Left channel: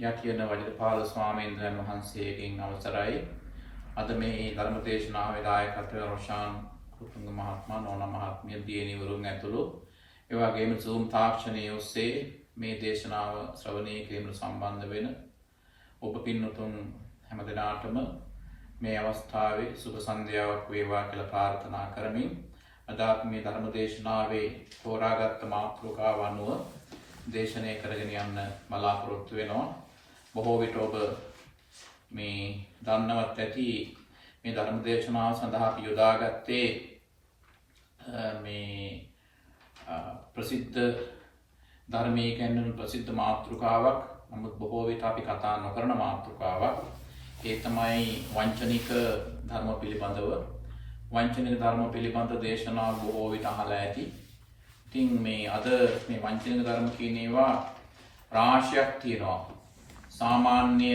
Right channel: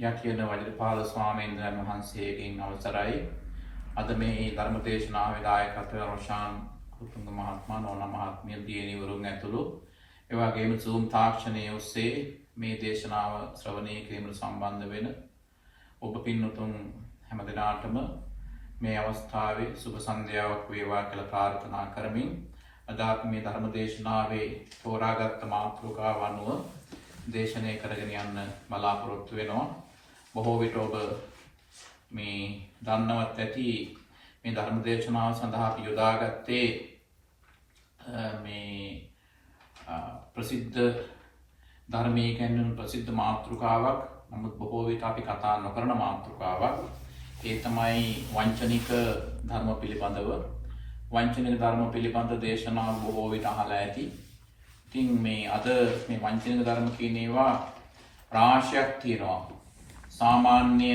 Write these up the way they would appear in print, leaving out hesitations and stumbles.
යටියන වජිරපාල ස්වාමීන් වහන්සේගෙන් අවසරයි. අද මේ ධර්ම දේශනාවේ දායකත්වය රොෂාන් කුතුංග මහත්මයා නෝනා මහත්මිය දියණිවරුන් ඇතුළු ඒ වගේම Zoom තාක්ෂණයේ ඔස්සේ මේ දේශනාව ශ්‍රවණය කිරීමට සම්බන්ධ වෙන ඔබ පින්වතුන් හැමදෙනාටම මේ අවස්ථාවේ සුබ සන්ධ්‍යාවක් වේවා කියලා ප්‍රාර්ථනා කරමින් අද අපි මේ ධර්ම දේශනාවේ තෝරාගත් මාතෘකාව අනුව දේශනය කරගෙන යන්න බලාපොරොත්තු වෙනවා. බොහෝ විට ඔබ මේ දන්නවත් ඇති මේ ධර්ම දේශනාව සඳහා අපි යොදාගත්තේ මේ ප්‍රසිද්ධ ධර්මයේ ගැන ප්‍රසිද්ධ මාතෘකාවක්. නමුත් බොහෝ විට අපි කතා නොකරන මාතෘකාවක්. ඒ තමයි වංචනික ධර්ම පිළිබඳව. වංචනික ධර්ම පිළිබඳ දේශනාව බොහෝ විට අහලා ඇති. ඉතින් මේ අද මේ වංචනික ධර්ම කියන ඒවා රාශියක් තියෙනවා. සාමාන්‍ය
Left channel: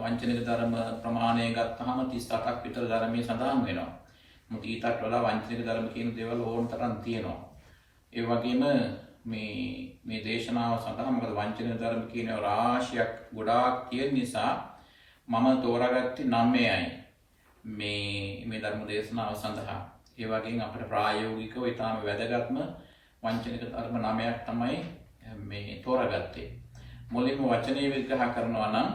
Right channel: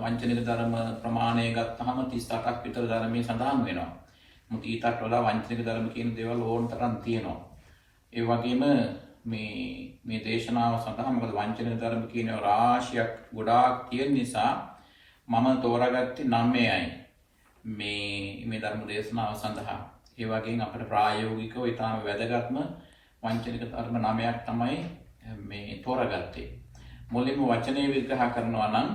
වංචනික ධර්ම ප්‍රමාණය ගත්තහම 38ක් විතර ධර්මයේ සඳහන් වෙනවා. මොකද ඊටත් වඩා වංචනික ධර්ම කියන දේවල් ඕන තරම් තියෙනවා. ඒ වගේම මේ දේශනාව සඳහා මොකද වංචනික ධර්ම කියන රාශියක් ගොඩාක් තියෙන නිසා මම තෝරාගත්තේ 9යි මේ ධර්ම දේශනාව සඳහා. ඒ වගේම අපිට ප්‍රායෝගිකව ඊටාම වැදගත්ම වංචනික ධර්ම 9ක් තමයි මේ තෝරාගත්තේ. මුලින්ම වචනේ විග්‍රහ කරනවා නම්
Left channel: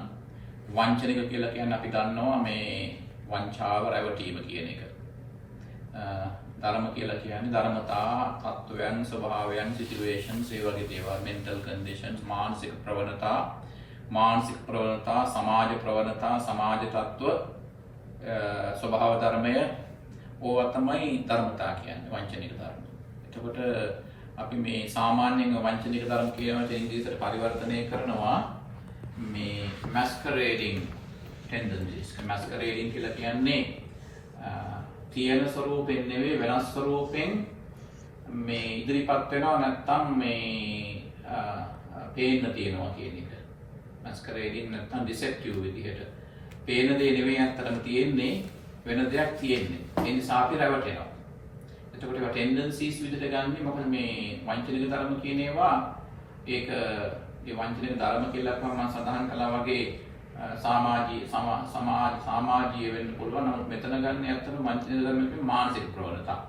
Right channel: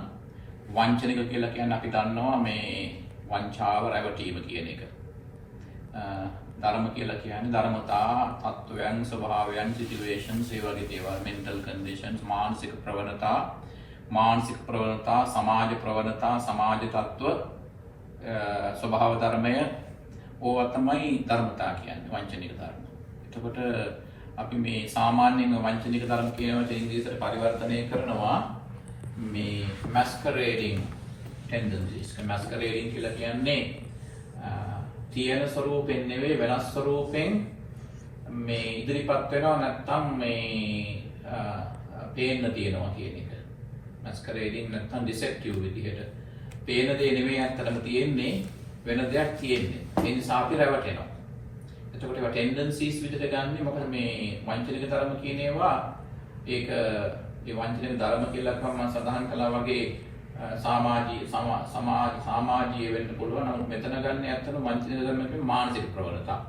වංචනික කියලා කියන්නේ අපි දන්නවා මේ වංචාව රැවටීම කියන එක. ධර්ම කියලා කියන්නේ ධර්මතා, තත්ත්වයන්, ස්වභාවයන්, සිටුේෂන්ස්, ඒ වගේ දේවල්, mental conditions, මානසික ප්‍රවණතා, සමාජ ප්‍රවණතා, සමාජ තත්ත්ව, ස්වභාව ධර්මය, ඕවා තමයි ධර්මතා කියන්නේ වංචනික ධර්ම. එතකොට අපි මේ සාමාන්‍යයෙන් වංචනික ධර්ම කියන වචනේ ඉංග්‍රීසියට පරිවර්තනය කරනවා මේ masquerading tendencies. masquerading කියලා කියන්නේ තියෙන ස්වරූපෙන් නෙවෙයි වෙනස් ස්වරූපෙන් මේ ඉදිරිපත් වෙනවා නැත්නම් මේ පේන්න තියෙනවා කියන එක. masquerading නැත්නම් deceptive විදිහට. පේන දේ නෙවෙයි අත්‍තරම තියෙන්නේ වෙන දෙයක් තියෙන්නේ. ඒ නිසා අපි රැවටෙනවා. එතකොට ඒවා tendencies විදිහට ගන්නේ මොකද මේ වංචනික ධර්ම කියන ඒවා ඒක ඒ වංචනික ධර්ම කියලා මම සඳහන් කළා වගේ සමාජීය වෙන්න පුළුවන්. නමුත් මෙතන ගන්න ඇත්තටම වංචනික ධර්ම කියන්නේ මානසික ප්‍රවණතා.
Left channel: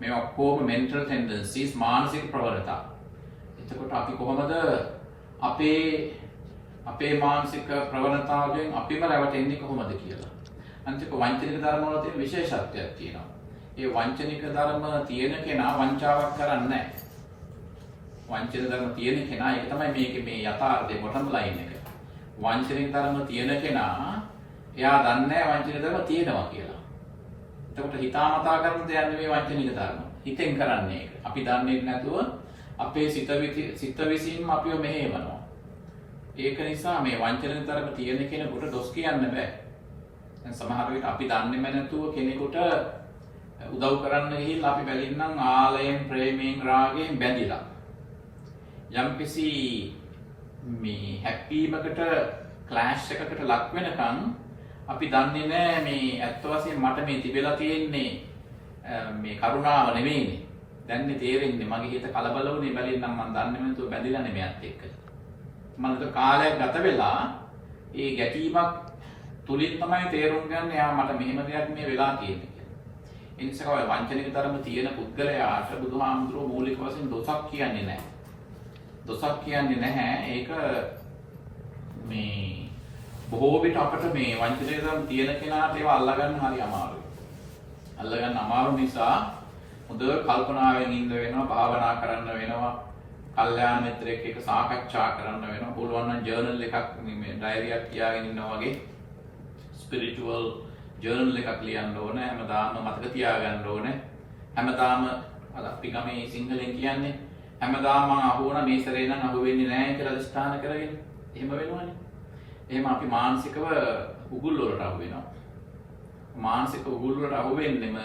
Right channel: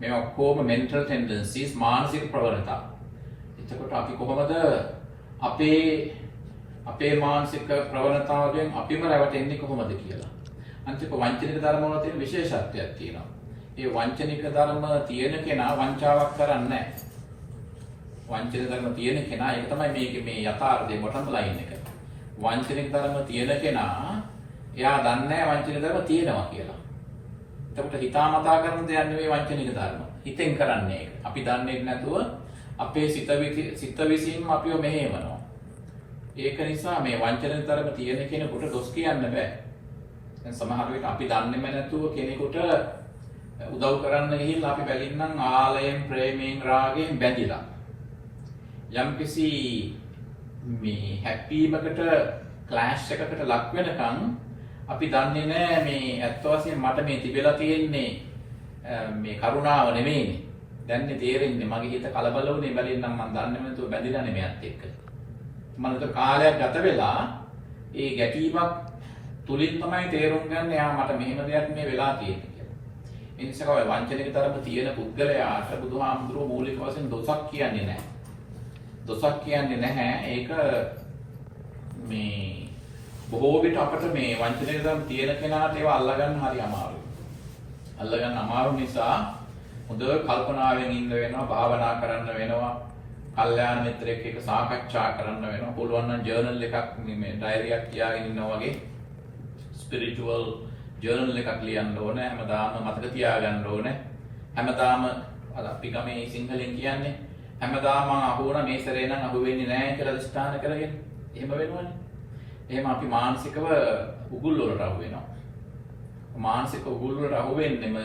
මේ ඔක්කොම mental tendencies මානසික ප්‍රවණතා. එතකොට අපි කොහොමද අපේ මානසික ප්‍රවණතාවයෙන් අපිම රැවටෙන්නේ කොහොමද කියලා. අන්තික වංචනික ධර්ම වල තියෙන විශේෂත්වයක් තියෙනවා. ඒ වංචනික ධර්ම තියෙන කෙනා වංචාවක් කරන්නේ නැහැ. වංචනික ධර්ම තියෙන කෙනා ඒක තමයි මේකේ මේ යථාර්ථයේ බොටම් ලයින් එක. වංචනික ධර්ම තියෙන කෙනා එයා දන්නේ නැහැ වංචනික ධර්ම තියෙනවා කියලා. එතකොට හිතාමතා කරන දෙයක් නෙවෙයි වංචනික ධර්ම. හිතෙන් කරන්නේ ඒක. අපි දන්නේ නැතුව අපේ සිත විසින්ම අපිව මෙහෙවනවා. ඒක නිසා මේ වංචනික ධර්ම තියෙන කෙනෙකුට දොස් කියන්න බෑ. දැන් සමහර විට අපි දන්නේම නැතුව කෙනෙකුට උදව් කරන්න ගිහිල්ලා අපි බැලින්නම් ආලයෙන්, ප්‍රේමයෙන්, රාගයෙන් බැඳිලා. යම්කිසි මේ හැප්පීමකට, ක්ලෑෂ් එකකට ලක් වෙනකන් අපි දන්නේ නැහැ මේ ඇත්ත වශයෙන් මට මේ තිබෙලා තියෙන්නේ මේ කරුණාව නෙමෙයිනේ. දැන්නේ තේරෙන්නේ මගේ හිත කලබල වුනේ බැලින්නම් මම දන්නේ නැතුව බැඳිලා නෙමෙයිත් එක්ක. මම කාලයක් ගත වෙලා ඒ ගැටීමක් තුලින් තමයි තේරුම් ගන්න යා මට මෙහෙම දෙයක් මේ වෙලා තියෙන්නේ කියලා. ඒ නිසා ඔය වංචනික ධර්ම තියෙන පුද්ගලයාට බුදුහාමුදුරුවෝ මූලික වශයෙන් දොසක් කියන්නේ නැහැ. දොසක් කියන්නේ නැහැ. ඒක මේ බොහෝ විට අපට මේ වංචනික ධර්ම තියෙන කෙනාට ඒවා අල්ලගන්න හරි අමාරුයි. අල්ලගන්න අමාරු නිසා හොඳ කල්පනාවෙන් ඉන්න වෙනවා, භාවනා කරන්න වෙනවා. කල්යාණ මිත්‍රෙක් එක්ක සාකච්ඡා කරන්න වෙනවා. පුළුවන් නම් ජර්නල් එකක් මේ ඩයරි එකක් තියාගෙන ඉන්නවා වගේ ස්පිරිචුවල් ජර්නල් එකක් ලියන්න ඕනේ. හැමදාම මතක තියාගන්න ඕනේ. හැමදාම අපි ගමේ සිංහලෙන් කියන්නේ හැමදාම මම අහුවන මේ සැරේ නම් අහු වෙන්නේ නැහැ කියලා අදිස්ථාන කරගෙන එහෙම වෙනවනේ. එහෙම අපි මානසිකව උගුල් වලට අහු වෙනවා. මානසික උගුල් වලට අහු වෙන්නෙම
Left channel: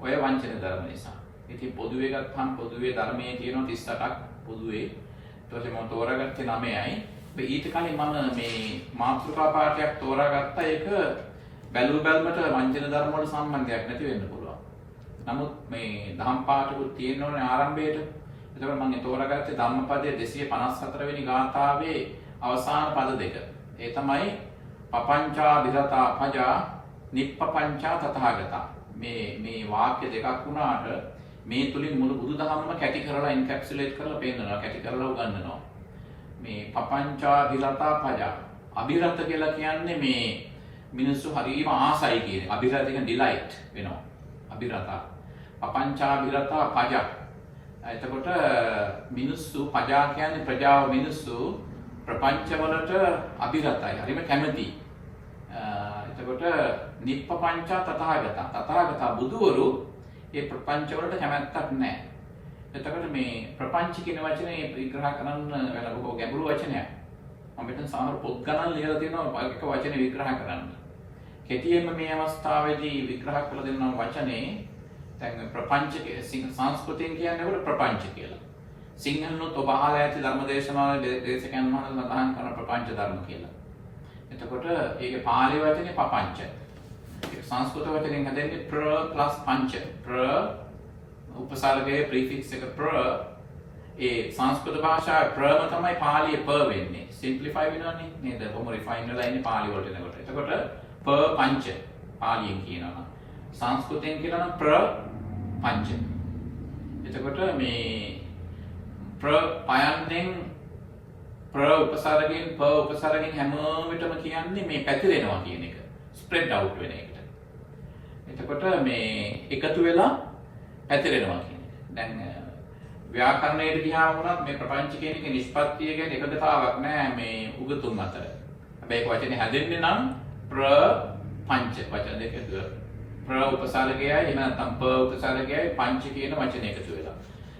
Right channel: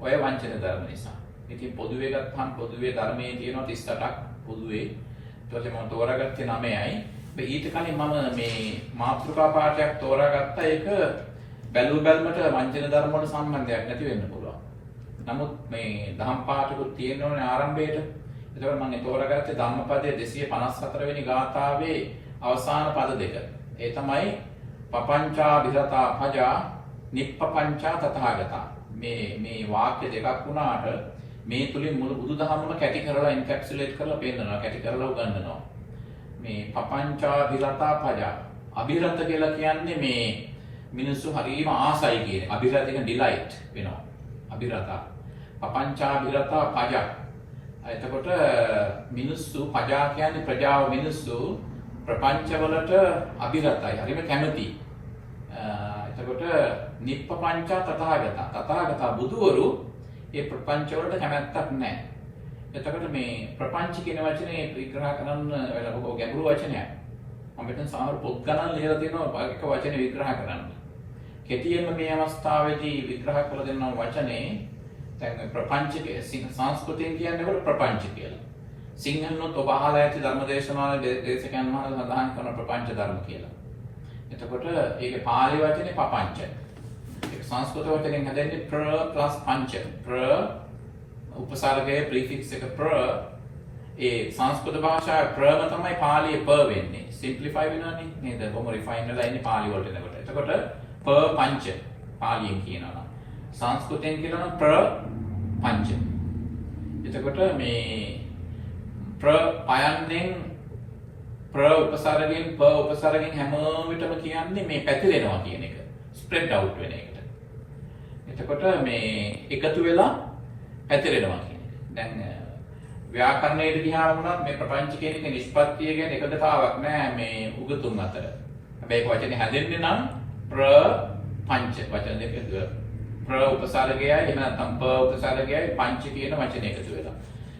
ඔය වංචන ධර්ම නිසා. ඉතින් පොදුවේ ගත්තහම පොදුවේ ධර්මයේ තියෙනවා 38ක් පොදුවේ. ඊට පස්සේ මම තෝරාගත්තේ 9යි. ඊට කලින් මම මේ මාතෘකා පාඩයක් තෝරාගත්තා. ඒක බැලුමට වංචන ධර්ම වල සම්බන්ධයක් නැති වෙන්න පුළුවන්. නමුත් මේ දහම් පාඩකුත් තියෙනෝනේ ආරම්භයේට. ඒකම මම තෝරාගත්තේ ධම්මපදයේ 254 වෙනි ගාථාවේ අවසාන පද දෙක. ඒ තමයි පපංචා විරතා පජා නිප්පපංචා තථාගතා. මේ වාක්‍ය දෙකක් වුණාට මේ තුලින් මුළු බුදුදහමම කැටි කරලා එන්කැප්සුලේට් කරලා පෙන්නනවා, කැටි කරලා උගන්වනවා. මේ පපංචා විරතා පජා. අභිරත කියලා කියන්නේ මේ මිනිස්සු හරිම ආසයි කියන. අභිරත කියන්නේ ඩිලයිට් වෙනවා. අභිරතා. පපංචා විරතා පජා. එතකොට මිනිස්සු පජා කියන්නේ ප්‍රජාව මිනිස්සු ප්‍රපංච වලට අභිරතයි. හරිම කැමති. එතකොට නිප්පපංචා තථාගතා. තථාගතා බුදුවරු ඒ ප්‍රපංච වලට කැමැත්තක් නැහැ. එතකොට මේ ප්‍රපංච කියන වචනේ විග්‍රහ කරන්න බොහෝ ගැඹුරු වචනයක්. මම මෙතන සමහර පොත් ගණන් ලියලා තියෙනවා එක වචනේ විග්‍රහ කරන්න. කෙටියෙන්ම මේ අවස්ථාවේදී විග්‍රහ කළ දෙන්නම් වචනේ දැන් ප්‍රපංච සංස්කෘතිය කියන්නේ ප්‍රපංච කියලා. සිංහලනොත් ඔබ අහලා ඇති ධර්මදේශනාවල දේශකයන් වහන්සේ සඳහන් කරන ප්‍රපංච ධර්ම කියලා. එතකොට ඒකේ පාලි වචනේ පපංච. ඒක සංස්කෘත වචනෙන් හදන්නේ ප්‍ර ප්ලස් පංච. ප්‍ර උපසර්ගයේ ප්‍රීෆික්ස් එක ප්‍ර ඒ සංස්කෘත භාෂාවේ ප්‍රම තමයි පාලියේ ප වෙන්නේ. සිම්ප්ලිෆයි වෙනවනේ නේද? බොහොම රිෆයින් වෙලා ඉන්නේ පාලි වලට එනකොට. එතකොට ප පංච පාලියෙන් කියනවා. සංස්කෘතයෙන් කියනවා ප්‍ර පංච. එතකොට මේ ප්‍ර පයන්නෙන් ප්‍ර උපසර්ගයෙන් ප උපසර්ගයෙන් හැම විටම කියන්නේ මේ පැතිරෙනවා කියන එක. ස්ප්‍රෙඩ් අවුට් වෙන එක. එතකොට මේ එකතු වෙලා පැතිරෙනවා කියන්නේ. දැන් ව්‍යාකරණයට ගියාම වුණත් මේ ප්‍රපංච කියන එක නිෂ්පත්තිය ගැන එකගතාවක් නෑ මේ උගතුන් අතර. හැබැයි ඒක වචනේ හැදෙන්නේ නම් ප්‍ර පංච වචන දෙක ප්‍ර උපසර්ගයයි එහෙම නැත්නම් ප උපසර්ගයයි පංච කියන වචනේ එකතු වෙලා.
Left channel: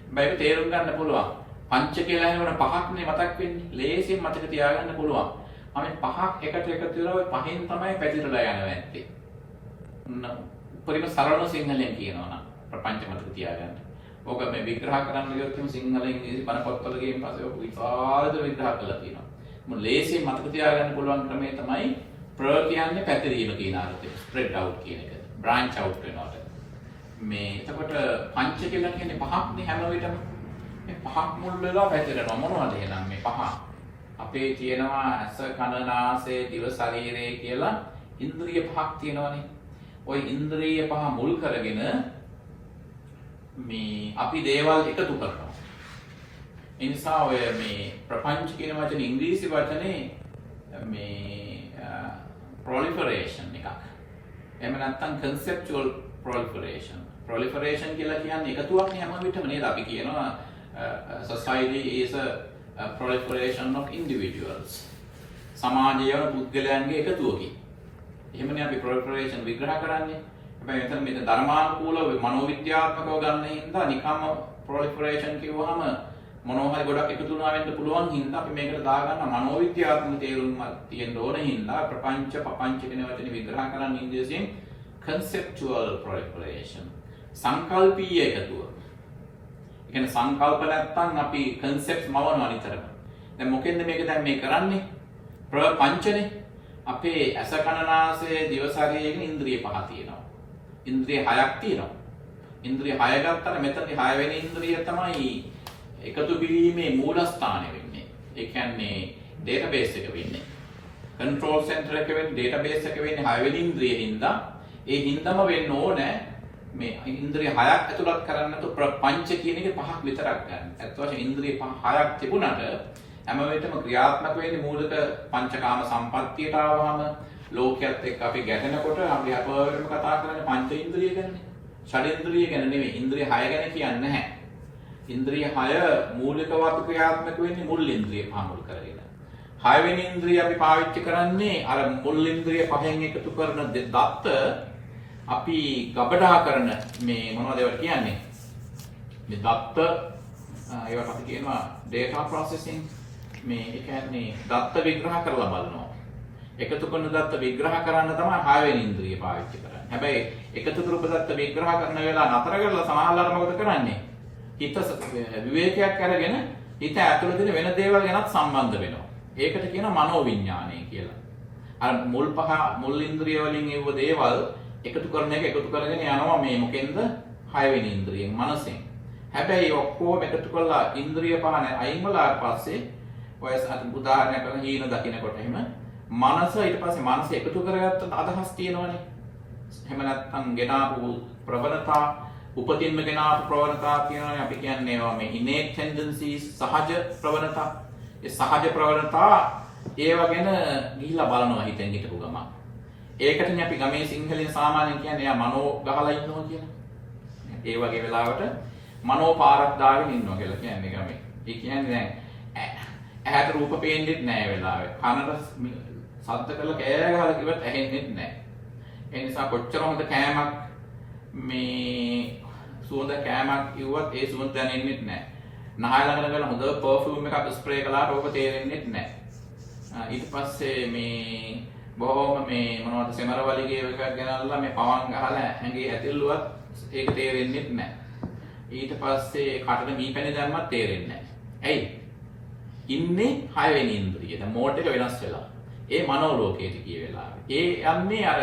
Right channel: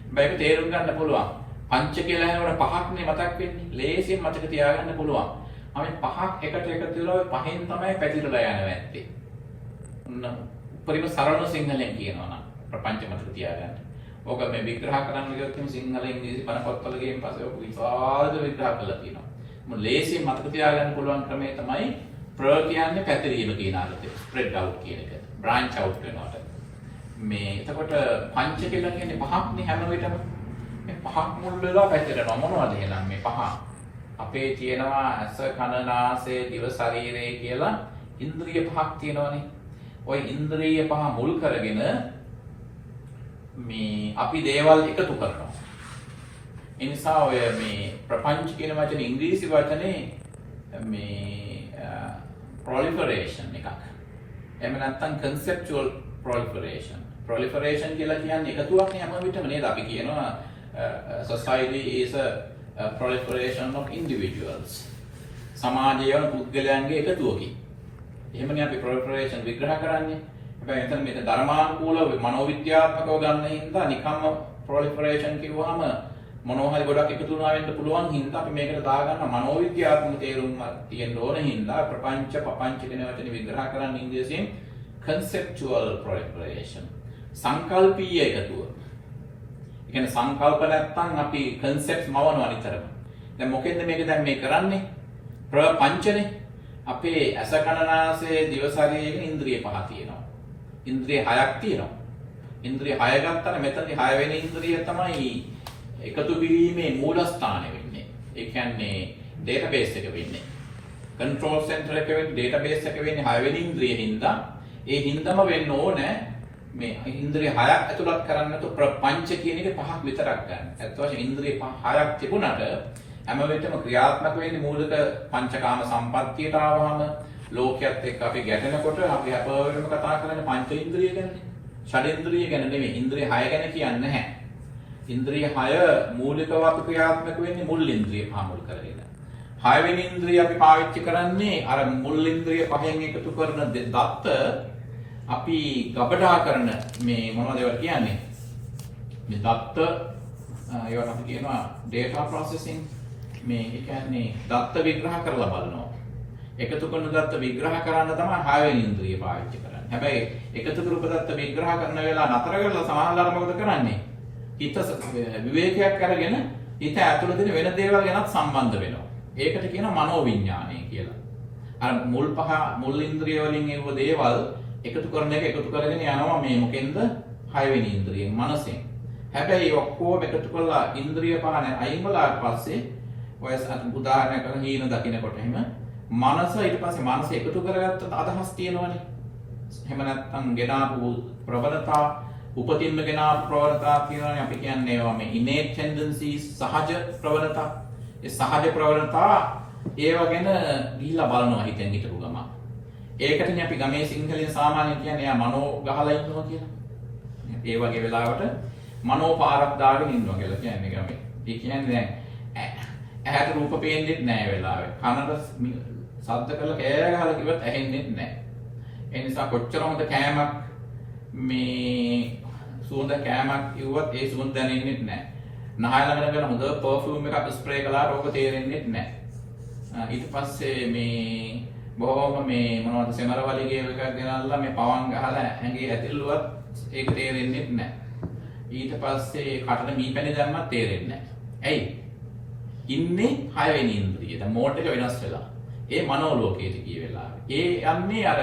හැබැයි ඒක තේරුම් ගන්න පුළුවන්. පංච කියලා කියනකොට පහක්නේ මතක් වෙන්නේ. ලේසියෙන් මතක තියාගන්න පුළුවන්. අපි පහක් එකට එකතු වෙලා පහෙන් තමයි පැතිරලා යන්නේ නැත්තේ. උපරිම සරල සිංහලෙන් කියනවා නම් ප්‍රපංච මතක තියාගන්න. ඕක මේ විග්‍රහ කරන්න ගියොත් සිංහල ඉංග්‍රීසි බණ පොත්වල ගියන් පස්සේ ඔක විශාලද විග්‍රහ කරලා තියෙනවා. මොන ලේසියෙන් මතක තියාගන්න පුළුවන් ක්‍රමය තමයි ප්‍ර කියන්නේ පැතිරීම කියන අර්ථය. ස්ප්‍රෙඩ් අවුට් කියන එක. බ්‍රාන්ච් අවුට් වෙනවා. මේ එතකොට පංච කියලා කියන්නේ පහක්නේ හැම වෙලටම. මේ පහක් මුල් වෙලා පැතිරෙනවා. මොනවද එහෙනම් මේ පහ? අපේ තියෙනවා ඇස කන නාසය දිව ශරීරය කියලා ඉන්ද්‍රිය පහක් තියෙනවානේ. ওই ඉන්ද්‍රිය පහ මුල් කරගෙන මේ අපි දේවල් එකතු කරනවා. ඒ නිසා ඔය මේ ප්‍රපංච කියන වචනේ ඉංග්‍රීසි වචනේ මේ proliferation එකක්. එහෙම නැත්නම් conceptual proliferation. Proliferation කියලා කියන්නේ එකතුවක් නේ හැම විටම නේද? අපි කියනවා society is a proliferation of individuals. සමාජය පුද්ගලයන්ගේ එකතුවකි. එහෙමනේ අපි proliferation විග්‍රහ කරන්නේ. හැබැයි මෙතන මේක ධර්මානුකූලව මනෝවිද්‍යාත්මකව ගන්න හින්දා නිකම්ම proliferation කිව්වහම මොනවා හරි ගොඩක් එකතු වුණා වෙන්න පුළුවන් හින්දා අපි මේකට දාගන්න මනෝවිද්‍යාත්මක තේරුම් තියෙන්න ඕන හින්දා ප්‍රපංච පපංච කියන වචනේ විග්‍රහ කරන්න ඉංග්‍රීසියෙන් conceptual proliferation. සංකල්පීය එකතුව. ඒ කියන්නේ සංකල්ප නැත්තම් අපි concepts මවනවා නිතරම. දැන් මොකෙන්ද මේක දැන් මේ කරන්නේ? ප්‍රපංචනේ. අපේ ඇස කන නාසය දිව ශරීරයේ ඉන්ද්‍රිය පහ තියෙනවා. ඉන්ද්‍රිය 6ක් තියෙනවා. ඉන්ද්‍රිය 6 ගත්තම මෙතනදී 6 වෙනි ඉන්ද්‍රිය තමයි එකතු කිරීමේ මූලස්ථානය වෙන්නේ. ඒ කියන්නේ database එක වෙන්නේ. control center එක වෙන්නේ database එක වෙන්නේ 6 වෙනි ඉන්ද්‍රියෙන් හින්දා ඒ හින්දාම වෙන්න ඕනේ මේ ඉන්ද්‍රිය 6ක් ඇතුළත් කරන්න නැතු ප්‍රපංච කියන එකේ 5ක් විතරක් ගන්න. ඇත්ත වශයෙන්ම ඉන්ද්‍රිය 6ක් තිබුණාට හැම වෙලේටම ක්‍රියාත්මක වෙන්නේ මූලික පංචකාම සම්පත්තියට ආවම ලෝකයක් එක්ක අපි ගැටෙනකොට අපි අපවලම කතා කරන්නේ පංච ඉන්ද්‍රිය ගැන. ෂඩේන්ද්‍රිය ගැන නෙමෙයි. ඉන්ද්‍රිය 6 ගැන කියන්නේ නැහැ. ඉන්ද්‍රිය 6 මූලිකව අපි ක්‍රියාත්මක වෙන්නේ මුල් ඉන්ද්‍රිය පහ මුල් කරගෙන. 6 වෙනි ඉන්ද්‍රිය අපි පාවිච්චි කරන්නේ අර මුල් ඉන්ද්‍රිය පහෙන් එකතු කරන දත්ත අපි ගබඩා කරන මේ මොනවද ඒවට කියන්නේ? මේ දත්ත ඒවට අපි කියනවා data processing. මේ කියන්නේ දත්ත විග්‍රහ කරලා බලනවා. එකතු කරන දත්ත විග්‍රහ කරන්න තමයි 6 වෙනි ඉන්ද්‍රිය පාවිච්චි කරන්නේ. හැබැයි එකතු කරපු දත්ත විග්‍රහ කරන වෙලාව නතර කරලා සමහරවල් මොකද කරන්නේ? හිත විවේකයක් අරගෙන හිත ඇතුළේ තියෙන වෙන දේවල් ගැනත් සම්බන්ධ වෙනවා. ඒකට කියනවා මනෝවිඤ්ඤාණය කියලා. අර මුල් ඉන්ද්‍රිය වලින් එව දේවල් එකතු කරන එක එකතු කරගෙන යනවා මේ මොකෙන්ද? 6 වෙනි ඉන්ද්‍රියෙන් මනසෙන්. හැබැයි ඔක්කොම එකතු කරලා ඉන්ද්‍රිය පහන අයින් වලාට පස්සේ ඔය උදාහරණයක් කරන හීන දකින්නකොට එහෙම මනස ඊට පස්සේ මනස එකතු කරගත්ත අදහස් තියෙනවනේ. එහෙම නැත්නම් ගෙනාපු ප්‍රවණතා උපතින්ම ගෙනාපු ප්‍රවණතා කියනවනේ අපි කියන්නේ ඒවා මේ innate tendencies සහජ ප්‍රවණතා. ඒ සහජ ප්‍රවණතා ඒව ගැන ගිහිල්ලා බලනවා හිතෙන් හිටපු ගමන්. ඒකටනේ අපි ගමේ සිංහලෙන් සාමාන්‍යයෙන් කියන්නේ යා මනෝ ගහලා ඉන්නවා කියලා. ඒ වගේ වෙලාවට මනෝ පාරක් දාගෙන ඉන්නවා කියලා කියන්නේ ගමේ. ඒ කියන්නේ දැන් ඇහැට රූප පේන්නේ නැහැ වෙලාවේ. කනට ශබ්ද කරලා කෑ ගහලා කිව්වත් ඇහෙන්නේ නැහැ. ඒ නිසා කොච්චර හොඳ කෑමක් මේ සුවඳ කෑමක් කිව්වත් ඒ සුවඳ දැනෙන්නේ නැහැ. නහය ළඟට ගිහලා හොඳ පර්ෆියුම් එකක් ස්ප්‍රේ කළාට ඕක තේරෙන්නේ නැහැ. ඊට පස්සේ මේ බොහොම මේ මොනවද සෙමර වලිගේ එකක් ගෙනල්ලා මේ පවන් ගහලා ඇඟේ ඇතිල්ලුවත් ඒක තේරෙන්නේ නැහැ. ඊට පස්සේ කටට මීපැණි දැම්මත් තේරෙන්නේ නැහැ. ඇයි? ඉන්නේ 6 වෙනි ඉන්ද්‍රිය. දැන් මෝඩ් එක වෙනස් වෙලා. ඒ මනෝලෝකයට ගිය වෙලාවේ. ඒ යන්නේ අර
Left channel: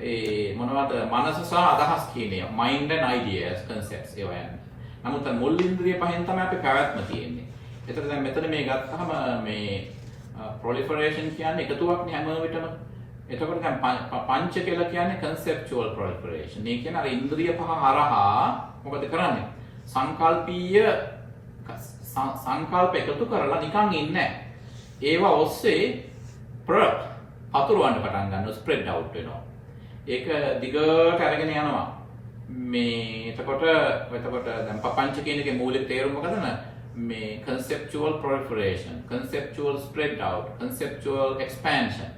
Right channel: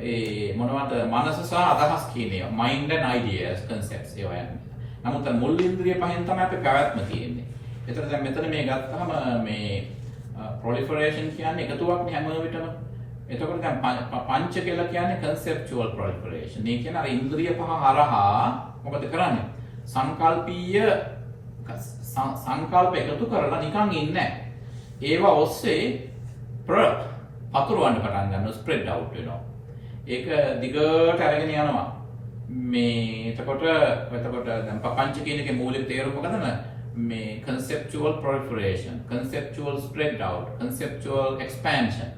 ඒ මොනවද මනස සහ අදහස් කියන්නේ mind and ideas concepts ඒවා යන්නේ. නමුත් මුල් ඉන්ද්‍රිය පහෙන් තමයි අපේ පැවැත්ම තියෙන්නේ. ඒතර දැන් මෙතන මේ ගත්තාම මේ proliferation කියන්නේ එකතුවක් නේ හැම විටම. එතකොට දැන් පංච කියලා කියන්නේ conceptual proliferation. මේ කියන්නේ අර ඉන්ද්‍රිය පහ හරහා මොකද කරන්නේ? සංකල්පීය සංකල්ප එකතු කරලා නිකන් ඉන්නේ නැහැ. ඒවා ඔස්සේ පතුරවන්න පටන් ගන්නවා, ස්ප්‍රෙඩ් අවුට් වෙනවා. ඒක දිගට අරගෙන යනවා. මේ එතකොට දැන් පංච කියන එකේ මූලික තේරුම මොකදද? මේ conceptual proliferation, conceptual spread out, conceptual expansion,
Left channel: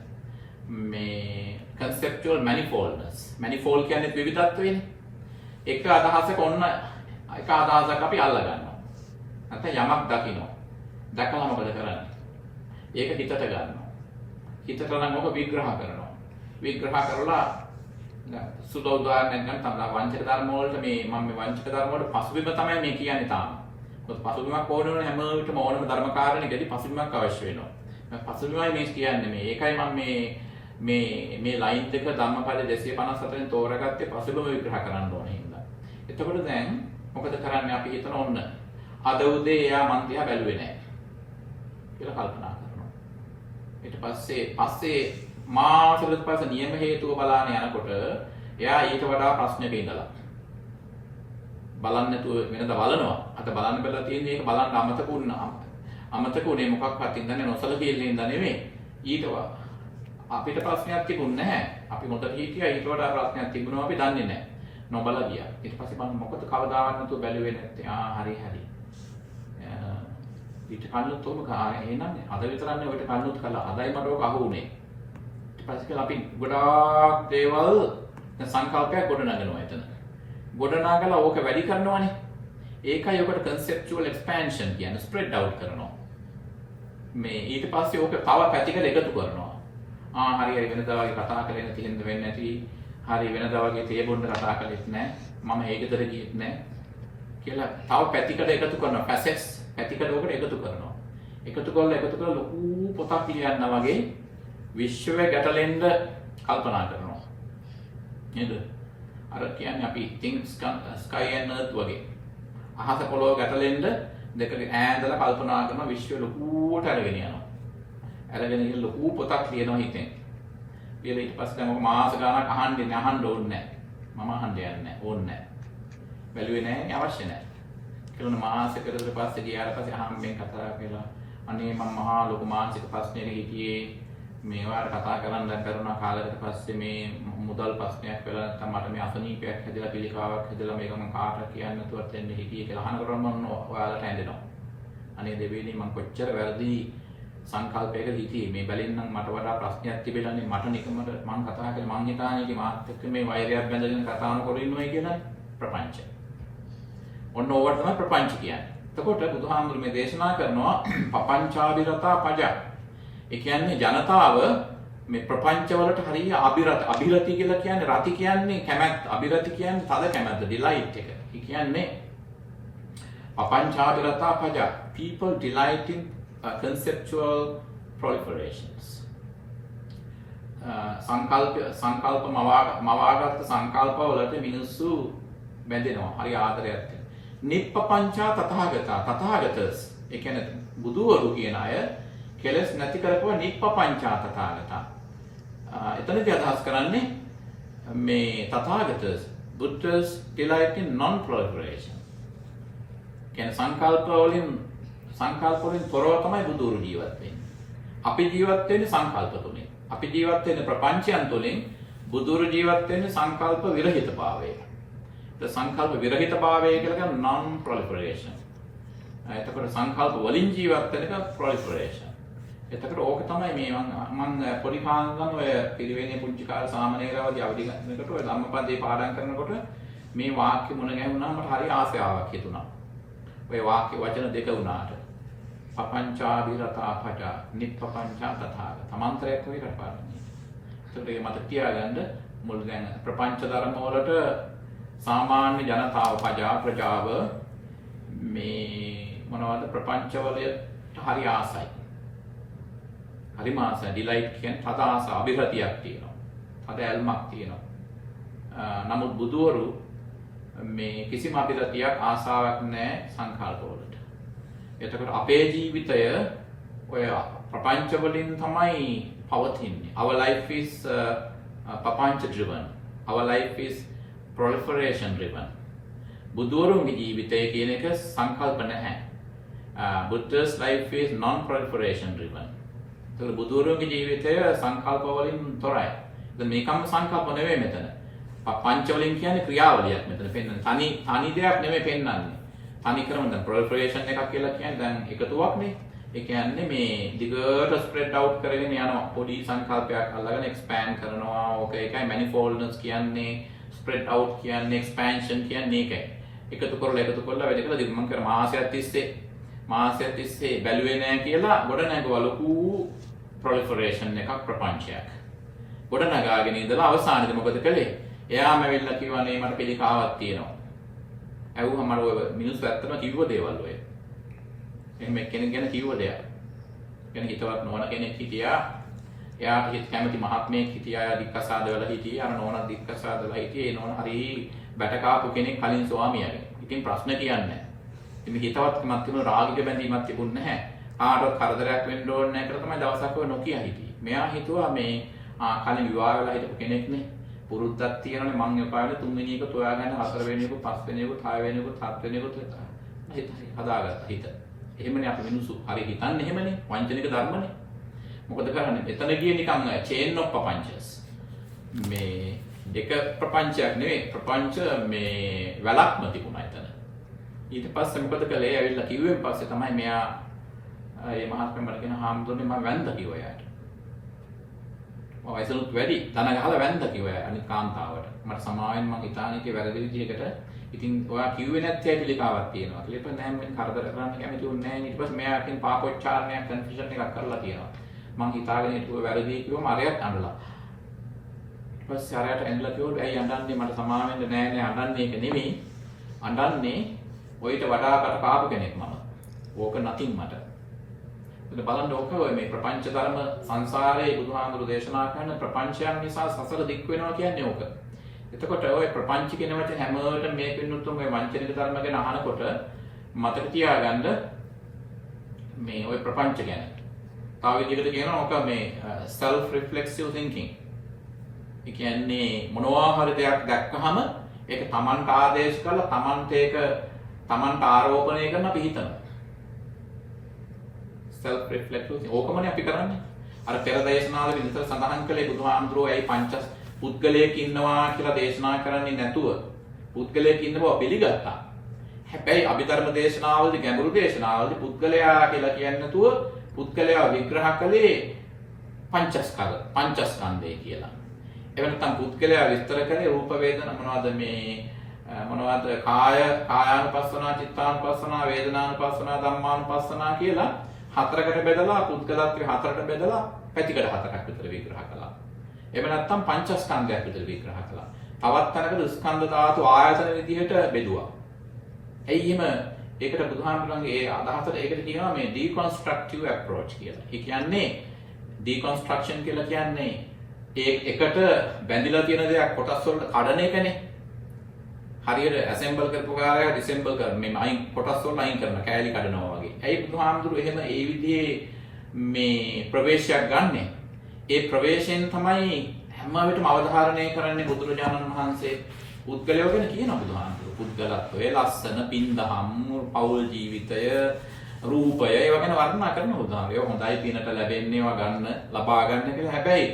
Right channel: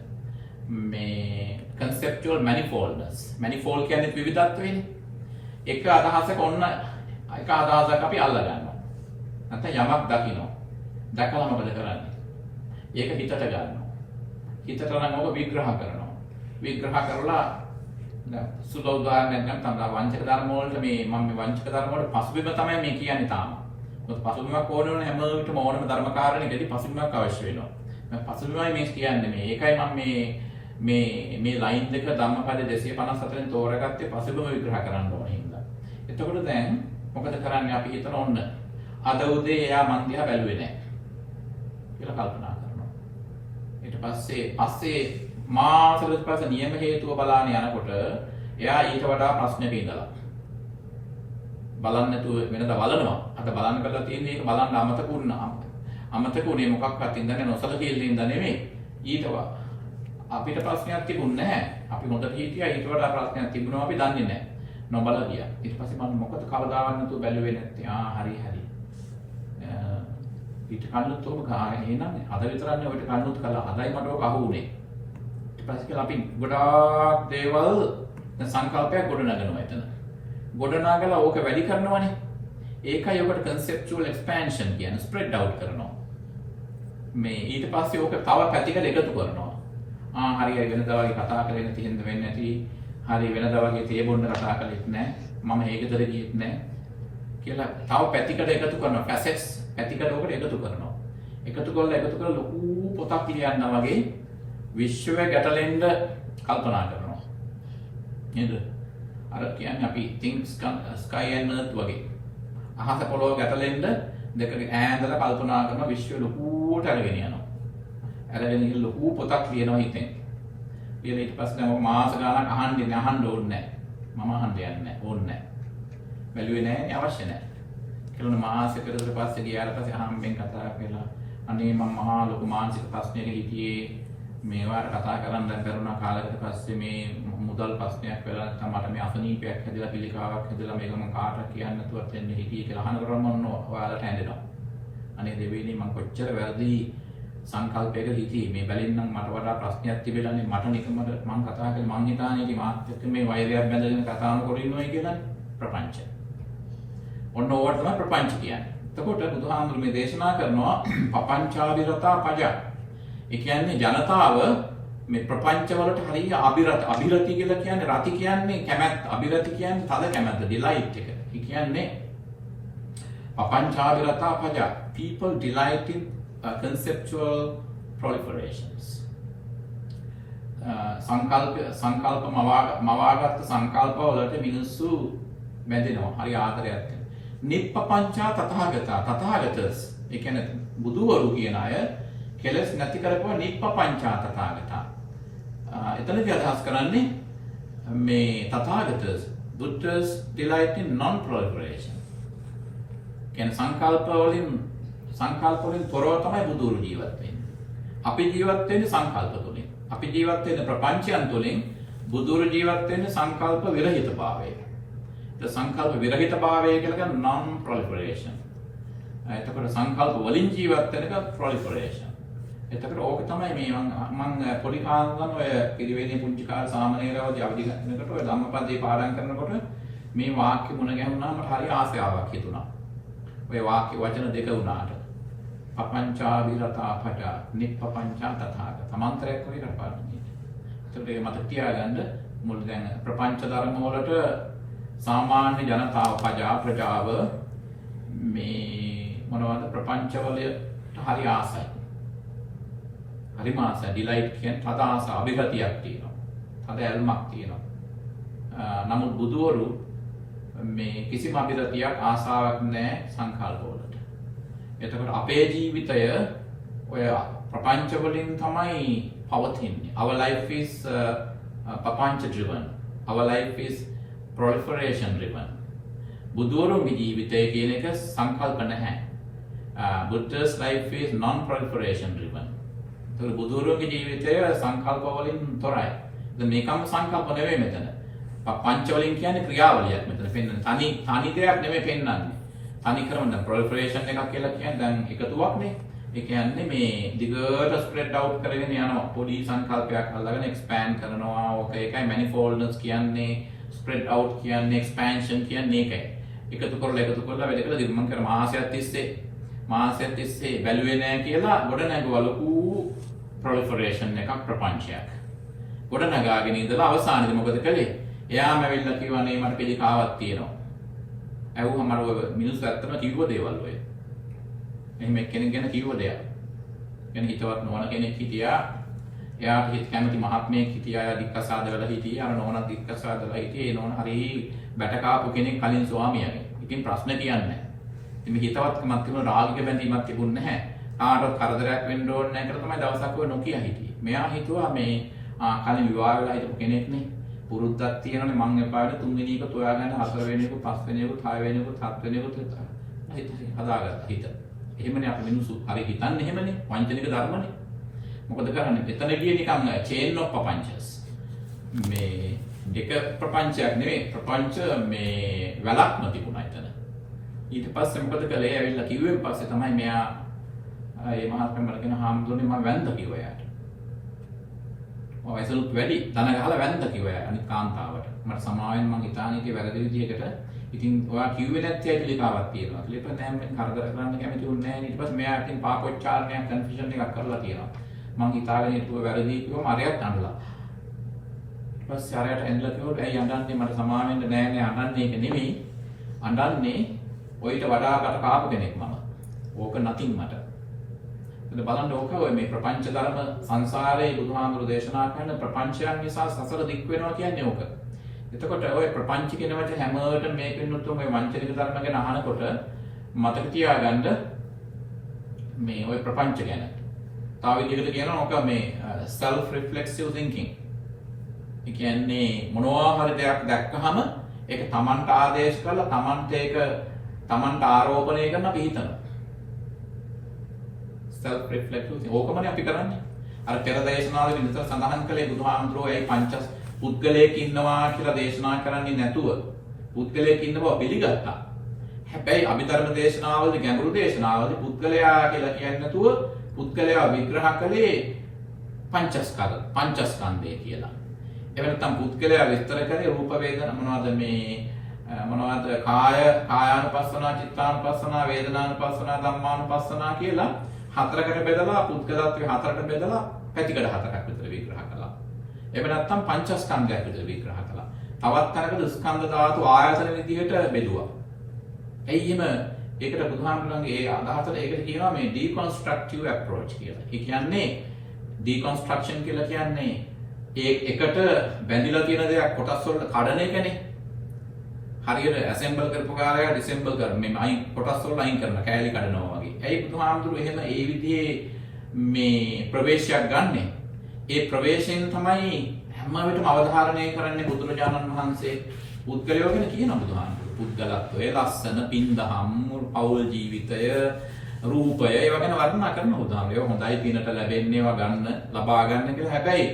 මේ conceptual manifoldness. manifold කියන්නේ විවිධත්වයනේ. එක අදහසක ඔන්න එක අදහසක් අපි අල්ල ගන්නවා. නැත්නම් යමක් දකිනවා. දැකලා මොකද කරන්නේ? ඒක හිතට ගන්නවා. හිතට නම් මොකද විග්‍රහ කරනවා. විග්‍රහ කරලා දැන් සුදු උදාහරණයක් ගන්න තමයි වංචක ධර්ම වලට මේ මම මේ වංචක ධර්ම වල පසුබිම තමයි මේ කියන්නේ තාම. මොකද පසුබිමක් ඕන වෙන හැම විටම ඕනම ධර්ම කාරණේකදී පසුබිමක් අවශ්‍ය වෙනවා. මම පසුබිමයි මේ කියන්නේ මේ. ඒකයි මම මේ ලයින් දෙක ධම්මපද 254න් තෝරගත්තේ පසුබිම විග්‍රහ කරන්න ඕනේ හින්දා. එතකොට දැන් මොකද කරන්නේ අපි හිතන ඔන්න අද උදේ එයා මන් දිහා බැලුවේ නැහැ කියලා කල්පනා කරනවා. ඊට පස්සේ මාසෙකට පස්සේ නියම හේතුව බලාන යනකොට එයා ඊට වඩා ප්‍රශ්නක ඉඳලා බලන්න නැතුව වෙනද බලනවා. අද බලන්න බැලලා තියෙන්නේ ඒක බලන්න අමතක උනේ මොකක්වත් ඉඳන්නේ නොසලකීල්ලෙන් ඉඳ නෙමෙයි. ඊට අපිට ප්‍රශ්නයක් තිබුණ නැහැ. අපි හොඳට හිටියා ඊට වඩා ප්‍රශ්නයක් තිබුණා අපි දන්නේ නැහැ. නොබල ගියා. ඊට පස්සේ මම මොකද කවදාවත් නැතුව බැලුවේ නැත්තේ. හරි. ඊට කන්නත් ඔබ එහෙනම් අද විතරන්නේ ඔබට කන්නත් කළා. අදයි මට ඔක අහුුනේ. ඊට පස්සේ කියලා අපි ගොඩාක් දේවල් සංකල්පයක් ගොඩනගනවා එතන. ගොඩනගලා ඕක වැඩි කරනවානේ. ඒකයි ඔකට conceptual expansion කියන්නේ spread out කරනවා. මේ ඊට පස්සේ ඕක තව පැතිකඩ එකතු කරනවා. හරි වෙනදා වගේ කතා කරගෙන නැති හින්දා වෙන්නේ නැති. හරි වෙනදා වගේ තේ බොන්න කතා කළෙත් නැහැ. මම ඒකතර ගියෙත් නැහැ. කියලා තව පැතිකඩ එකතු කරනවා. facets පැතිකඩ ඔකට එකතු කරනවා. එකතු කරලා ලොකු පොතක් පිළියන්නා වගේ විශ්වය ගැටලෙන්න කල්පනා කරනවා. නේද? අර කියන්නේ අපි think sky and earth වගේ. අහස පොළොව ගැටලෙන්න දෙක ඈඳලා කල්පනා කරන විශ්වය ලොකුවට අරගෙන යනවා. අරගෙන ගිහින් ලොකු පොතක් ලියනවා හිතෙන්. ඊට පස්සේ දැන් මාස ගානක් අහන්න ඕනේ නැහැ. මම අහන්න යන්නේ නැහැ. ඕනේ නැහැ. බැලුවේ නැහැ අවශ්‍ය නැහැ. කියලා මාසෙකට විතර පස්සේ ගියාට පස්සේ අහම්බෙන් කතා කරලා අනේ මම මහා ලොකු මානසික ප්‍රශ්නයක හිටියේ මේවාට කතා කරන්න බැරුණා කාලයකට පස්සේ මේ මුදල් ප්‍රශ්නයක් වෙලා නැත්නම් මට මේ අසනීපයක් හැදලා පිළිකාවක් හැදලා මේක මම කාටවත් කියන්න නැතුවත් එන්නේ හිටියේ කියලා අහනකොට මම ඔයාලට ඇඬෙනවා. අනේ දෙවියනි මම කොච්චර වැරදි සංකල්පයක හිටියේ මේ බැලින්නම් මට වඩා ප්‍රශ්නයක් තිබෙලානේ මට නිකමට මම කතා කරලා මං හිතානේ මාත් එක්ක මේ වෛරයක් බැඳගෙන කතා කරන ඉන්නෝයි කියලා ප්‍රපංචය. ඔන්න ඕවට තමයි ප්‍රපංච කියන්නේ. එතකොට බුදුහාමුදුරු මේ දේශනා කරනවා පපංචාවිරතා පජ. ඒ කියන්නේ ජනතාව මේ ප්‍රපංච වලට හරිය අභිරති කියලා කියන්නේ රති කියන්නේ කැමැත්ත. අභිරති කියන්නේ තද කැමැත්ත, delight එක. ඒ කියන්නේ පපංචාවිරතා පජ. People delight in conceptual proliferations. සංකල්ප මවාගත්ත සංකල්ප වලට මිනිස්සු බැඳෙනවා. හරි ආදරයක්. නිප්පපංචා තථාගතා. තථාගතස්. ඒ කියන්නේ බුදුවරු කියන අය කෙලස් නැති කරපුවා නිප්පපංචා තථාගතා. එතනදී අදහස් කරන්නේ මේ තථාගතස් Buddha's delight in non-proliferation. කියන්නේ සංකල්ප වලින් තොරව තමයි බුදුරු ජීවත් වෙන්නේ. අපි ජීවත් වෙන්නේ සංකල්ප තුලින්. අපි ජීවත් වෙන්නේ ප්‍රපංචයන් තුලින්. බුදුරු ජීවත් වෙන්නේ සංකල්ප විරහිතභාවයේ. ඒ සංකල්ප විරහිතභාවය කියලා කියන්නේ non-proliferation. එතකොට සංකල්ප වලින් ජීවත් වෙන එක proliferation. එතකොට ඕක තමයි මේ මම පොඩි කාලේ ඔය පිරිවෙනේ පුංචි කාලේ සාමනීරවදී අවදි කරනකොට ඔය ධම්මපදේ පාඩම් කරනකොට මේ වාක්‍ය මුණ ගැහුණා මට හරි ආසාවක් හිතුණා. ඔය වාක්‍ය වචන දෙක වුණාට. පපංචා විරතා පජ නිප්පපංචා තථාගත. තමන්තරයක් විරපාරණී. ඒකට මේ මත තියාගන්න මුල් දැන් ප්‍රපංච ධර්ම වලට සාමාන්‍ය ජනතාව ප්‍රජාව මේ මොනවද ප්‍රපංච වලට හරි ආසයි. හරි මාසය ඩිලයිට් කියන තද ආස අභිපතියක් තියෙනවා. තද ඇල්මක් තියෙනවා. නමුත් බුදුවරු මේ කිසිම අභිපතියක් ආසාවක් නැහැ සංකල්ප වලට. එතකොට අපේ ජීවිතය ඔය ප්‍රපංච වලින් තමයි පවතින්නේ. Our life is papancha driven. Our life is proliferation driven. බුදුවරුන්ගේ ජීවිතය කියන එක සංකල්ප නැහැ. Buddha's life is non-proliferation driven. ඒතර බුදුවරුන්ගේ ජීවිතය සංකල්ප වලින් තොරයි. දැන් මේකම සංකල්ප නෙවෙයි මෙතන. පංච වලින් කියන්නේ ක්‍රියාවලියක් මෙතන පෙන්වන්නේ. තනි දෙයක් නෙවෙයි පෙන්වන්නේ. තනි ක්‍රම දැන් proliferation එකක් කියලා කියන්නේ දැන් එකතුවක්නේ. ඒ කියන්නේ මේ දිගට ස්ප්‍රෙඩ් අවුට් කරගෙන යනවා. පොඩි සංකල්පයක් අල්ලගෙන expand කරනවා. ඕක ඒකයි manifoldness කියන්නේ, spread out කියන්නේ, expansion කියන්නේ ඒකයි. එකතු කරලා වැඩ කළා මම කර මාසයක් තිස්සේ බැලුවේ නැහැ කියලා ගොඩ නැගුවා ලොකු proliferation එකක් ප්‍රපංචයක්. ගොඩ නගාගෙන ඉඳලා අවසානයේදී මොකද කළේ? එයාම ඇවිල්ලා කිව්වනේ මට පිළිකාවක් තියෙනවා. ඇහුවම අර මිනිස්සු ඇත්තම කිව්ව දේවල් ඔය. එහෙම කෙනෙක් ගැන කිව්ව දෙයක්. කියන්නේ හිතවත් නොවන කෙනෙක් හිටියා. එයාට හිත කැමති මහත්මයෙක් හිටියා දික්කසාද වෙලා හිටියේ. අර නෝනා දික්කසාද වෙලා හිටියේ. ඒ නෝනා හරි බැටකාපු කෙනෙක් කලින් ස්වාමියාගේ. ඉතින් ප්‍රශ්න කියන්නේ නැහැ. ඉතින් හිතවත්කමක් තිබුණ රාගික බැඳීමක් තිබුණ නැහැ. කාටවත් කරදරයක් වෙන්න ඕනේ නැහැ කියලා තමයි දවසක් ඔය නොකිය හිටියේ. මෙයා හිතුවා මේ කලින් විවාහ වෙලා හිටපු කෙනෙක් නේ. පුරුද්දක් තියෙනනේ මං එපා වෙන තුන්වෙනි එක තෝයා ගන්න හතරවෙනි එක පස්වෙනි එක හයවෙනි එක හත්වෙනි එක හිතා. හිතේ හදාගත්තා හිත. එහෙමනේ අපි මිනිස්සු හරි හිතන්නේ එහෙමනේ වංචනික ධර්මනේ. මොකද කරන්නේ? එතනදී නිකන් chain of පපංචස්. මේ එක ප්‍රපංචයක් නෙවෙයි ප්‍රපංච මේ වැලක්ම තිබුණා එතන. ඊට පස්සේ මොකද කළේ? ඇවිල්ලා කිව්වෙන් පස්සේ තමයි මෙයා මේ මහත්මයා මල්ගෙන හාමුදුරනේ මම වැන්ද කිව්වා යාට. වයසලුත් වැඩි ධන ගහලා වැන්ද කිව්වා අනිත් කාන්තාවට. මට සමාවෙන් මං හිතානිකේ වැරදි විදියකට ඉතින් ඔයා කිව්වේ නැති ඇයි පිළිකාවක් තියෙනවා. ඊට පස්සේ නෑ මම කරදර කරන්න කැමති උන්නේ නෑ. ඊට පස්සේ මෙයා ඉතින් පාපොච්චාරණයක් කන්ෆියුෂන් එකක් කරලා තියෙනවා. මං හිතාගෙන හිටුව වැරදි කිව්වම අරයත් අඬලා. ඊට පස්සේ අරයට ඇඬලා කිව්වොත් ඇයි අඬන්නේ මට සමාවෙන්න නෑ අඬන්නේ ඒක නෙමෙයි. අඬන්නේ ඔයිට වඩා කට කාපු කෙනෙක් මම. ඕක නැතිනම් මට. බලන්න ඕක ඔය මේ ප්‍රපංච ධර්ම සංසාරයේ බුදුහාමුදුරු දේශනා කරන ප්‍රපංචයන් නිසා සසර දික් වෙනවා කියන්නේ ඕක. එතකොට ඔය ප්‍රපංච කියන වචන හැමෝටම මේ පින්නතුන් ඔය වංචනික ධර්ම ගැන අහනකොට මතක තියාගන්න මේ ඔය ප්‍රපංච ගැන. තව විදිහකට කියනවා ඕක මේ self reflexive thinking. ඒ කියන්නේ මොනවා හරි දෙයක් දැක්කහම ඒක Tamanට ආදේශ කරලා Tamanට ආරෝපණය කරන අපි හිතනවා. self reflective ඕකමනේ අපි කරන්නේ. අර පෙර දේශනාවල විතර සඳහන් කළේ බුදුහාමුදුරුවෝ ඇයි පංච පුද්ගලයෙක් ඉන්නවා කියලා දේශනා කරන්නේ නැතුව පුද්ගලයෙක් ඉන්න බව පිළිගත්තා. හැබැයි අභිධර්ම දේශනාවලදී ගැඹුරු දේශනාවලදී පුද්ගලයා කියලා කියන්නේ නැතුව පුද්ගලයා විග්‍රහ කළේ පංචස්කන්ධය කියලා. එවෙ නැත්නම් පුද්ගලයා විස්තර කරේ රූප වේදනා මොනවද කායානුපස්සනා චිත්තානුපස්සනා වේදනානුපස්සනා ධම්මානුපස්සනා කියලා හතරකට බෙදලා පුද්ගලත්වයේ හතරකට බෙදලා පැතිකඩ හතරක් විතර විග්‍රහ කළා. එහෙම නැත්නම් පංචස්කන්ධයක් විතර විග්‍රහ කළා. තවත් තැනකට ස්කන්ධ ධාතු ආයතන විදිහට බෙදුවා. එයි එහෙම ඒකට බුදුහාමුදුරන්ගේ ඒ අදහසට ඒකට කියනවා මේ deconstructive approach කියලා. ඒ කියන්නේ deconstruction කියලා කියන්නේ එකට බැඳිලා තියෙන දේක් කොටස් වලට කඩන එකනේ. හරියට ඇසෙම්බල් කරපු කාර්යය ඩිසෙම්බල් කරන මේ අයින් කොටස් වල අයින් කරන කෑලි කඩනවා වගේ. ඇයි බුදුහාමුදුරු එහෙම ඒ විදිහේ මේ ප්‍රවේශයක් ගන්නෙ? ඒ ප්‍රවේශයෙන් තමයි හැම විටම අවධාරණය කරන්නේ බුදුරජාණන් වහන්සේ. පුද්ගලයෝ ගැන කියන බුදුහාමුදුරු. පුද්ගලත්වය, ලස්සන, පින්දහම්, පෞල් ජීවිතය, රූපය ඒවා ගැන වර්ණනා කරන බුදුහාමුදුරු. ඒවා හොඳයි පිනට ලැබෙන්නේ ඒවා ගන්න, ලබා ගන්න කියලා. හැබැයි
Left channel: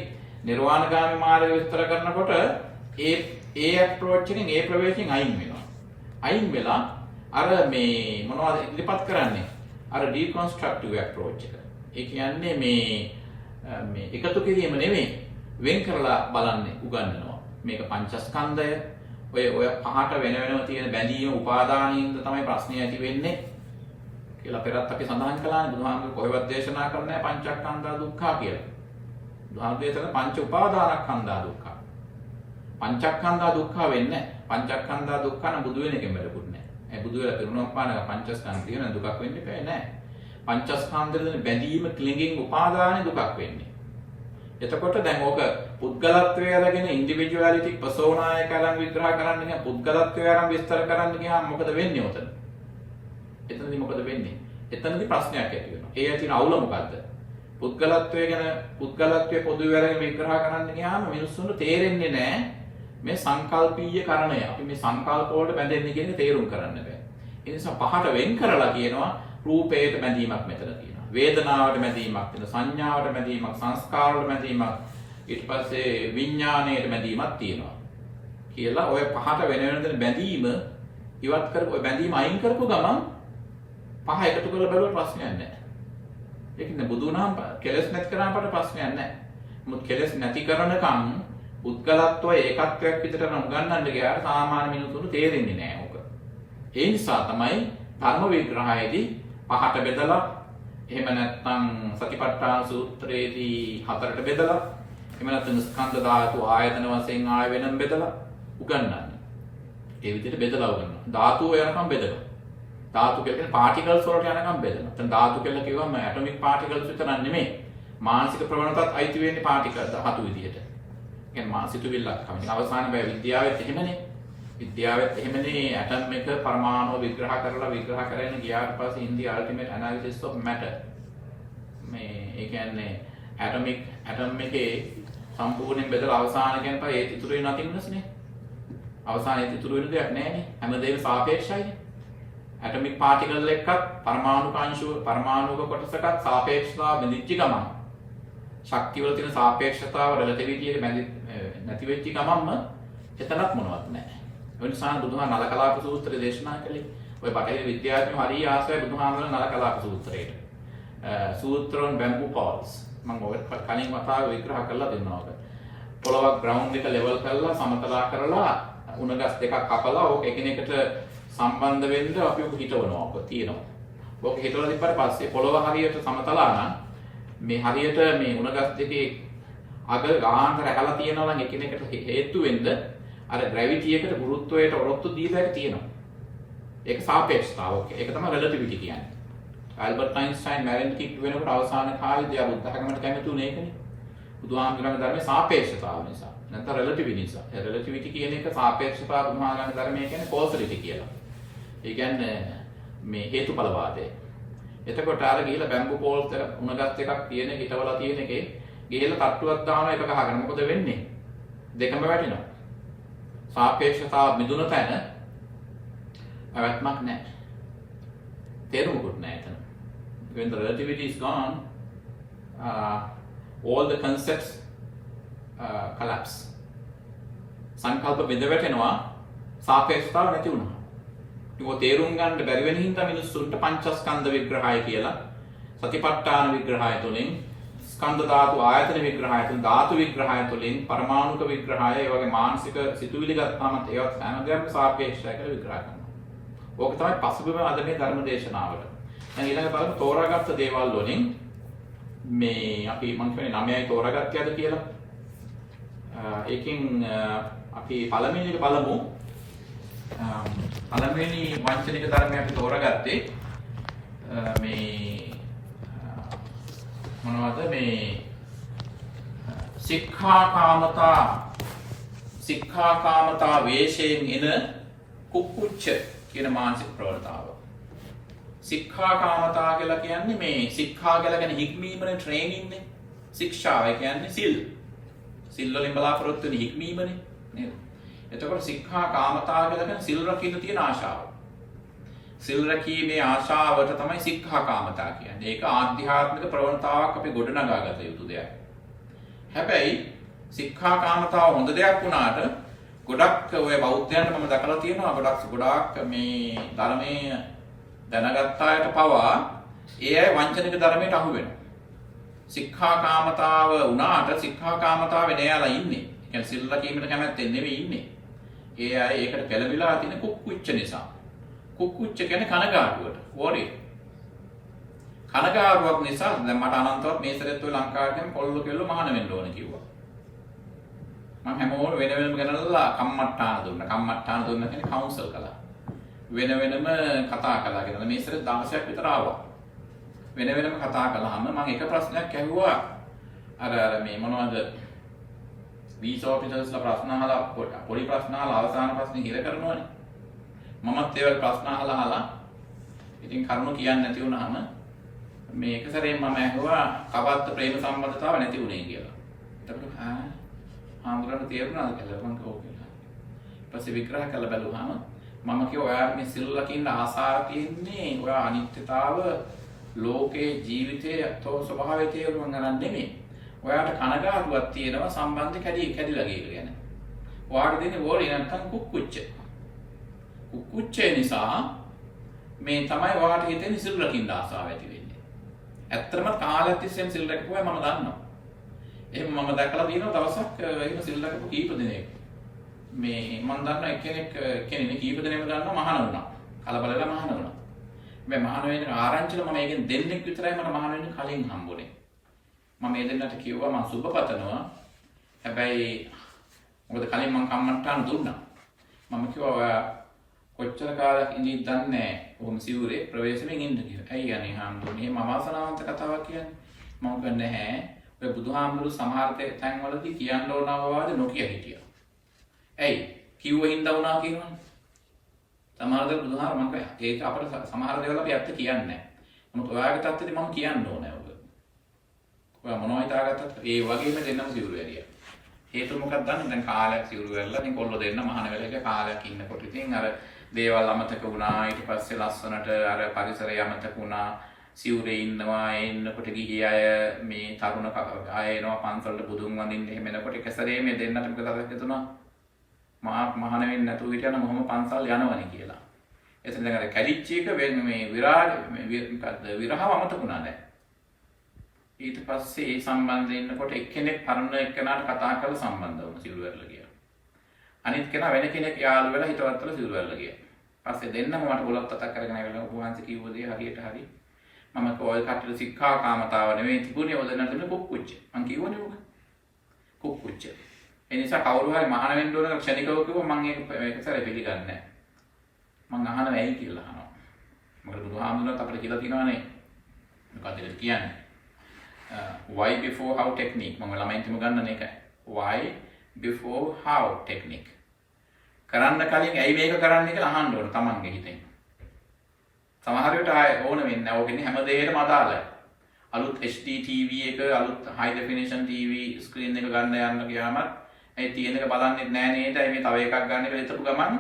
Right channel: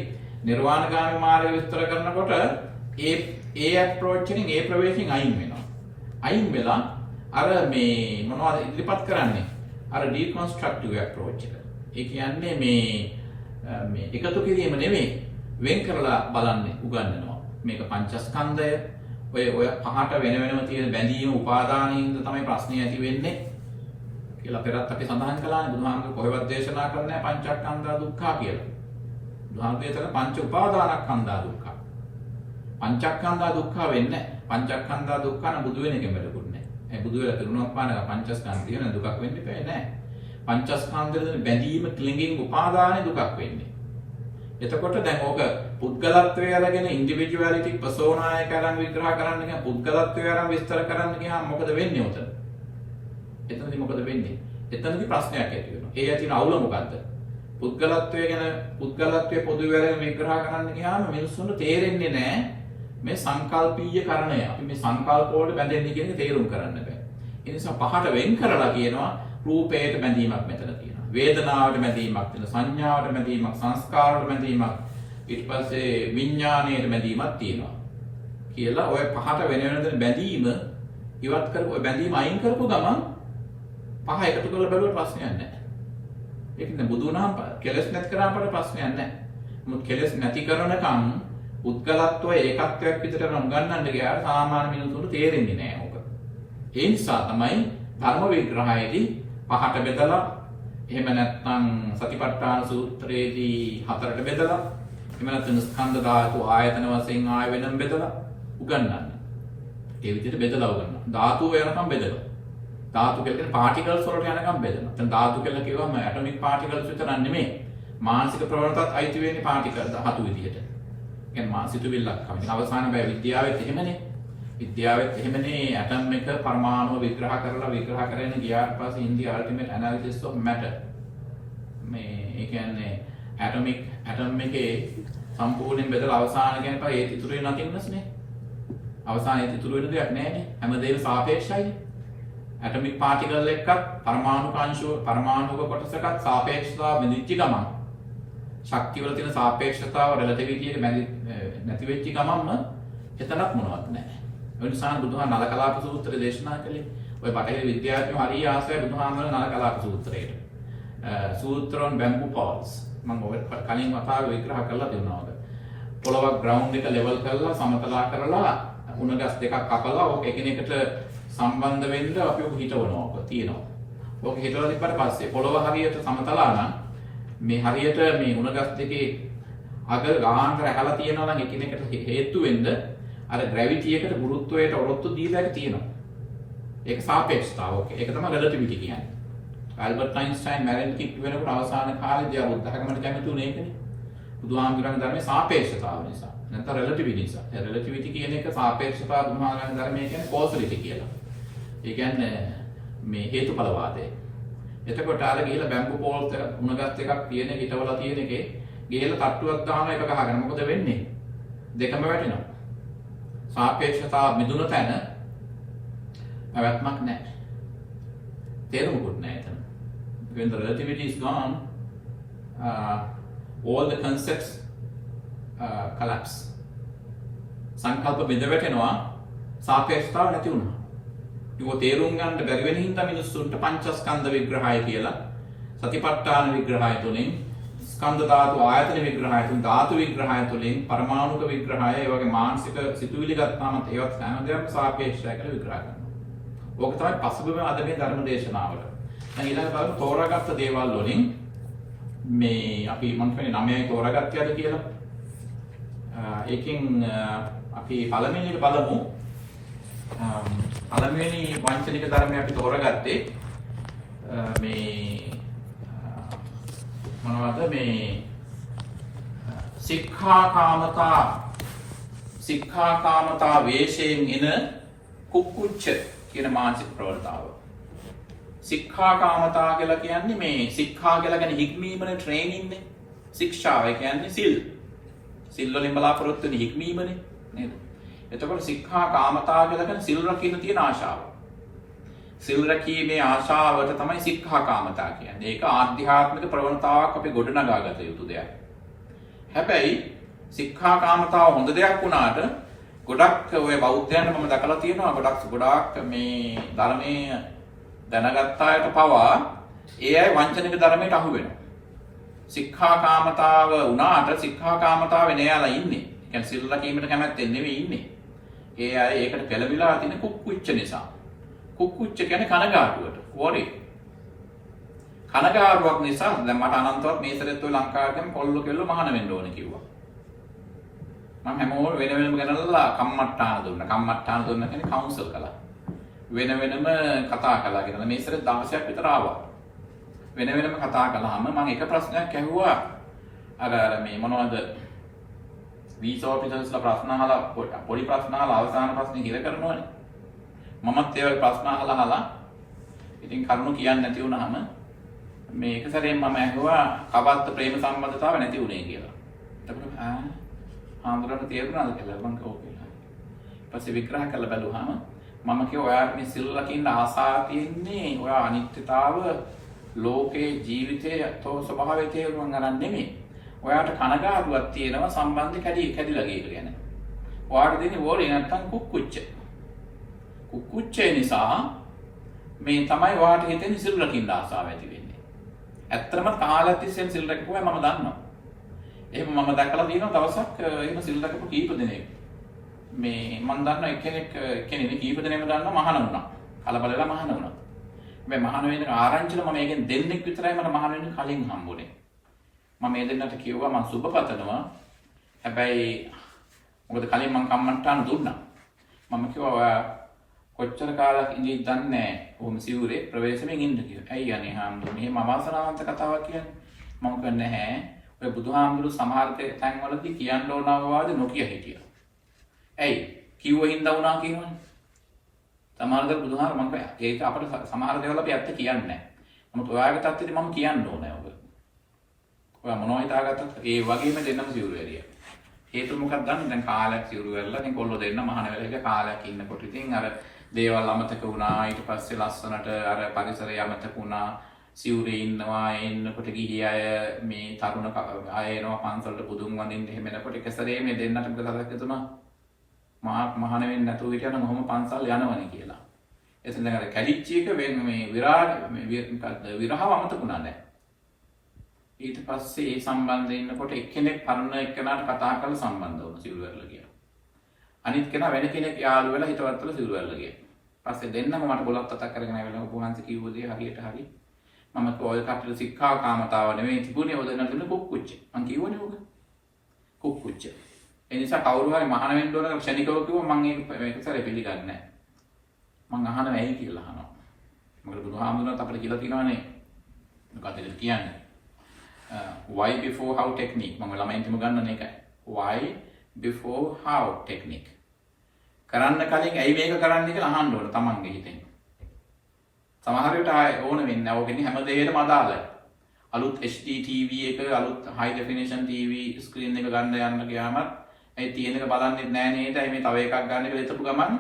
නිර්වාණගාමී මාර්ගය විස්තර කරනකොට ඒ අප්‍රෝච් එකෙන් ඒ ප්‍රවේශයෙන් අයින් වෙනවා. අයින් වෙලා අර මේ මොනවද ඉදිරිපත් කරන්නේ? අර ඩිකන්ස්ට්‍රක්ටිව් අප්‍රෝච් එක. ඒ කියන්නේ මේ එකතු කිරීම නෙමෙයි වෙන් කරලා බලන්නේ උගන්වනවා. මේක පංචස්කන්ධය ඔය පහට වෙනම තියෙන බැඳීම උපාදානින්ද තමයි ප්‍රශ්නේ ඇති වෙන්නේ කියලා පෙරත් අපි සඳහන් කළානේ. බුදුහාමුදුරුවෝ කොහෙවත් දේශනා කරන්නේ පංචස්කන්ධා දුක්ඛ කියලා. බුදුහාමුදුරුවෝ පංච උපාදානස්කන්ධා දුක්ඛ. පංචස්කන්ධා දුක්ඛ වෙන්නේ පංචස්කන්ධා දුක්ඛ න බුදු වෙන කෙනෙක් වෙලකුත් නැහැ. ඒ බුදු වෙලා පිරුණොත්පාන පංචස්කන්ධ තියෙන දුකක් වෙන්න බෑ නෑ. පංචස්කන්ධවල බැඳීම ක්ලින්ගින් උපාදාන දුකක් වෙන්නේ. එතකොට දැන් ඕක පුද්ගලත්වය අරගෙන ඉන්ඩිවිජුවැලිටි පර්සෝනා එක අරන් විග්‍රහ කරන්න ගියා පුද්ගලත්වය අරන් විස්තර කරන්න ගියාම මොකද වෙන්නේ උතන? එතනදී මොකද වෙන්නේ? එතනදී ප්‍රශ්නයක් ඇති වෙනවා. ඒ ඇතින අවුල මොකද්ද? පුද්ගලත්වය ගැන පුද්ගලත්වය පොදුවේ අරගෙන විග්‍රහ කරන්න ගියාම මිනිස්සුන්ට තේරෙන්නේ නැහැ මේ සංකල්පීය කරණය. අපි මේ සංකල්ප වලට බැඳෙන්නේ කියන්නේ තේරුම් කරන්න බෑ. ඒ නිසා පහට වෙන් කරලා කියනවා රූපයට බැඳීමක් මෙතන තියෙනවා. වේදනාවට බැඳීමක් තියෙනවා. සංඥාවට බැඳීමක්, සංස්කාරවලට බැඳීමක්, ඊට පස්සේ විඥාණයට බැඳීමක් තියෙනවා. කියලා ඔය පහට වෙන දෙන බැඳීම ඉවත් කරපු ඔය බැඳීම අයින් කරපු ගමන් පහ එකතු කරලා බලුවා ප්‍රශ්නයක් නැහැ. ඒක නේ බුදුනාම කෙලස් නැති කරාම ප්‍රශ්නයක් නැහැ. මොකද කෙලස් නැති කරනකම් උත්කලත්ව ඒකත්වයක් විතර නම් ගන්නන්න ගියාට සාමාන්‍ය මිනිසුන්ට තේරෙන්නේ නැහැ ඕක. ඒ නිසා තමයි ධර්ම විග්‍රහයේදී පහට බෙදලා එහෙම නැත්නම් සතිපට්ඨාන සූත්‍රයේදී හතරට බෙදලා එහෙම නැත්නම් ස්කන්ධ ධාතු ආයතන වශයෙන් ආය වෙනම බෙදලා උගන්වන්න. ඒ විදිහට බෙදලා උගන්වනවා. ධාතු යනකම් බෙදලා. ධාතු කියන්නේ පාටිකල්ස් වලට යනකම් බෙදනවා. දැන් ධාතු කියලා කිව්වම ඇටොමික් පාටිකල්ස් විතරක් නෙමෙයි. මානසික ප්‍රවණතාවත් අයිති වෙන්නේ පාටිකල් ධාතු විදිහට. කියන්නේ මානසිතුවිල්ලක් තමයි. අවසාන බය විද්‍යාවෙත් එහෙමනේ. විද්‍යාවෙත් එහෙමනේ ඇටම් එක පරමාණු විග්‍රහ කරගෙන ගියාට පස්සේ in the ultimate analysis of matter මේ ඒ කියන්නේ ඇටම් එකේ සම්පූර්ණයෙන් බෙදලා අවසාන කියන්නේ ඒ ඉතුරු වෙන නතින්නස්නේ. අවසානයේ ඉතුරු වෙන දෙයක් නැහැනේ. හැමදේම සාපේක්ෂයිනේ. ඇටොමික් පාටිකල් එකක් පරමාණුක කොටසකට සාපේක්ෂතාව බෙදිච්ච ගමන් ශක්තිය වල තියෙන සාපේක්ෂතාව රිලටිවිටි එක නැති වෙච්ච ගමන්ම එතනක් මොනවත් නැහැ. ඒ නිසා බුදුහාම නල කලාප සූත්‍රය දේශනා කළේ. ඔය බටහිර විද්‍යාඥයෝ හරිය ආසයි බුදුහාමගේ නල කලාප සූත්‍රයට. සූත්‍රෝන් බැම්බු පෝල්ස් මම ඔය කලින් වතාවේ විග්‍රහ කරලා දෙනවා ඔබ. පොළොවක් ග්‍රවුන්ඩ් එක ලෙවල් කරලා සමතලා කරලා උණ ගස් දෙකක් කපලා ඕක එකිනෙකට සම්බන්ධ වෙන්න අපි ඔක හිතවනවා ඔක තියෙනවා. ඕක හිතවලා ඉපස්සේ පස්සේ පොළොව හරියට සමතලා නම් මේ හරියට මේ උණ ගස් දෙකේ අග ගාහන් කර ඇහලා තියෙනවා නම් එකිනෙකට හේතු වෙන්න අර ග්‍රැවිටි එකට ගුරුත්වයට ඔරොත්තු දීලා ඒක තියෙනවා. ඒක සාපේක්ෂතාව. ඒක තමයි රිලටිවිටි කියන්නේ. ආල්බර්ට් අයින්ස්ටයින් මැරෙන්න කිට් වෙනකොට අවසාන කාලේදී ආ බුද්ධ ධර්මයට කැමති උනේ ඒකනේ. බුදුහාමුදුරන්ගේ ධර්මයේ සාපේක්ෂතාව නිසා. නැත්නම් රිලටිවිටි නිසා. ඒ රිලටිවිටි කියන එක සාපේක්ෂතාව බුදුහාමුදුරන්ගේ ධර්මයේ කියන්නේ කෝසලිටි කියලා. ඒ කියන්නේ මේ හේතුඵල වාදය. එතකොට ආර ගිහිලා බැම්බු පෝල්ස් එක උණගත් එකක් තියෙන හිටවලා තියෙන එකේ ගිහිලා තට්ටුවක් දාන එක ගහගෙන මොකද වෙන්නේ? දෙකම වැටෙනවා. සාපේක්ෂතාව මිදුණු තැන අවත්මක් නැහැ. තේරුමකුත් නැහැ එතන. When the relativity is gone, all the concepts collapse. සංකල්ප බෙද වැටෙනවා සාපේක්ෂතාව නැති වුණා. ඒක තේරුම් ගන්න බැරි වෙන හින්දා මිනිස්සුන්ට පංචස්කන්ධ විග්‍රහය කියලා සතිපට්ඨාන විග්‍රහය තුලින් ස්කන්ධ ධාතු ආයතන විග්‍රහය තුලින් ධාතු විග්‍රහය තුලින් පරමාණුක විග්‍රහය ඒ වගේ මානසික සිතුවිලි ගත්තාම ඒවත් හැමදේම සාපේක්ෂයි කියලා විග්‍රහ කරනවා. ඕක තමයි පසුබිම අද මේ ධර්ම දේශනාවල. දැන් ඊළඟ බලමු තෝරාගත්ත දේවල් වලින් මේ අපි මම කියන්නේ 9යි තෝරාගත්තයද කියලා. ඒකෙන් අපි පළවෙනි එක බලමු. පළවෙනි වංචනික ධර්මය අපි තෝරාගත්තේ මේ මොනවද මේ සික්ඛාකාමතා වේශයෙන් එන කුක්කුච්ච කියන මානසික ප්‍රවණතාව. සික්ඛාකාමතා කියලා කියන්නේ මේ සික්ඛා කියලා කියන්නේ හික්මීමනේ ට්‍රේනින්නේ. ශික්ෂාව කියන්නේ සිල්. සිල් වලින් බලාපොරොත්තු වෙන හික්මීමනේ නේද? එතකොට සික්ඛාකාමතා කියලා කියන්නේ සිල් රකින්න තියෙන ආශාව. සිල් රැකීමේ ආශාවට තමයි සික්ඛාකාමතා කියන්නේ. ඒක ආධ්‍යාත්මික ප්‍රවණතාවක් අපි ගොඩනගා ගත යුතු දෙයක්. හැබැයි සික්ඛාකාමතාව හොඳ දෙයක් වුණාට ගොඩක් ඔය බෞද්ධයන්ට මම දැකලා තියෙනවා ගොඩක් මේ ධර්මයේ දැනගත් අයට පවා ඒ අය වංචනික ධර්මයට අහු වෙනවා. සික්ඛාකාමතාව වුණාට සික්ඛාකාමතාවේ නෑලා ඉන්නේ. කියන්නේ සිල් රැකීමට කැමැත්තෙන් නෙවෙයි ඉන්නේ. ඒ අය ඒකට පෙළඹිලා තියෙන කුක්කුච්ච නිසා. කුක්කුච්ච කියන්නේ කනගාටුවට, worry. කනගාටුවක් නිසා දැන් මට අනන්තවත් මේ සැරේත් ඔය ලංකාවට ගියම කොල්ලෝ කෙල්ලෝ මහාන වෙන්න ඕන කිව්වා. මම හැමෝම වෙන වෙනම ගෙනල්ලා කම්මට්ටාන දුන්නා. කම්මට්ටාන දුන්නා කියන්නේ කවුන්සල් කළා. වෙන වෙනම කතා කළා කියලා. මේ සැරේ 16ක් විතර ආවා. වෙන වෙනම කතා කළාම මම එක ප්‍රශ්නයක් ඇහුවා. අර මේ මොනවද වීසා ඔෆිසර්ස්ලා ප්‍රශ්න අහලා පොඩි ප්‍රශ්න අහලා අවසාන ප්‍රශ්නේ හිර කරනවනේ. මමත් ඒ වගේ ප්‍රශ්න අහලා ඉතින් කරුණු කියන්නේ නැති වුණාම මේ එක සැරේම මම ඇහුවා කවද්ද ප්‍රේම සම්බන්ධතාව නැති වුණේ කියලා. එතකොට ආන්දරට තේරුණාද කියලා මම කිව්වා කියලා. ඊට පස්සේ විග්‍රහ කරලා බැලුවාම මම කිව්වා ඔයාට මේ සිල් රකින්න ආසාව තියෙන්නේ ඔයා අනිත්‍යතාව ලෝකේ ජීවිතයේ අතෝ ස්වභාවයේ තේරුම් ගන්න නෙමෙයි. ඔයාට කනගාටුවක් තියෙනවා සම්බන්ධ කැඩිලා ගියක ගැන. ඔයාට දෙන්නේ වෝරි නැත්තම් කුක්කුච්ච. කුක්කුච්චේ නිසා මේ තමයි ඔයාට හිතෙන සිල් රකින්න ආසාව ඇති වෙන්නේ. ඇත්තටම කාලයක් තිස්සේ සිල් රැකපුවා මම දන්නවා. එහෙම මම දැකලා තියෙනවා දවසක් එහෙම සිල් රැකපු කීප දෙනෙක්. මේ මම දන්නවා එක්කෙනෙක් කීප දෙනෙක්ම දන්නවා මහාන වුණා. කලබලලා මහාන වුණා. මේ මහාන වෙන ආරංචිල මම ඒකෙන් දෙන්නෙක් විතරයි මට මහාන වෙන්න කලින් හම්බුනේ. මම මේ දෙන්නට කිව්වා මම සුබ පතනවා. හැබැයි මොකද කලින් මම කම්මන්ටාන දුන්නා. මම කිව්වා ඔයා කොච්චර කාලයක් ඉඳිද දන්නේ නැහැ. කොහොම සිවුරේ ප්‍රවේශමෙන් ඉන්න කියලා. ඇයි අනේ හාමුදුරනේ මේ අවාසනාවන්ත කතාවක් කියන්නේ. මම කියන්නේ නැහැ. ඔය බුදුහාමුදුරු සමහර තැන්වලදී කියන්න ඕනව වාද නොකිය හිටියා. ඇයි? කිව්ව හින්දා වුණා කියනවනේ. සමහර දේ බුදුහාමුදුරු මම ඒක අපිට සමහර දේවල් අපි ඇත්ත කියන්නේ නැහැ. නමුත් ඔයාගේ තත්ත්වෙදි මම කියන්න ඕනේ ඔබ. ඔයා මොනවා හිතාගත්තත් ඒ වගේම දෙන්නම සිවුරු ඇරියා. හේතුව මොකක්ද දන්නවද? දැන් කාලයක් සිවුරු වෙලා දැන් කොල්ලෝ දෙන්න මහාන වෙලා එක කාලයක් ඉන්නකොට ඉතින් අර දේවල් අමතක වුණා. ඊට පස්සේ ලස්සනට අර පරිසරය අමතක වුණා. සිවුරේ ඉන්නවා එන්නකොට ගිහි අය මේ තරුණ අය එනවා පන්සලට බුදුන් වඳින්න එහෙම එනකොට එක සැරේ මේ දෙන්නට මොකද හිතුණා මහාන වෙන්නේ නැතුව හිටියනම් මොහොම පන්සල් යනවනේ කියලා. එතන දැන් අර කැලිච්ච එක මේ විරහව අමතක වුණා දැන්. ඊට පස්සේ ඒ සම්බන්ධයෙන් ඉන්නකොට එක්කෙනෙක් පරණ එක්කෙනාට කතා කරලා සම්බන්ධ වුණා සිවුරු වැල්ල ගියා. අනිත් කෙනා වෙන කෙනෙක් යාළු වෙලා හිතවත්වල සිවුරු වැල්ල ගියා. පස්සේ දෙන්නම මට ගොලක් තතක් කරගෙන ආවිලා උපවාසී කිව්ව දේ හරියට හරි. මම ඔය කටට සික්ඛාකාමතාව නෙවෙයි තිබුණේ ඔය දෙන්නට තිබුණේ කුක්කුච්ච. මං කිව්වනේ ඔක. කුක්කුච්ච. ඒ නිසා කවුරු හරි මහාන වෙන්න ඕන ක්ෂණිකව කිව්වොත් මං ඒක සැරේ පිළිගන්නේ නැහැ. මං අහනවා ඇයි කියලා අහනවා. මොකද බුදුහාමුදුරුවෝ අපිට කියලා තියෙනවානේ. මොකක්ද කියන්නේ? why before how technique මම ළමයින්ටම ගන්න එකයි. why before how technique. කරන්න කලින් ඇයි මේක කරන්නේ කියලා අහන්න ඕන තමන්ගේ හිතෙන්. සමහර විට ඕන වෙන්නේ නැහැ. ඕකෙන්නේ හැම දෙයකටම අදාළයි. අලුත් HD TV එක අලුත් high definition TV screen එක ගන්න යන්න ගියාමත් ඒ තියෙන එක බලන්නේ නැහැ නේද? මේ තව එකක් ගන්න කියලා හිතපු ගමන්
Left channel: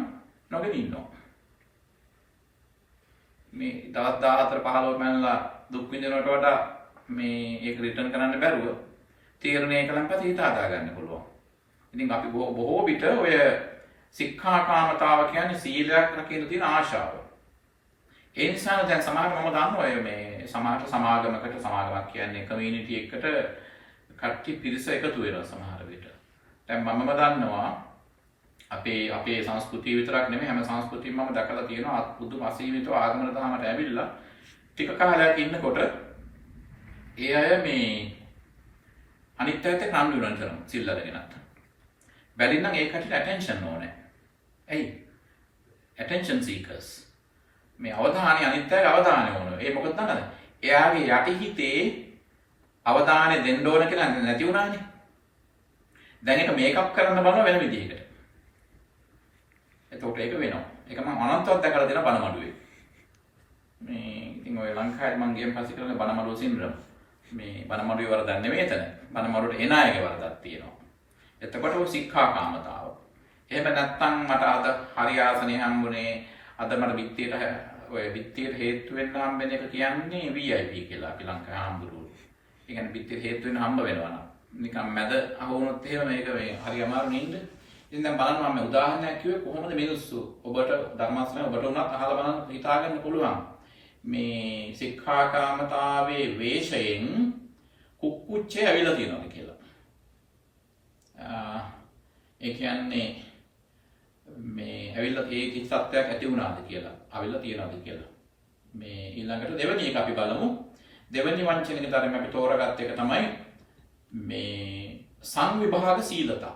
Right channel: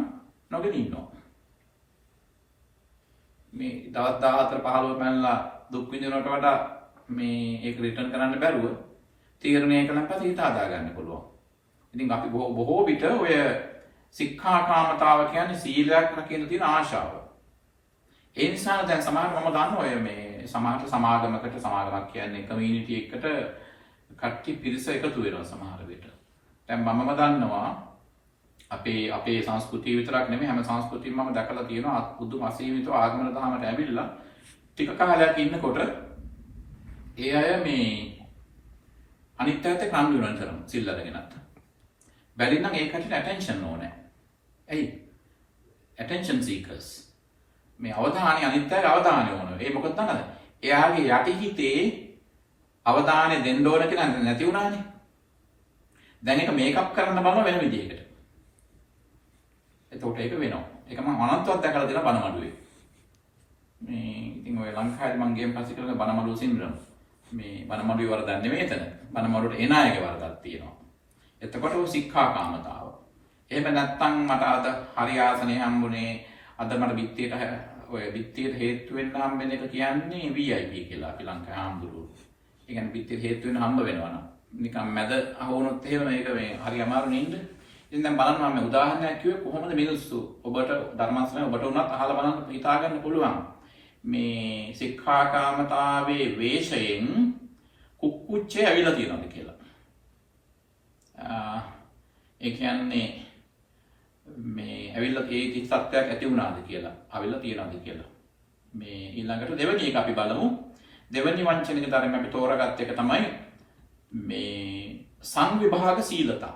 නොගෙන ඉන්නවා. මේ දවස් 14 15 මනලා දුක් විඳිනවට වඩා මේ ඒක රිටර්න් කරන්න බැරුව තීරණය කළාම පස්සේ හිත හදා ගන්න පුළුවන්. ඉතින් අපි බොහෝ විට ඔය සික්ඛාකාමතාව කියන්නේ සීලයක් රකින්න තියෙන ආශාව. ඒ නිසා දැන් සමහරව මම දන්නවා ඔය මේ සමාගමක් කියන්නේ කමියුනිටි එකකට කට්ටි පිරිස එකතු වෙනවා සමහර විට. දැන් මමම දන්නවා අපේ සංස්කෘතිය විතරක් නෙමෙයි හැම සංස්කෘතියක්ම මම දැකලා තියෙනවා පුදුම අසීමිතව ආගමන දහමට ඇවිල්ලා ටික කාලයක් ඉන්නකොට ඒ අය මේ අනිත් අයට කම්බි වෙන තරම් සිල් අරගෙනත් බැරි නම් ඒ කටට ඇටෙන්ෂන් ඕනේ. ඇයි? ඇටෙන්ෂන් සීකර්ස්. මේ අවධානය අනිත් අයගේ අවධානය ඕනේ. ඒ මොකද දන්නද? එයාගේ යටිහිතේ අවධානය දෙන්න ඕන කියලා නැති වුණානේ. දැන් ඒක මේකප් කරන්න බලන වෙන විදිහකට. එතකොට ඒක වෙනවා. ඒක මම අනන්තවත් දැකලා තියෙන බනමඩුවේ. මේ ඉතින් ඔය ලංකාවේ මම ගියන් පස්සේ කරන බනමඩුව සින්ඩ්‍රෝම්. මේ බනමඩුවේ වරදක් නෙවෙයි එතන. බනමඩුවට එන අයගේ වරදක් තියෙනවා. එතකොට ඔය සික්ඛාකාමතාව. එහෙම නැත්නම් මට අද හරි ආසනේ හම්බුනේ අද මට බිත්තියට ඔය බිත්තියට හේතු වෙන්න හම්බෙන එක කියන්නේ VIP කියලා අපි ලංකාවේ හම්බුරුවෝ. ඒ කියන්නේ බිත්තියට හේතු වෙන්න හම්බ වෙනවා නම් නිකන් මැද අහුනොත් එහෙම මේක මේ හරි අමාරුනේ ඉන්න. ඉතින් දැන් බලන්න මම උදාහරණයක් කිව්වේ කොහොමද මිනිස්සු ඔබට ධර්මාසනේ ඔබට උනත් අහලා බලන්න හිතා ගන්න පුළුවන්. මේ සික්ඛාකාමතාවේ වේශයෙන් කුක්කුච්චේ ඇවිල්ලා තියෙනවද කියලා. ඒ කියන්නේ මේ ඇවිල්ලා ඒ කිසි සත්‍යයක් ඇති වුණාද කියලා, අවිල්ලා තියනවද කියලා. මේ ඊළඟට දෙවෙනි එක අපි බලමු. දෙවෙනි වංචනික ධර්ම අපි තෝරගත්ත එක තමයි මේ සංවිභාග සීලතා.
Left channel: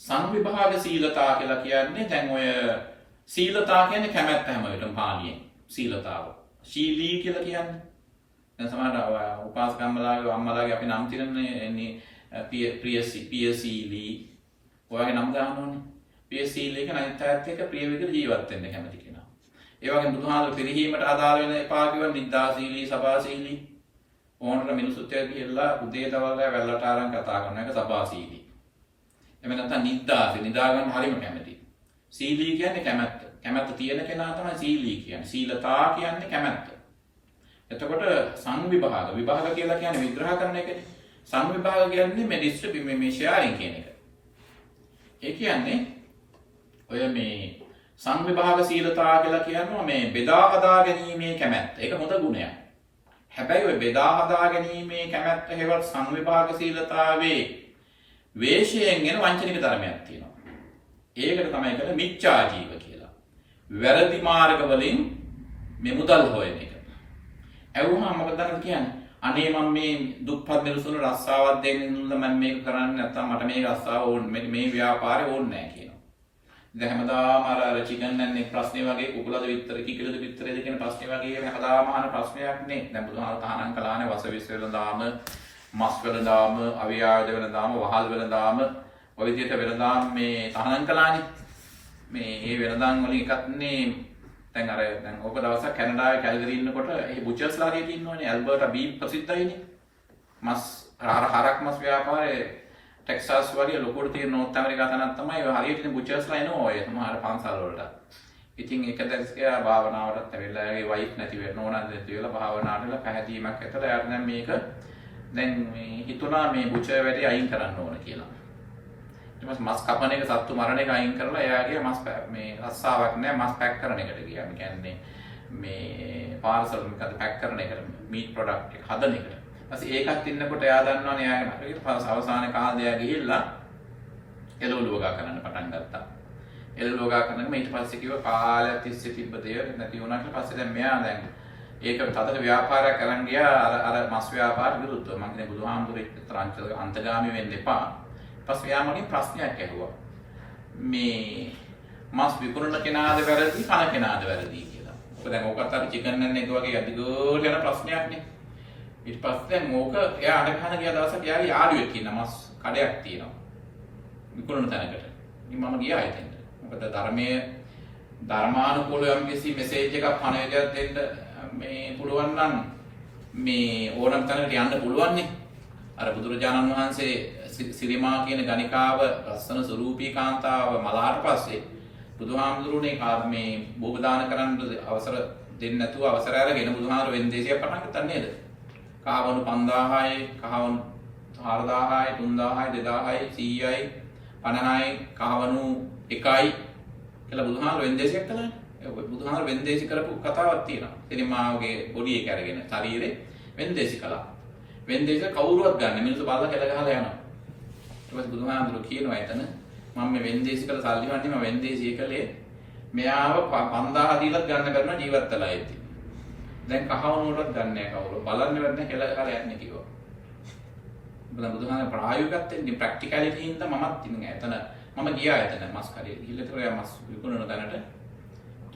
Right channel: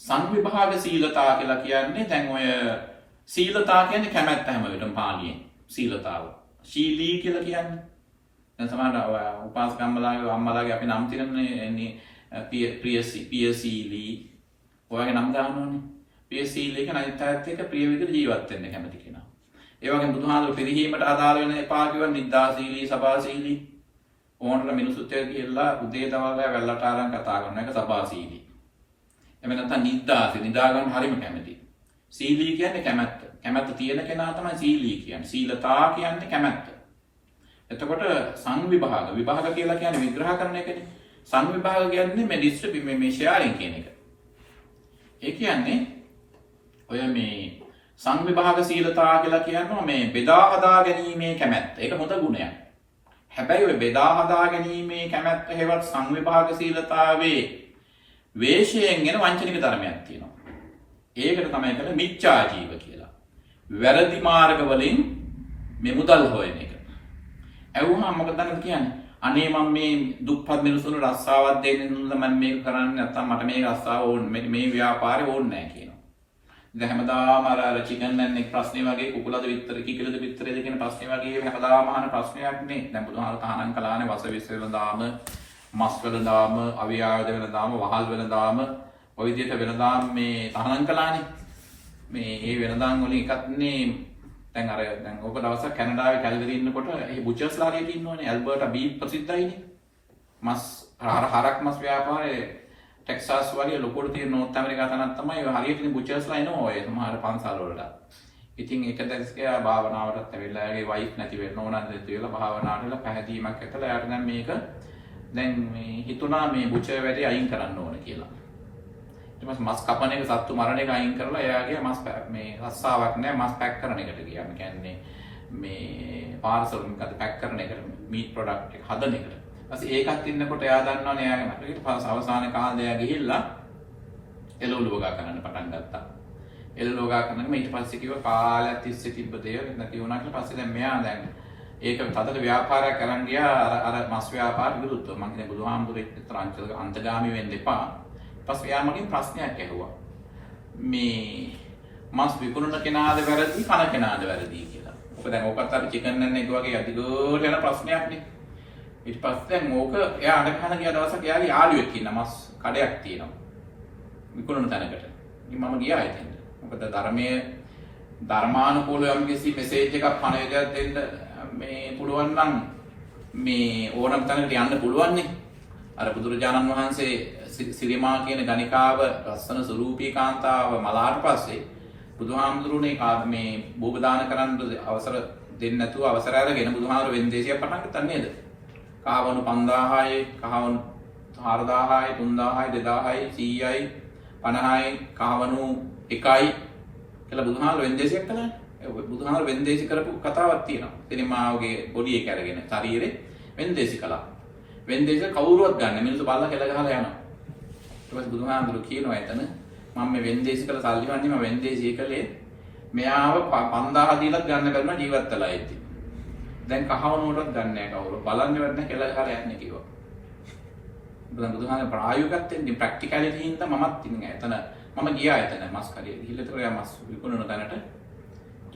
සංවිභාග සීලතා කියලා කියන්නේ දැන් ඔය සීලතා කියන්නේ කැමැත්ත හැම වෙලටම පාලියෙන් සීලතාව. ශීලී කියලා කියන්නේ. දැන් සමහර උපාසකම්මලාගේ අම්මලාගේ අපි නම් තිරන්නේ ප්‍රියසීලී ඔයගේ නම් දානෝනේ. ප්‍රියසීලී කියන අනිත්‍යයත් එක්ක ප්‍රිය විදිහට ජීවත් වෙන්න කැමති කෙනා. ඒ වගේම බුදුහාමර පිරිහීමට අදාළ වෙන එපා කියවන නිද්දාශීලී, සබාශීලී ඕනට මිනිසුත් එක්ක කියලා උදේ දවල්ලා වැල්ලට ආරන් කතා කරන එක සබාශීලී. එහෙම නැත්නම් නිද්දාශී නිදා ගන්න හරිම කැමති. සීලී කියන්නේ කැමැත්ත. කැමැත්ත තියෙන කෙනා තමයි සීලී කියන්නේ. සීලතා කියන්නේ කැමැත්ත. එතකොට සංවිභාග විභාග කියලා කියන්නේ විග්‍රහ කරන එකනේ. සංවිභාග කියන්නේ මේ ඩිස්ට්‍රිබියුෂන් මේ ෂෙයාරින් කියන එක. ඒ කියන්නේ ඔය මේ සංවිභාග සීලතා කියලා කියනවා මේ බෙදා හදා ගැනීමේ කැමැත්ත. ඒක හොඳ ගුණයක්. හැබැයි ඔය බෙදා හදා ගැනීමේ කැමැත්ත හේවත් සංවිභාග සීලතාවේ වේශයෙන් එන වංචනික ධර්මයක් තියෙනවා. ඒකට තමයි කියන්නේ මිච්ඡා ජීව කියලා. වැරදි මාර්ග වලින් මේ මුදල් හොයන එක. ඇහුවහම මොකද කියන්නේ? අනේ මම මේ දුප්පත් මිනිස්සුන්ට රස්සාවක් දෙන්න මම මේක කරන්නේ නැත්තම් මට මේ රස්සාව ඕනේ මේ ව්‍යාපාරේ ඕනේ නැහැ කියනවා. දැන් හැමදාම අර චිකන් නැන් එක ප්‍රශ්නේ වගේ කුකුලද විතර කිකිලද විතරද කියන ප්‍රශ්නේ වගේ මේ හැමදාම අහන ප්‍රශ්නයක් නේ. දැන් බුදුහාම තහනම් කළානේ වස විශ්වල දාම මස් වල දාම අවියායද වල දාම වහල් වල දාම ඔය විදිහට වෙනදාම් මේ තහනම් කළානේ. මේ ඒ වෙනදාම් වලින් එකක් නේ දැන් අර දැන් ඔබ දවසක් කැනඩාවේ කැල්ගරි ඉන්නකොට ඒ බුචර්ස්ලා හරියට ඉන්නවනේ ඇල්බර්ටා බීෆ් ප්‍රසිද්ධයිනේ. මස් හරක් මස් ව්‍යාපාරේ ටෙක්සාස් වගේ ලොකුට තියෙන නෝර්ත් ඇමරිකා තනක් තමයි ඔය හරියට ඉන්න බුචර්ස්ලා එනවා ඔය සමහර පන්සල් වලට. ඉතින් ඒක දැක්කයා භාවනාවටත් ඇවිල්ලා එයාගේ වයිෆ් නැති වෙන්න ඕනද නැති වෙලා භාවනාවටලා පැහැදීමක් ඇතලා එයාට දැන් මේක දැන් මේ හිතුණා මේ බුචර් වැඩේ අයින් කරන්න ඕන කියලා. ඊට පස්සේ මස් කපන එක සත්තු මරණ එක අයින් කරලා එයාගේ මස් මේ රස්සාවක් නැහැ මස් පැක් කරන එකට ගියා. මේ කියන්නේ මේ පාර්සල් එකකට පැක් කරන එකට මීට් ප්‍රොඩක්ට් එක හදන එකට. ඊපස්සේ ඒකත් ඉන්නකොට එයා දන්නවනේ එයාගේ මට ඊට පස්සේ අවසාන කාලේ එයා ගිහිල්ලා එළවලුවගා කරන්න පටන් ගත්තා. එළවලුවගා කරනකම ඊට පස්සේ කිව්වා කාලයක් තිස්සේ තිබ්බ දේ නැති වුණා කියලා. පස්සේ දැන් මෙයා දැන් ඒක තදට ව්‍යාපාරයක් කරන් ගියා අර මස් ව්‍යාපාර විරුද්ධව. මම කියන්නේ බුදුහාමුදුරේ අන්තගාමී වෙන්න එපා. පස්සේ එයා මගෙන් ප්‍රශ්නයක් ඇහුවා. මේ මස් විකුණන කෙනාද වැරදි කන කෙනාද වැරදි කියලා. ඔක දැන් ඕකත් අර චිකන් නැන් එක වගේ අදිගෝල යන ප්‍රශ්නයක් නේ. ඊට පස්සේ දැන් ඕක එයා අර කන ගියා දවසක් එයාගේ යාළුවෙක් ඉන්න මස් කඩයක් තියෙනවා. විකුණන තැනකට. ඉතින් මම ගියා එතෙන්ට. මොකද ධර්මයේ ධර්මානුකූලව යම් කිසි මෙසේජ් එකක් පණවිඩයක් දෙන්න මේ පුළුවන් නම් මේ ඕනම තැනකට යන්න පුළුවන් නේ. අර බුදුරජාණන් වහන්සේ සිරිමා කියන ගණිකාව රස්සන ස්වරූපී කාන්තාව මලාට පස්සේ බුදුහාමුදුරුවනේ මේ භෝග දාන කරන්න අවසර දෙන්නේ නැතුව අවසර අරගෙන බුදුහාමුදුරුවෝ වෙන්දේසිය පටන් ගත්තා නේද? කහවණු 5000යි, කහවණු 4000යි, 3000යි, 2000යි, 100යි, 50යි, කහවණු 1යි කියලා බුදුහාමුදුරුවෝ වෙන්දේසියක් කළානේ. බුදුහාමුදුරුවෝ වෙන්දේසි කරපු කතාවක් තියෙනවා. සිරිමාවගේ බොඩි එක අරගෙන ශරීරේ වෙන්දේසි කළා. වෙන්දේසි කවුරුවත් ගන්න මිනිස්සු බල්ලා කෙල ගහලා යනවා. ඊට පස්සේ බුදුහාමුදුරුවෝ කියනවා එතන මම මේ වෙන්දේසි කළ සල්ලි වන්නේ මම වෙන්දේසි කළේ මෙයාව 5000 දීලත් ගන්න කරන ජීවත් වෙලා ඉති. දැන් කහවණුවටත් ගන්න නැහැ කවුරු. බලන්න වෙන්නේ කෙල ගහලා යන්නේ කිව්වා. බුදුහාමුදුරුවෝ ප්‍රායෝගිකත් එන්නේ ප්‍රැක්ටිකැලිටි හින්දා මමත් ඉන්නේ එතන. මම ගියා එතන මස් කරිය. ගිහලා ඒතර එයා මස් විකුණන තැනට.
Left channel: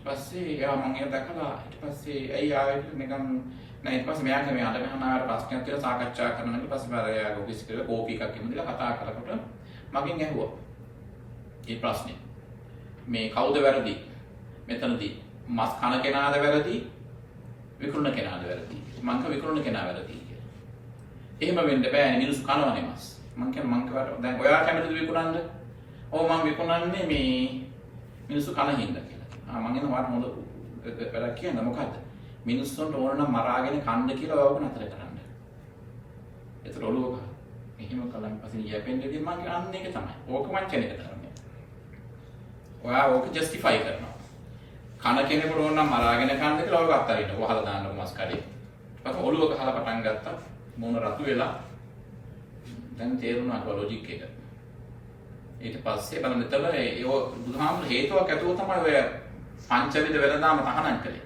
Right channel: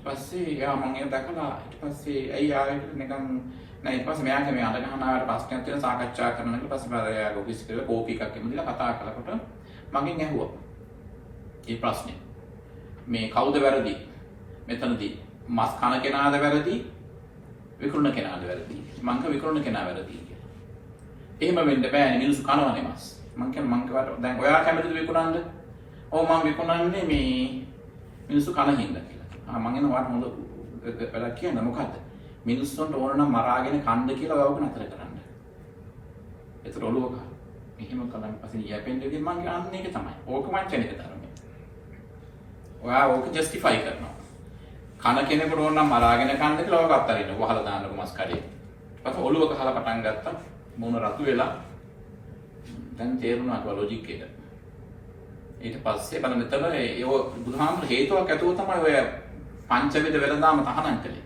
ඊට පස්සේ එයා මම ඒක දැකලා ඊට පස්සේ ඇයි ආවේ නිකන් නෑ ඊට පස්සේ මෙයාගේ මේ අඬ ගහන ආවට ප්‍රශ්නයක් කියලා සාකච්ඡා කරනවා. ඊට පස්සේ මම එයාගේ ඔෆිස් එකේ කෝපි එකක් එමුදලා කතා කරනකොට මගෙන් ඇහුවා. මේ ප්‍රශ්නේ මේ කවුද වැරදි? මෙතනදී මස් කන කෙනාද වැරදි විකුණන කෙනාද වැරදි මං කිය විකුණන කෙනා වැරදි කියලා. එහෙම වෙන්න බෑනේ මිනිස්සු කනවනේ මස්. මං කියන්නේ දැන් ඔයා කැමතිද විකුණන්න? ඔව් මං විකුණන්නේ මේ මිනිස්සු කන හින්දා කියලා. මං එන වාට හොඳ වැඩක් කියන්න මොකද්ද? මිනිස්සුන්ට ඕන නම් මරාගෙන කන්න කියලා ඔයව නතර කරන්න. ඒතර ඔළුව ගන්න. එහෙම කලන් පස්සේ යැපෙන්නේ මං අන්න ඒක තමයි. ඕක වංචනික ධර්මය. ඔයා ඕක ජස්ටිෆයි කරනවා. කන කෙනෙකුට ඕන නම් මරාගෙන කන්න කියලා ඔයව අත්තරින්න. වහලා දාන්නකො මස් කඩේ. පස්සේ ඔළුව ගහලා පටන් ගත්තා. මොන රතු වෙලා දැන් තේරුණා කො ලොජික් එක. ඊට පස්සේ බලන්න එතන ඒ බුදුහාමුදුර හේතුවක් ඇතුව තමයි ඔය පංචවිධ වෙළඳාම තහනම් කළේ.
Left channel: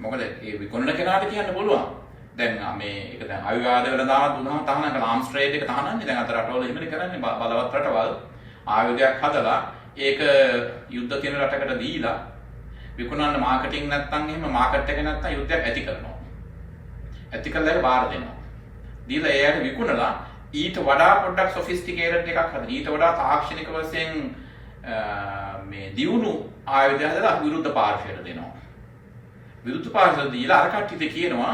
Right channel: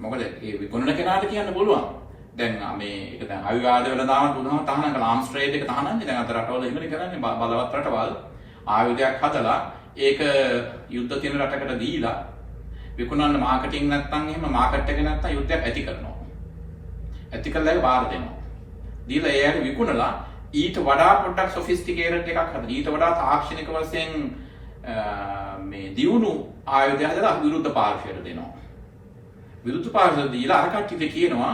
මොකද ඒ විකුණන කෙනාට කියන්න පුළුවන්. දැන් මේ ඒක දැන් ආයුධ වෙළඳාම බුදුහාම තහනම් කළා. ආම්ස් ට්‍රේඩ් එක තහනම්නේ. දැන් අත රටවල එහෙමනේ කරන්නේ. බලවත් රටවල් ආයුධයක් හදලා ඒක යුද්ධ තියෙන රටකට දීලා විකුණන්න මාකටිං නැත්තම් එහෙම මාකට් එක නැත්තම් යුද්ධයක් ඇති කරනවා. ඇති කරලා ඒක බාර දෙනවා. දීලා එයාට විකුණලා ඊට වඩා පොඩ්ඩක් සොෆිස්ටිකේටඩ් එකක් හදලා ඊට වඩා තාක්ෂණික වශයෙන් මේ දියුණු ආයුධ හදලා විරුද්ධ පාර්ශ්වයට දෙනවා. විරුද්ධ පාර්ශ්වයට දීලා අර කට්ටියට කියනවා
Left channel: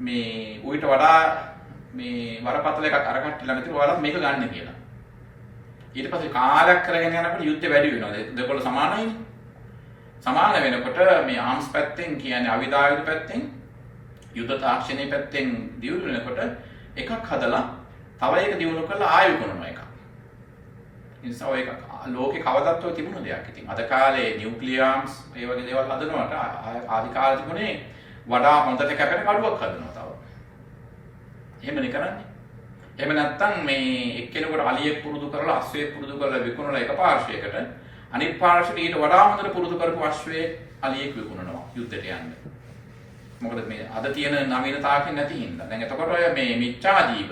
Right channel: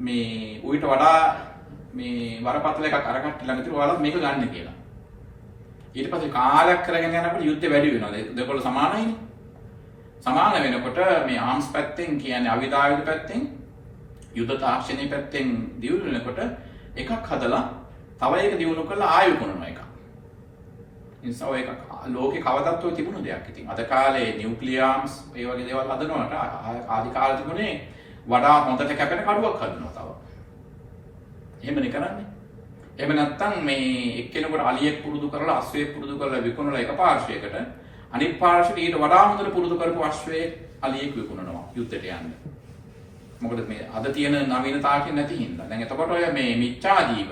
මේ ඌට වඩා මේ වරපතල එකක් අර කට්ටිය ළඟ තියෙනවා ඔයාලා මේක ගන්න කියලා. ඊට පස්සේ කාලයක් කරගෙන යනකොට යුද්ධය වැඩි වෙනවා. දෙකොල්ල සමානයිනේ. සමාන වෙනකොට මේ ආම්ස් පැත්තෙන් කියන්නේ අවිධායක පැත්තෙන් යුද්ධ තාක්ෂණයේ පැත්තෙන් දියුණු වෙනකොට එකක් හදලා තව එක දියුණු කරලා ආයෙ කරනවා එකක්. නිසා ඔය එක ලෝකේ කවදත් ඔය තිබුණ දෙයක්. ඉතින් අද කාලේ නියුක්ලියර් ආම්ස් ඒ වගේ දේවල් හදනවට ආදි කාලේ තිබුණේ වඩා හොඳට කැපෙන කඩුවක් හදනවා තව. එහෙමනේ කරන්නේ. එහෙම නැත්නම් මේ එක්කෙනෙකුට අලියෙක් පුරුදු කරලා අශ්වයෙක් පුරුදු කරලා විකුණලා එක පාර්ශ්වයකට අනිත් පාර්ශ්වයට ඊට වඩා හොඳට පුරුදු කරපු අශ්වයෙක් අලියෙක් විකුණනවා යුද්ධයට යන්න. මොකද මේ අද තියෙන නවීනතාවකින් නැති හින්දා. දැන් එතකොට ඔය මේ මිච්ඡා ජීව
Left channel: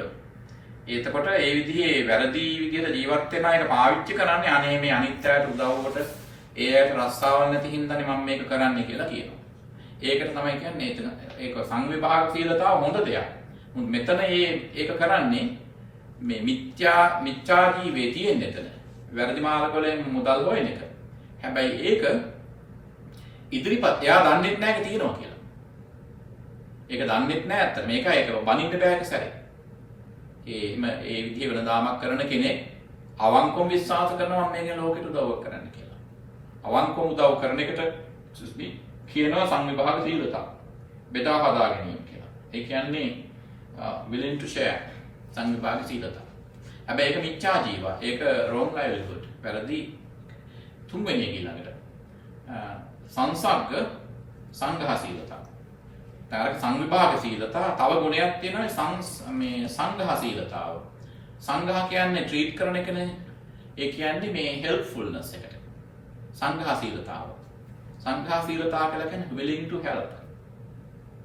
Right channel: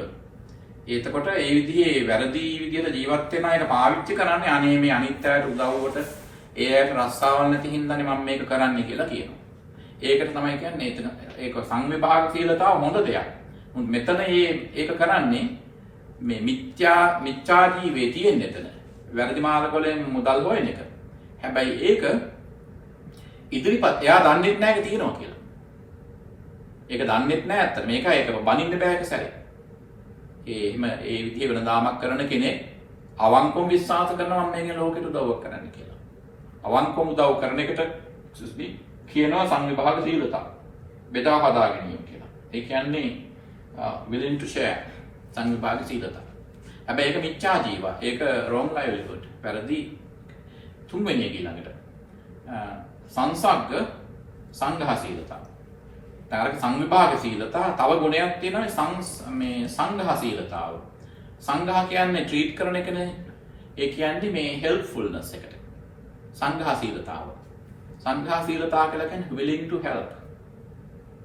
එතකොට ඒ විදිහේ වැරදි විදිහට ජීවත් වෙන එක පාවිච්චි කරන්නේ අනේ මේ අනිත් අයට උදව්වට ඒ අයට රස්සාවල් නැති හින්දානේ මම මේක කරන්නේ කියලා කියනවා. ඒකට තමයි කියන්නේ එතන ඒක සංවිභාගශීලතාව හොඳ දෙයක්. මෙතන ඒක කරන්නේ මේ මිච්ඡා ජීවේ තියෙන එතන. වැරදි මාර්ගවලින් මුදල් හොයන එක. හැබැයි ඒක ඉදිරිපත් එයා දන්නේ නැහැ ඒක තියෙනවා කියලා. ඒක දන්නේ නැහැ අත්තට. මේක ඒක බනින්න බෑ ඒක සැරේ. එහෙම ඒ විදිහේ වෙනදාමක් කරන කෙනෙක් අවංකවම විශ්වාස කරනවා මම මේකේ ලෝකෙට උදව්වක් කරන්න කියලා. අවංකවම උදව් කරන එකට කියනවා සංවිභාග සීලතා. බෙදා හදා ගැනීම කියලා. ඒ කියන්නේ willing to share සංවිභාග සීලතා. හැබැයි ඒක මිච්ඡා ජීව. ඒක wrong livelihood. වැරදි තුන්වෙනි එක ඊළඟට. සංසග්ග සංඝහ සීලතා. තාරක සංවිභාග සීලතා තව ගුණයක් තියෙනවා මේ සංඝහ සීලතාව. සංඝහ කියන්නේ ට්‍රීට් කරන එකනේ. ඒ කියන්නේ මේ හෙල්ප්ෆුල්නස් එකට. සංඝහ සීලතාව. සංඝහ සීලතාව කියලා කියන්නේ willing to help.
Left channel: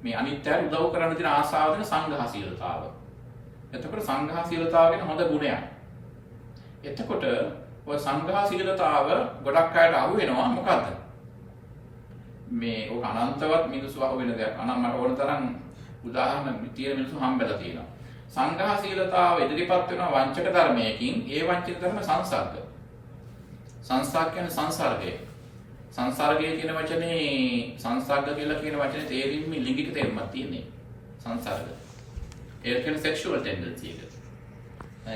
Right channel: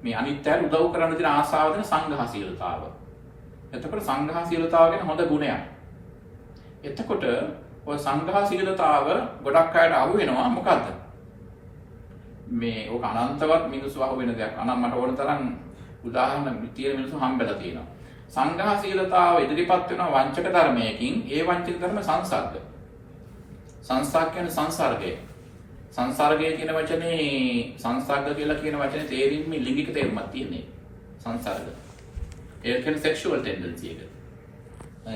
මේ අනිත්‍යයට උදව් කරන්න තියෙන ආසාව දෙන සංඝහ සීලතාව. එතකොට සංඝහ සීලතාව කියන්නේ හොඳ ගුණයක්. එතකොට ඔය සංඝහ සීලතාව ගොඩක් අයට අහු වෙනවා මොකද්ද? මේ ඔක අනන්තවත් මිනිස්සු අහු වෙන දෙයක්. අනම් මට ඕන තරම් උදාහරණ තියෙන මිනිස්සු හම්බෙලා තියෙනවා. සංඝහ සීලතාව ඉදිරිපත් වෙනවා වංචක ධර්මයකින්. ඒ වංචක ධර්ම සංසර්ග. සංසර්ග කියන්නේ සංසර්ගය. සංසර්ගය කියන වචනේ සංසර්ග කියලා කියන වචනේ තේරින්ම ලිංගික තේරුමක් තියෙන්නේ. සංසර්ග. ඒ කියන්නේ sexual tendency එක.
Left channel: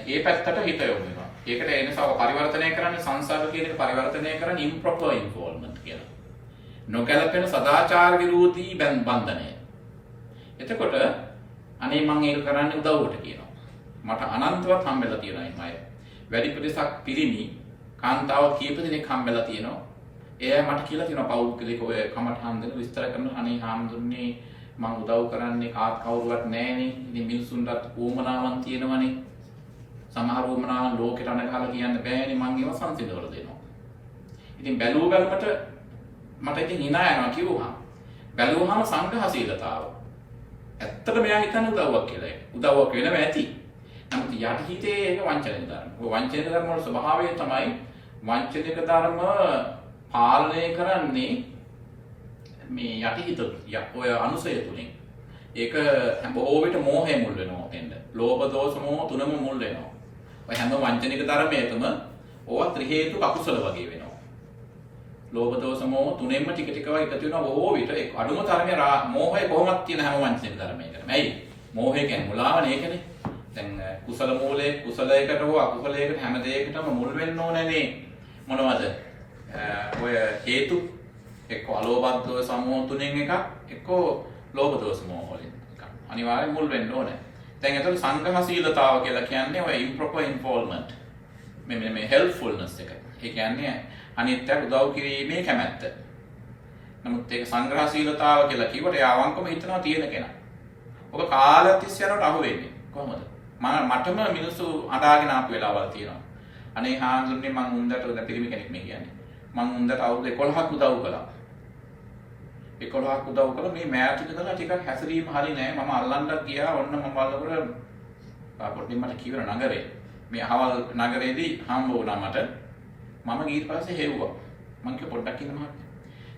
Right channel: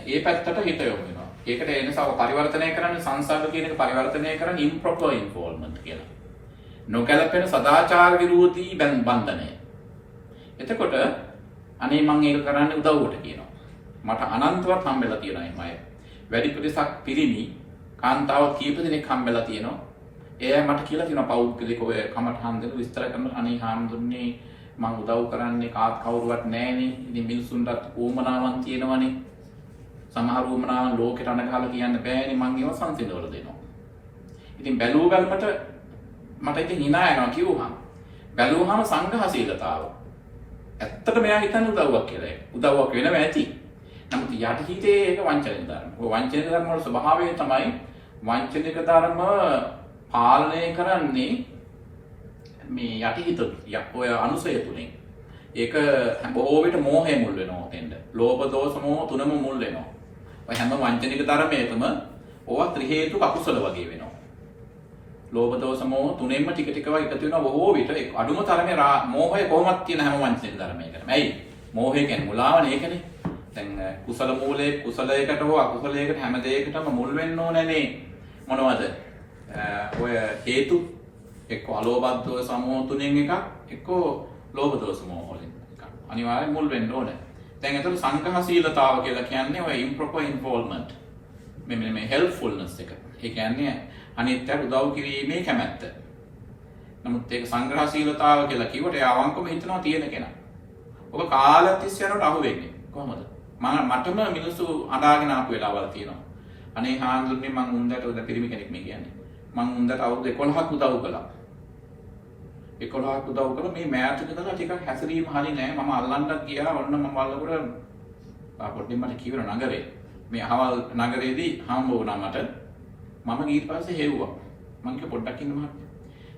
ඒ පැත්තට හිත යොමු වෙනවා. ඒකට එනසව පරිවර්තනය කරන්නේ සංසර්ග කියන එක පරිවර්තනය කරන්නේ improper involvement කියලා. නොගැලපෙන සදාචාර විරෝධී බන්ධනය. එතකොට අනේ මම ඒක කරන්න උදව්වට කියනවා. මට අනන්තවත් හම්බෙලා තියෙනවා මේ අය. වැඩි ප්‍රතිශතක් පිරිමි කාන්තාව කීප දෙනෙක් හම්බෙලා තියෙනවා. එයා මට කියලා තියෙනවා පෞද්ගලික ඔය කමටහන් දෙන විස්තර කරන අනේ හාමුදුරනේ මම උදව් කරන්නේ කවුරුවත් නැහැනේ. ඉතින් මිනිස්සුන්ටත් උවමනාවක් තියෙනවනේ. සමහර උවමනාවන් ලෝකෙට අනගහලා කියන්න බෑනේ මං ඒව සංසිඳවල දෙනවා. ඉතින් බැලුව බැලමට මට ඉතින් hina යනවා කිව්වහම. බැලුවහම සංඝහ සීලතාව. ඇත්තට මෙයා හිතන්නේ උදව්වක් කියලා ඒක. උදව්වක් වෙනව ඇති. නමුත් යටිහිතේ ඒක වංචනික ධර්ම. ඔය වංචනික ධර්ම වල ස්වභාවය තමයි වංචනික ධර්ම පාලනය කරන්නේ මේ යටිහිත ඔය අනුසය තුලින්. ඒක බොහෝ විට මෝහය මුල් වෙනවා එතෙන්ද. ලෝභ දෝෂ මෝහ තුනම මුල් වෙනවා. ඔය හැම වංචනික ධර්මයකම ඕවා ත්‍රි හේතුක අකුසල වගේ වෙනවා. ලෝභ දෝෂ මෝහ තුනෙන්ම ටික ටික එකතු වෙනවා බොහෝ විට අඩුම තරමේ මෝහය කොහොමද තියෙන හැම වංචනික ධර්මයකටම. ඇයි? මෝහය කියන්නේ මුලාවනේ ඒකනේ. දැන් කුසල මූලයේ කුසලයකට හෝ අකුසලයකට හැම දෙයකටම මුල් වෙන්න ඕනනේ මොනවද? ඔය හේතු එක්ක අලෝභ දෝෂ සමෝහ තුනෙන් එකක් එක්ක ලෝභ දෝෂ මෝහ වලින් එකක්. අනිවාර්යෙන් මුල් වෙන්න ඕනේ. දැන් එතකොට සංඝහශීලතාව කියලා කියන්නේ ඔය improper involvement. මේ helpfulness එක. ඒ කියන්නේ අනිත්‍යයට උදව් කිරීමේ කැමැත්ත. නමුත් ඒක සංග්‍රහශීලතාව කියලා කිව්වට ඒ අවංකවම හිතනවා තියෙන කෙනා. ඔබ කාලයක් තිස්සේ යනකොට අහු වෙන්නේ කොහොමද? මටම මිනිස්සු අඬාගෙන ආපු වෙලාවල් තියෙනවා. අනේ හාමුදුරනේ මං උන්දට උද පිරිමි කෙනෙක් මේ කියන්නේ. මං උන්දට අවුරුදු 11ක් උදව් කළා. 11ක් උදව් කළා මේ මෑතක ඉඳලා ටිකක් හැසිරීම හරි නෑ. මම අල්ලන්නත් ගියා. ඔන්න මම බලනකොට පොඩ්ඩක් මට කිව්ව නගරේ. මේ අහවල් නගරේදී හම්බ වුණා මට. මම ඊට පස්සේ හෙව්වා. මං කිව්ව පොඩ්ඩක් ඉන්න මහත්තයා.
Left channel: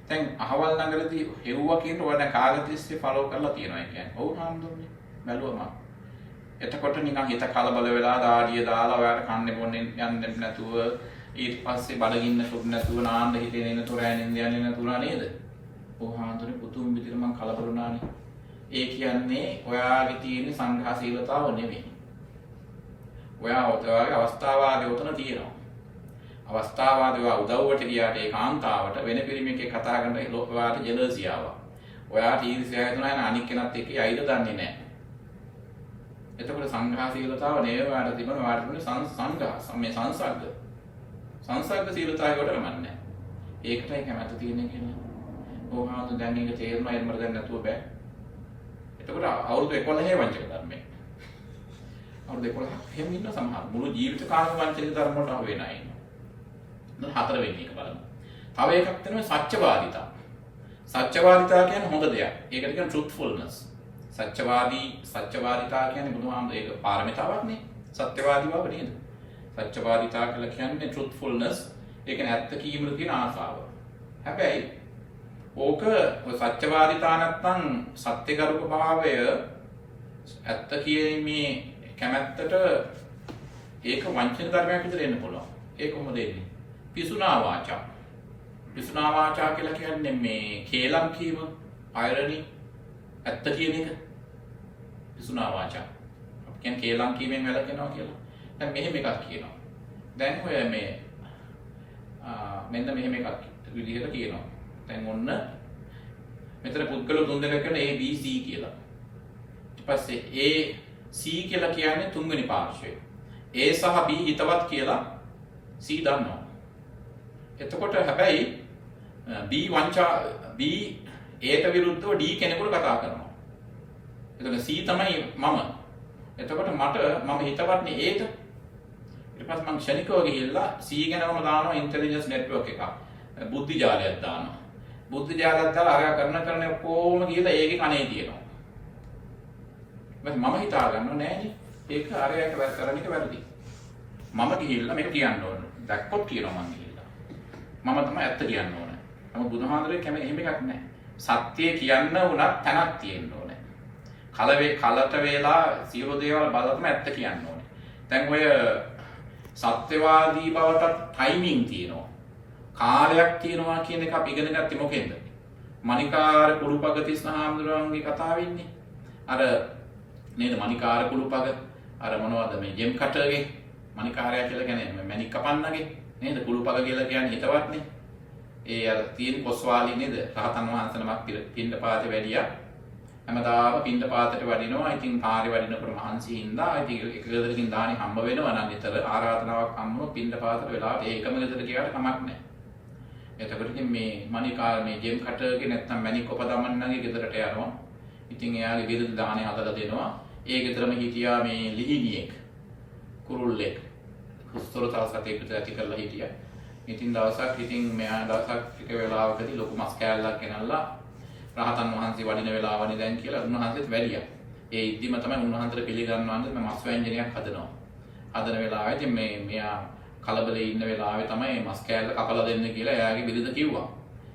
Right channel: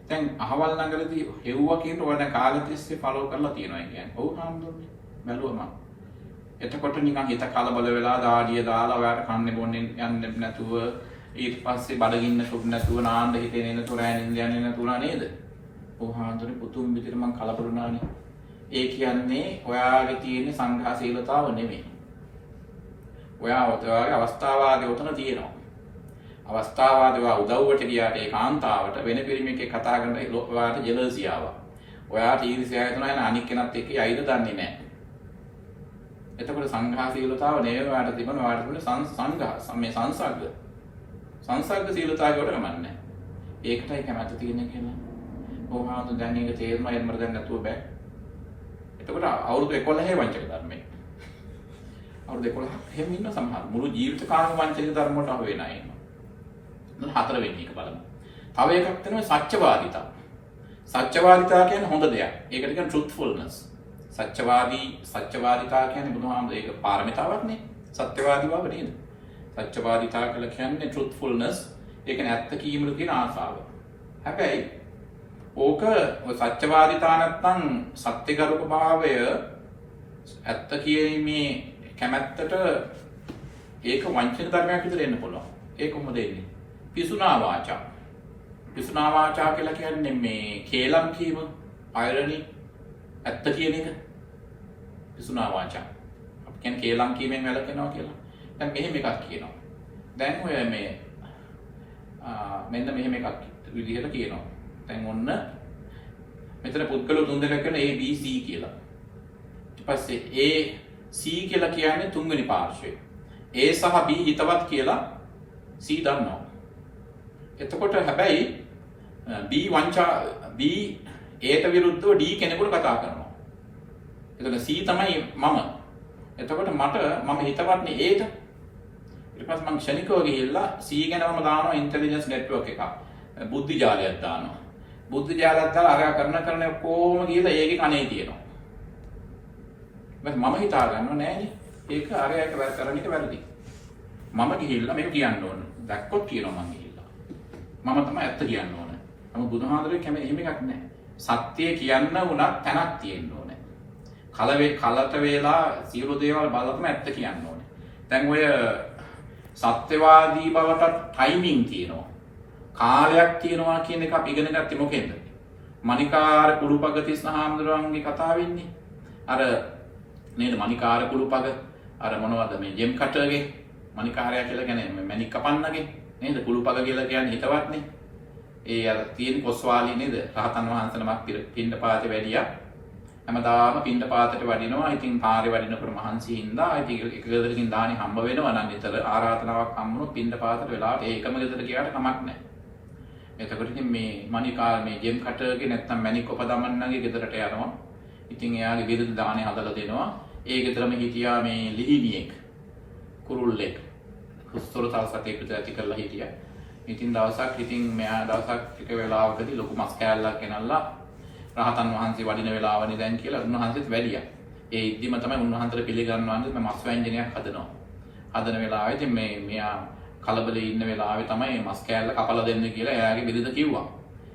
දැන් අහවල් නගරේදී හෙව්වා කියන ඔය දැන් කාලෙ තිස්සේ ෆලෝ කරලා තියෙනවා කියන්නේ. ඔව් හාමුදුරනේ. බැලුවා මම. එතකොට නිකන් හිත කලබල වෙලා දාඩිය දාලා ඔයාට කන්නේ බොන්නේ යන්නේ නැතුව ඊට පස්සේ බඩගින්න සුදු නැතුව නාන්න හිතේ නේද තොරෑනින්ද යන්නේ නැතුණා නේද? ඔව් හාමුදුරනේ පුතුන් විදිහට මං කලබල වුණානේ. ඒ කියන්නේ ඔයාගේ තියෙන සංඝාසීලතාව නෙමෙයි. ඔයාගේ අවස්ථාවාදී උතන තියෙනවා. අවස්ථාවාදී ඔයා උදව්වට ගියාට ඒ කාන්තාවට වෙන පිරිමියෙක් කතා කරනකොට ඔයාට ජෙලසි ආවා. ඔයාට ඊර්ෂ්‍යාව හිතුණා යන අනික් කෙනත් එක්ක යයිද දන්නේ නැහැ. එතකොට සංඝාසීලතාව නෙවෙයි ඔයාට තිබුණ ඔයාට තිබුණ මේ සංසග්ග සීලතාවයට කමන්නේ. ඒකටයි කැමැත්ත තියෙන්නේ කියලා. ඕහාඳු දැන් මේක තේරුණා යන්න මට දැන් නැතුව බෑ. එතකොට අවුරුදු 11 වංචක ධර්මයේ. අවුරුදු 11ක් හැම ඉන්න සමහර මුළු ජීවිත කාලෙම වංචනික ධර්ම වලට අහු වෙනා ඉන්නවා. දැන් හතරවෙනි එක බලමු. තව එකක් තමයි සත්‍යවාදීතා. සත්‍යවාදීතා කියන්නේ හොඳ දෙයක්. ඒකට කියන්නේ truthfulness. සත්‍යවාදීතා කියන්නේ බුදුහාමුදුරේ ඒක පාරමිතාවක් නේ. සත්‍යවාදී බව නේද? සත්‍යවාදීතා කියලා කියන්නේ truthfulness. ඒ කියන්නේ ඇත්ත කීමට තියෙන ආසාව. හැබැයි ඕක ඔය සත්‍යවාදීතා නැත්තම් සත්‍යගරුක භාවය ඇත්ත කියීමේ කැමැත්තට ඒක වංචනික ධර්මයක් විතර එන්න පුළුවන්. ඒක කොහොමද එන්නේ? පිසුනා වාචා. පිසුනා වාචා කියලා කියන්නේ මේ කේලම් කීම, irony, ඇත්ත කියන එක. පිසුනා වාචා. අපි කියන්නේ කේලම් කීමෙන් වැළකෙනවා කියලා. දැන් මෙහෙම එකක් කියනවා. දැන් ඔය මේ මෙන්න මෙහෙම එකක් විදිහට කියනවා. දැන් ඔන්න මෙතන පුද්ගල තුන් දෙනෙක් කරන A B C කියලා. ඊට පස්සේ A C කියලා කියන්නේ තුන්වෙනි පාර්ශ්වය. A සහ B හිතවත් කියලා C දන්නවා. එතකොට හැබැයි B Aට විරුද්ධව D කෙනෙකුට කතා කරනවා. එතකොට C තමයි මම. එතකොට මම හිතවත්නේ Aට. ඊට පස්සේ මම ක්ෂණිකව ගිහිල්ලා C ගැනම දානවා ඉන්ටෙලිජන්ස් නෙට්වර්ක් එකක්. බුද්ධි ජාලයක් දානවා. බුද්ධි ජාලයක් දාලා අරයා කරන ඔක්කොම ගිහිල්ලා ඒකේ කනේ තියෙනවා. මම හිතා ගන්නව නෑනේ. ඒක අරයා එක කරන එක වැරදි. මම ගිහිල්ලා මේක කියන්න ඕන. දැක්කොත් කියනවා මම ගිහිල්ලා. මම තමයි ඇත්ත කියන්න ඕන. නමුත් බුදුහාඳුරේ කැමති එහෙම එකක් නෑ. සත්‍ය කියන්න උනත් තැනක් තියෙන්න ඕනේ. කලට වේලා සියලු දේවල් බලලා තමයි ඇත්ත කියන්න ඕනේ. දැන් ඔය සත්‍යවාදී බවට ටයිමින් තියෙනවා. කාලයක් තියෙනවා කියන එක අපි ඉගෙන ගත්තේ මොකෙන්ද? මණිකාර කුරුපගතිස් හාමුදුරුවන්ගේ කතාවෙන්නේ. අර නේද මණිකාර කුරුපග අර මොනවද මේ ජෙම් කටර්ගේ මණිකාරයා කියලා කියන්නේ මණික් කපන්නගේ නේද? කුරුපග කියලා කියන්නේ හිතවත්නේ. ඒ අර තියෙන කොස්වාලි නේද? රහතන් වහන්සේ නමක් පින්ඩපාතේ වැඩියා. හැමදාම පින්ඩපාතට වඩිනවා. ඉතින් පාරේ වඩිනකොට මහන්සි හින්දා ඉතින් එක ගෙදරකින් දානි හම්බ වෙනවා නම් නිතර ආරාධනාවක් හම්බුනොත් පින්ඩපාතට වෙලාවට ඒකම ගෙදර ගියාට කමක් නැහැ. එතකොට ඉතින් මේ මණිකාර මේ ජෙම් කටර්ගේ නැත්තම් මණික් කොපදමන්නගේ ගෙදරට යනවා. ඉතින් එයාගේ බිරිඳ දානේ හදලා දෙනවා. ඒ ගෙදරම හිටියා මේ ලිහිණියෙක් කුරුල්ලෙක්. හුස්තොරතල් සතෙක් ඇති කරලා හිටියා. ඉතින් දවසක් මෙයා දවසක් ටික වෙලාවකදී ලොකු මස් කෑල්ලක් ගෙනල්ලා රහතන් වහන්සේ වඩින වෙලාවනේ දැන් කියලා උන්වහන්සේත් වැඩියා. ඒ ඉද්දිම තමයි උන්වහන්සේට පිළිගන්නවන්නේ මේ මස් ව්‍යංජනයක් හදනවා. හදන වෙලාවේ ඉතින් මෙයා කලබලේ ඉන්න වෙලාවේ තමයි මස් කෑල්ල කපලා දෙන්න කියලා එයාගේ බිරිඳ කිව්වා.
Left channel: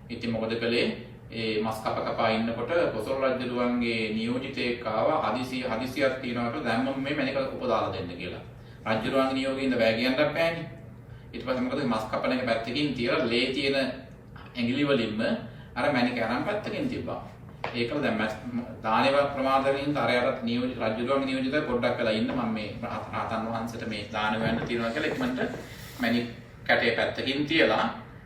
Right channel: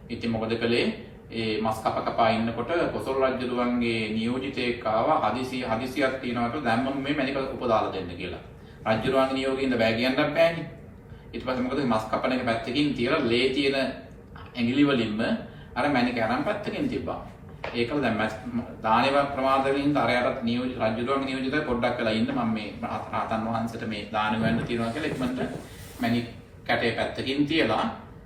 ඉතින් මොකද කළේ? ඒ මස් කපා ඉන්නකොට කොසල් රජුගේ නියෝජිතයෙක් ආවා හදිසියක් තියනවා කියලා දැම්මම මේ මණික උපදාලා දෙන්න කියලා. රජුගේ නියෝගයෙන් බෑ කියන්නත් බෑනේ. ඊට පස්සේ මොකද මස් කපන එක පැත්තකින් තියලා ලේ තියෙන ඇඟිලි වලින්ම අර මැණික අරන් පැත්තකින් තිබ්බා. ඒකල දැන් දානේව ප්‍රමාදයෙන් තරයටත් නියෝජිත රජුරුවන්ගේ නියෝජිතය පොඩ්ඩක් වෙලා ඉන්න මම මේ රහතන් වහන්සේට මේ දාන වෙන්න තියනවා කියලා ඉක්මනට මැණික් කැටේ පැත්තකින් තියලා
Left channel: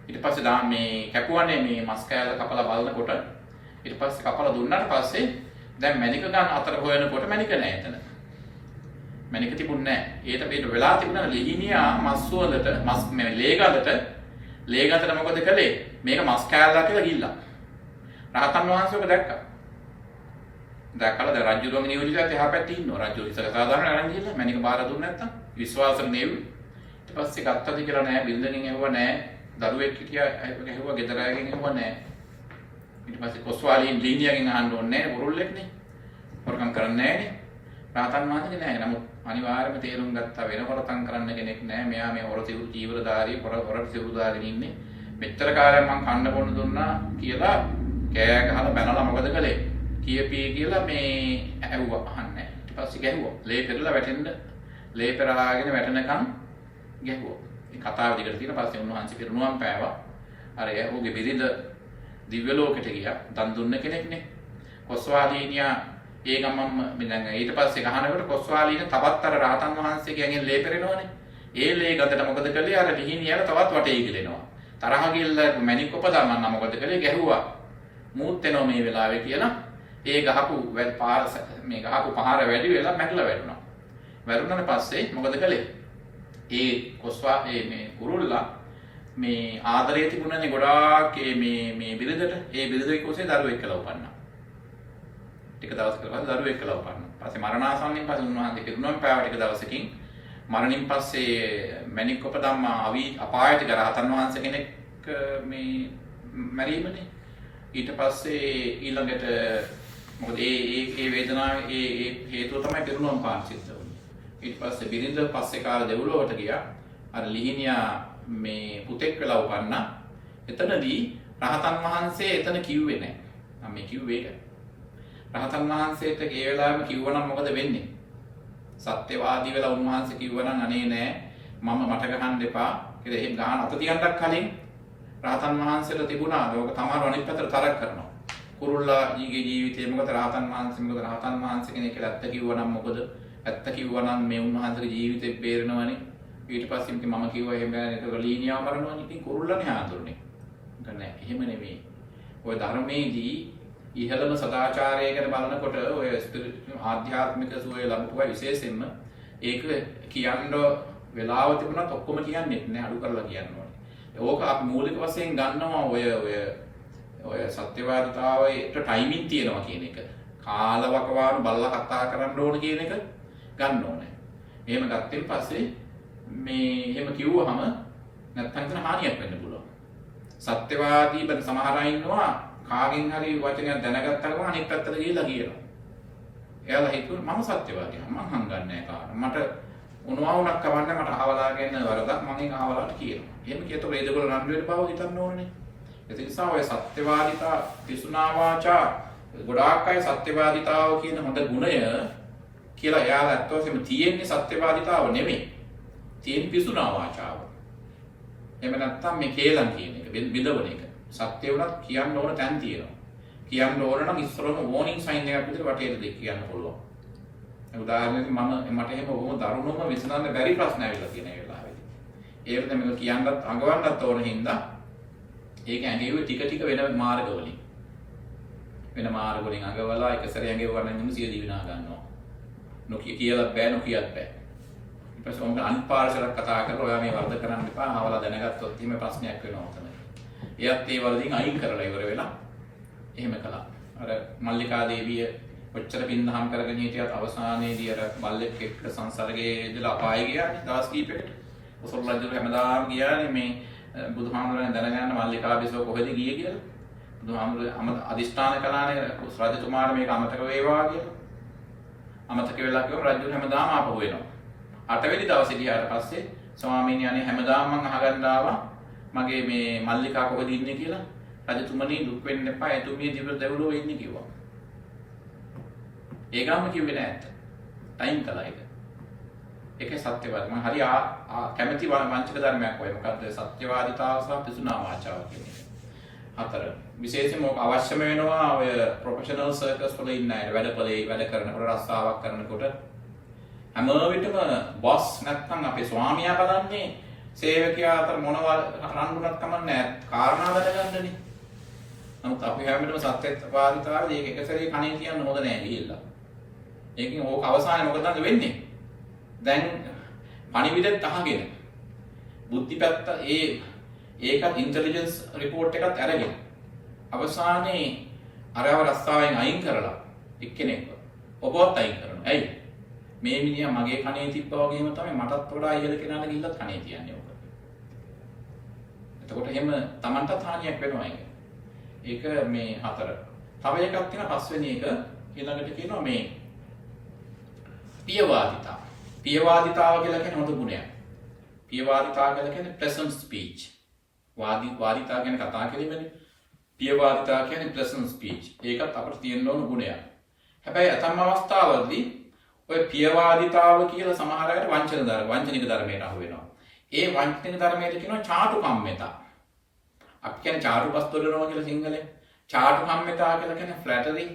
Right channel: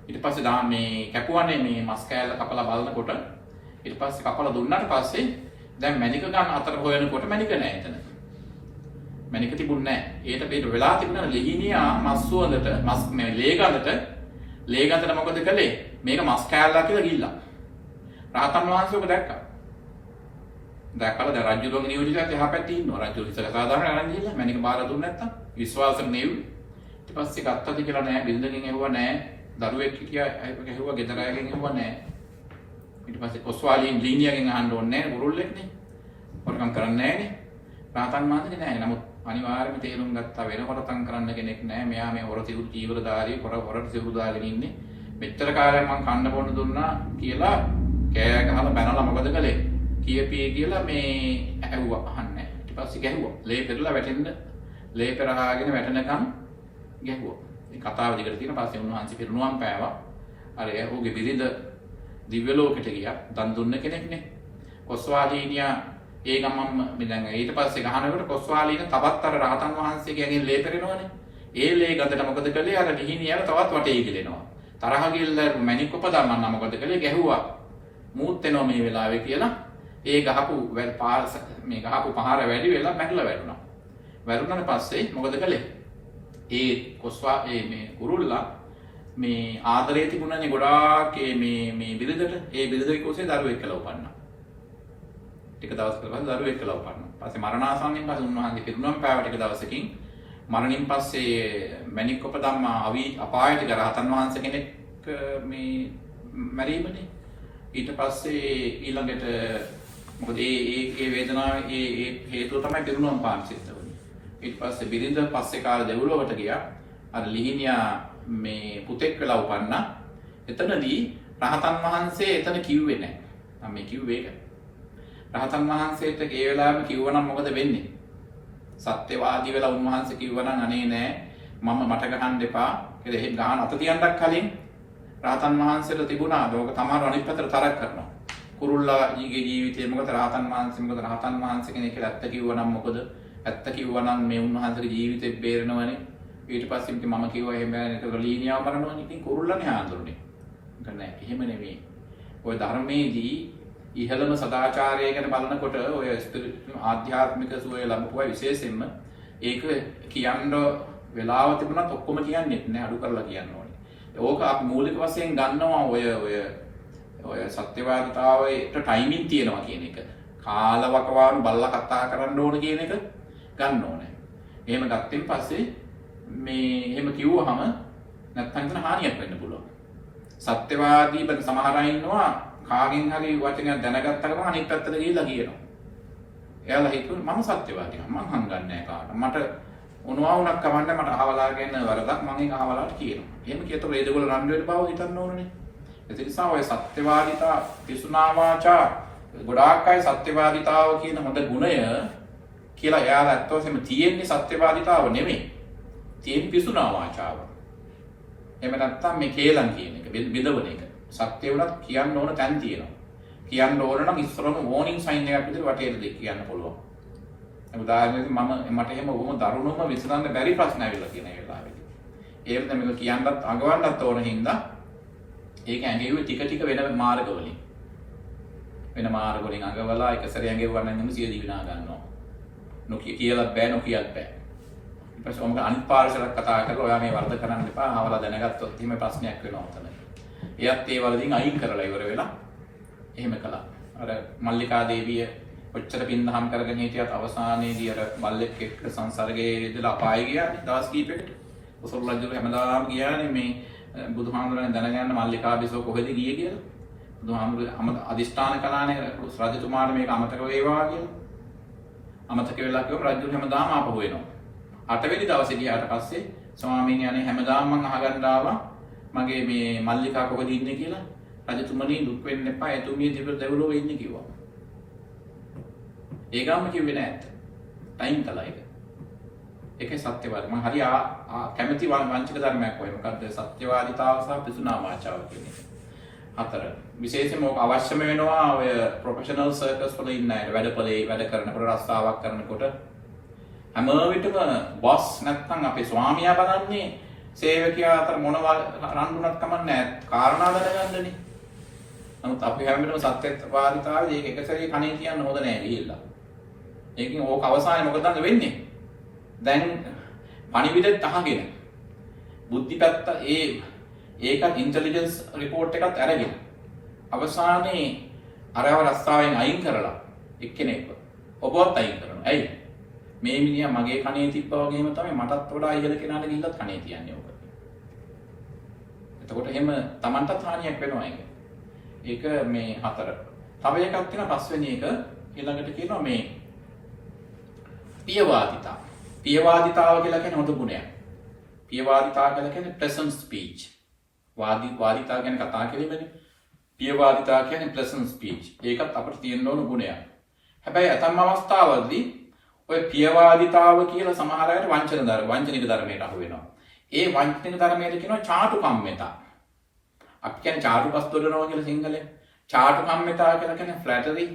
ඊට පස්සේ මේ කැපුවනේ මේ මස් කෑල්ල කපලා බලනකොට ඊට පස්සේ කපලා දුන්නාට පස්සේ දැන් මැණික ගන්න අතර හොයනකොට මැණික නැහැ එතන. මැණික තිබුණේ නැහැ. ඒට වෙලා තිබුණා ලිහිණියා මස් සුවඳට මස් මේ ලේ ගඳට මොකද කළේ? මේක මස් කෑල්ලක් කියලා ගිහිල්ලා. රහතන් වහන්සේ ඔබ දැක්කා. දැක්කලා දැන් රජුරුවන්ගේ නියෝජිතයත් එහා පැත්තේ ඉන්නවා. රජු ඉතල සාධාරණ අරන් ගිහිල්ලා මැණික බාර දුන්නේ නැත්තම් විශ්වාසෙ නෙව්වේ. ඊට පස්සේ ගත්තද කියලා නෑ බින්දකින් ඇහුවා නෑ. දරුවෙක් හිටියා ඇහුවා ගෙදර අයගෙන් ඇහුවා නෑ. ඊට පස්සේ කොස්වාලීන් ලීනියගෙන් අහන්න ඕනේ නෑ පුරුල්ලෙක්නේ. හොරකම් කරන්නේ නෑනේ. රහතන් වහන්සේ නෑ. නමුත් අනිවාර්යයෙන්ම තේරුම් ගත්තා වෙන හොරකම් කරන්න කෙනෙක් නෑ. මෙයා මේ හොර තිවුරු චීවරධාරී හොර තිවුරු දාගෙන ඉන්නේ. මෙච්චර කාලයක් මං කන්න බොන්න දුන්නා කියලා කෑ ගහලා බැනලා මොකද කළේ? කියපී කියලා මේ ඇහුවා අහන්නේ. ඊට පස්සේ ගැහුවා. ලේ පෙරලා වැටෙන්න ලේ පෙරාගෙන වැටෙනකම් ගැහුවා. මේ කතාව දිගට තියෙන පස්සේ උන්වහන්සේ පිරුණුවම් පෑවා. අර ඔහුගේ බිරිඳ දිව්‍ය ලෝකෙට ගියා. දන් දුන්න කෙනෙක්නේ. කොස්වාලීනියා ඒ ගමම්ම දැන් ඊට පස්සේ ගහනකොට කොස්වාලීන තවත් අර රහතන් වහන්සේගේ ඇඟෙන් ලේ පෙරෙනවනේ. ඒ ලේ ගඳට මොකද කළේ? අර ලිහිණියල තවත් වටේ ගිලෙනවා. තරහ ගිල්ල මැණික් උපදාමන්න මොකද කළේ? ගැහුවා. මූත් වෙනවා මේ වෙලාවේ කියලා ඒ ගහපු මේ ගහපු පහර වැඩි වෙලා මැරලා වැටුණා. වැටුණාට පස්සේ මොකද කළේ? ඒ කොස්වා මේ කුරුල්ලා මේ ආදරේ තිබුණනේ ගොඩාක් මේ බිරිඳට ඒ බිරිඳගේ කුසේ දරුවෙක් කියලා උපන්නා. ටික දවසකට පස්සේ දරුවෙක් කියලා උපන්නා. පස්සේ මරණාසන්නයෙන් පස්සේ උන්වහන්සේ පිරුණම් පෑව ටික දවසකින් මරණින් පස්සේ මැණික් උපදම්මා අපායට ගිය රහතන් වහන්සේ කෙනෙක් මේ මැරීමනේ. ඊට පස්සේ ඊළඟට මොකද ඒ වේදනාව ඒ හේතුව තමයි පිරුණම් පාන සිද්ධ වුනේ. ඊට පස්සේ බිරිඳ පස්සේ කාලේ දෙව්ලොවට ගියා. අර ලිහිණියා මේ පුතෙක් වෙලා උපන්නා. එතනදී රහතන් වහන්සේ එතන කිව්වේ නැහැ. මම මේ කිව්වේ ඒක. රහතන් වහන්සේට ඒ වෙලාවෙම කිව්වනම් මොකද වෙන්නේ? සත්‍යවාදී වෙලා උන්වහන්සේ කිව්වනම් අනේ නෑ මම මට ගහන්න එපා කියලා එහෙම ගහන අත තියන්නක් කලින් රහතන් වහන්සේට තිබුණා ලෝක තමහර අනිත් පැත්තට තරක් කරනවා. කුරුල්ලා ඊගේ ජීවිතේ මොකද රහතන් වහන්සේ කෙනෙක් කියලා ඇත්ත කිව්වනම් මොකද? ඇත්ත කිව්වනම් මේ උන්වහන්සේගේ ජීවිතේ බේරෙනවනේ. ඊට පස්සේ ඉතින් මම කිව්වා එහෙම බෑ නේද? ඒක ලීනියාව මරනවනේ. ඉතින් කුරුල්ලානේ ආඳුරනේ. ඒක නෑ එහෙම නෙමෙයි. ඔය ධර්මයේදී ඉහළම සදාචාරය ගැන බලනකොට ඔය ආධ්‍යාත්මික සුවය ලැබුවා විශේෂයෙන්ම ඒක කියන්න වෙලාව තිබුණත් ඔක්කොම කියන්නේ නැහැ අඩු කරලා කියන්න ඕනේ. ඕක අපි මූලික වශයෙන් ගන්නවා ඔය සත්‍යවාදීතාවයට ටයිමින් තියෙනවා කියන එක. කාලවකවානු බලලා කතා කරන්න ඕන කියන එක ගන්න ඕනේ. එහෙම ගත්තෙන් පස්සේ මේ එහෙම කිව්වහම නැත්නම් එතන හානියක් වෙන්න පුළුවන්. සත්‍යවාදී බන් සමහර අය ඉන්නවා කාගෙන් හරි වචනයක් දැනගත්තාම අනිත් පැත්තට ගිහිල්ලා කියනවා. එයාලා හිතුවා මම සත්‍යවාදී මම හංගන්නේ නැහැ කාට. මට උනවා උනක් කවන්න මට අහවලාගෙන වරදක් මම ඒක අහවලාට කියනවා. එහෙම කියතොත් ඒගොල්ලෝ රණ්ඩු වෙන්න බව හිතන්න ඕනනේ. ඒ නිසා ඔය සත්‍යවාදීතා පිසුනා වාචා ගොඩාක් අය සත්‍යවාදීතාව කියන හොඳ ගුණය කියලා එයාලා ඇත්තටම තියෙන්නේ සත්‍යවාදීතාව නෙමෙයි. තියෙන්නේ පිසුනා වාචාව. එහෙම නැත්නම් මේ කේලම් කියන එක බිඳවන එක. සත්‍ය වුණත් කියන්න ඕන තැන් තියෙනවා. කියන්න ඕන නම් ඉස්සරම වෝනින් සයින් එකක් විදිහට වටේට දෙක කියන්න පුළුවන්. උදාහරණයක් මට එහෙම වුම දරුණුම විසඳන්න බැරි ප්‍රශ්න ඇවිල්ලා තියෙන වෙලාවෙදී. ඒකට මේක කියන්නත් අඟවන්නත් ඕන හින්දා ඒක ඇඟෙව්වේ ටික වෙන මාර්ගවලින්. වෙන මාර්ගවලින් අඟවලා එක සැරේ ඇඟෙව්වනම් නම් සිය දිවිනා ගන්නවා. නොකිය කියලාත් බෑ නොකියත් බෑ. ඊට පස්සේ ඔමක අනිත් පාර්ශවයක් කතා කරලා ඔයා මේ වර්ධ කරන්න එපා. ආවලා දැනගත්තොත් එහෙම ප්‍රශ්නයක් වෙනවා උතන. එයත් ඒ වලදී අයින් කරලා ඉවර වෙලා එහෙම කළා. අර මල්ලිකා දේවිය ඔච්චර පින්දහම් කරගෙන හිටියත් අවසානයේදී අර බල්ලෙක් එක්ක සංසර්ගයේ යෙදලා අපාය ගියා දවස් කීපයකට. ඔසොල් රජු හැමදාම ගියානේ මේ බුදුහාමුදුරන් දැනගන්න මල්ලිකා බිසව කොහෙද ගියේ කියලා. බුදුහාමුදුරන් අදිෂ්ඨාන කළානේ රජතුමාට මේක අමතක වේවා කියලා. අමතක වෙලා කිව්වම රජු හැමදාම ආපහු එනවා. 8 වෙනි දවසේ ගියාට පස්සේ ස්වාමීන් වහන්සේ හැමදාම මං අහගන්න ආවා මගේ මේ මල්ලිකා කොහෙද ඉන්නේ කියලා. රජතුමනි දුක් වෙන්න එපා එතුමිය දෙව්ලොව ඉන්නේ කිව්වා. ඒකම කිව්වේ නෑ ඇත්ත. ටයිම් කළා ඒක. ඒකේ සත්‍යවාදී මම හරි කැමැති වංචක ධර්මයක් ඔය මොකද්ද සත්‍යවාදීතාව සහ පිසුනා වාචාව කියන එක. හතර. විශේෂයෙන්ම ඔක අවශ්‍යම වෙනවා ඔය ප්‍රොෆෙෂනල් සර්කස් වල ඉන්න අයට වැඩපොලේ වැඩ කරනකොට රස්සාවක් කරනකොට හැම විටම බොස් නැත්නම් අපේ ස්වාමියා බලන්නේ සේවකයා අතර මොනවා රණ්ඩුනක් කමන්නේ කාරණා දැනගන්නනේ. නමුත් අපි හැම වෙලේම සත්‍යවාදීතාවයේ ඒක එක සැරේ කණේ තියන්න හොඳ නෑ ගිහිල්ලා. ඒකෙන් ඕක අවසානයේ මොකද වෙන්නේ? දැන් පණිවිඩෙත් අහගෙන බුද්ධි පැත්ත ඒකත් ඉන්ටෙලිජන්ස් රිපෝට් එකත් අරගෙන අවසානයේ අරව රස්තාවෙන් අයින් කරලා එක්කෙනෙක්ව ඔබවත් අයින් කරනවා. ඇයි? මේ මිනිහා මගේ කණේ තිබ්බා වගේම තමයි මටත් වඩා ඉහළ කෙනාට ගිහිල්ලත් කණේ තියන්නේ ඔබ. එතකොට එහෙම Tamanටත් හානියක් වෙනවා ඒක. ඒක මේ හතර. තව එකක් තියෙනවා පස්වෙනි එක ඊළඟට කියනවා මේ පියවාදිතා. පියවාදිතාව කියලා කියන්නේ හොඳ ගුණයක්. පියවාදිතාව කියලා කියන්නේ pleasant speech. වාදිතා කියන්නේ කතා කිරීමනේ. පියවාදිතා කියන්නේ pleasant speech. ඒකත් අපිට තියෙන්න ඕන ගුණයක්. හැබැයි අතම් අවස්ථාවලදී ඔය පියවාදිතාව කියලා සමහර අයට වංචනික ධර්මයට අහු වෙනවා. ඒ වංචනික ධර්මයට කියනවා චාටුකම්මිතා. අපි කියන්නේ චාටුපස් දොඩනවා කියලා සිංහලෙන්. චාටුකම්මිතා කියලා කියන්නේ flattery.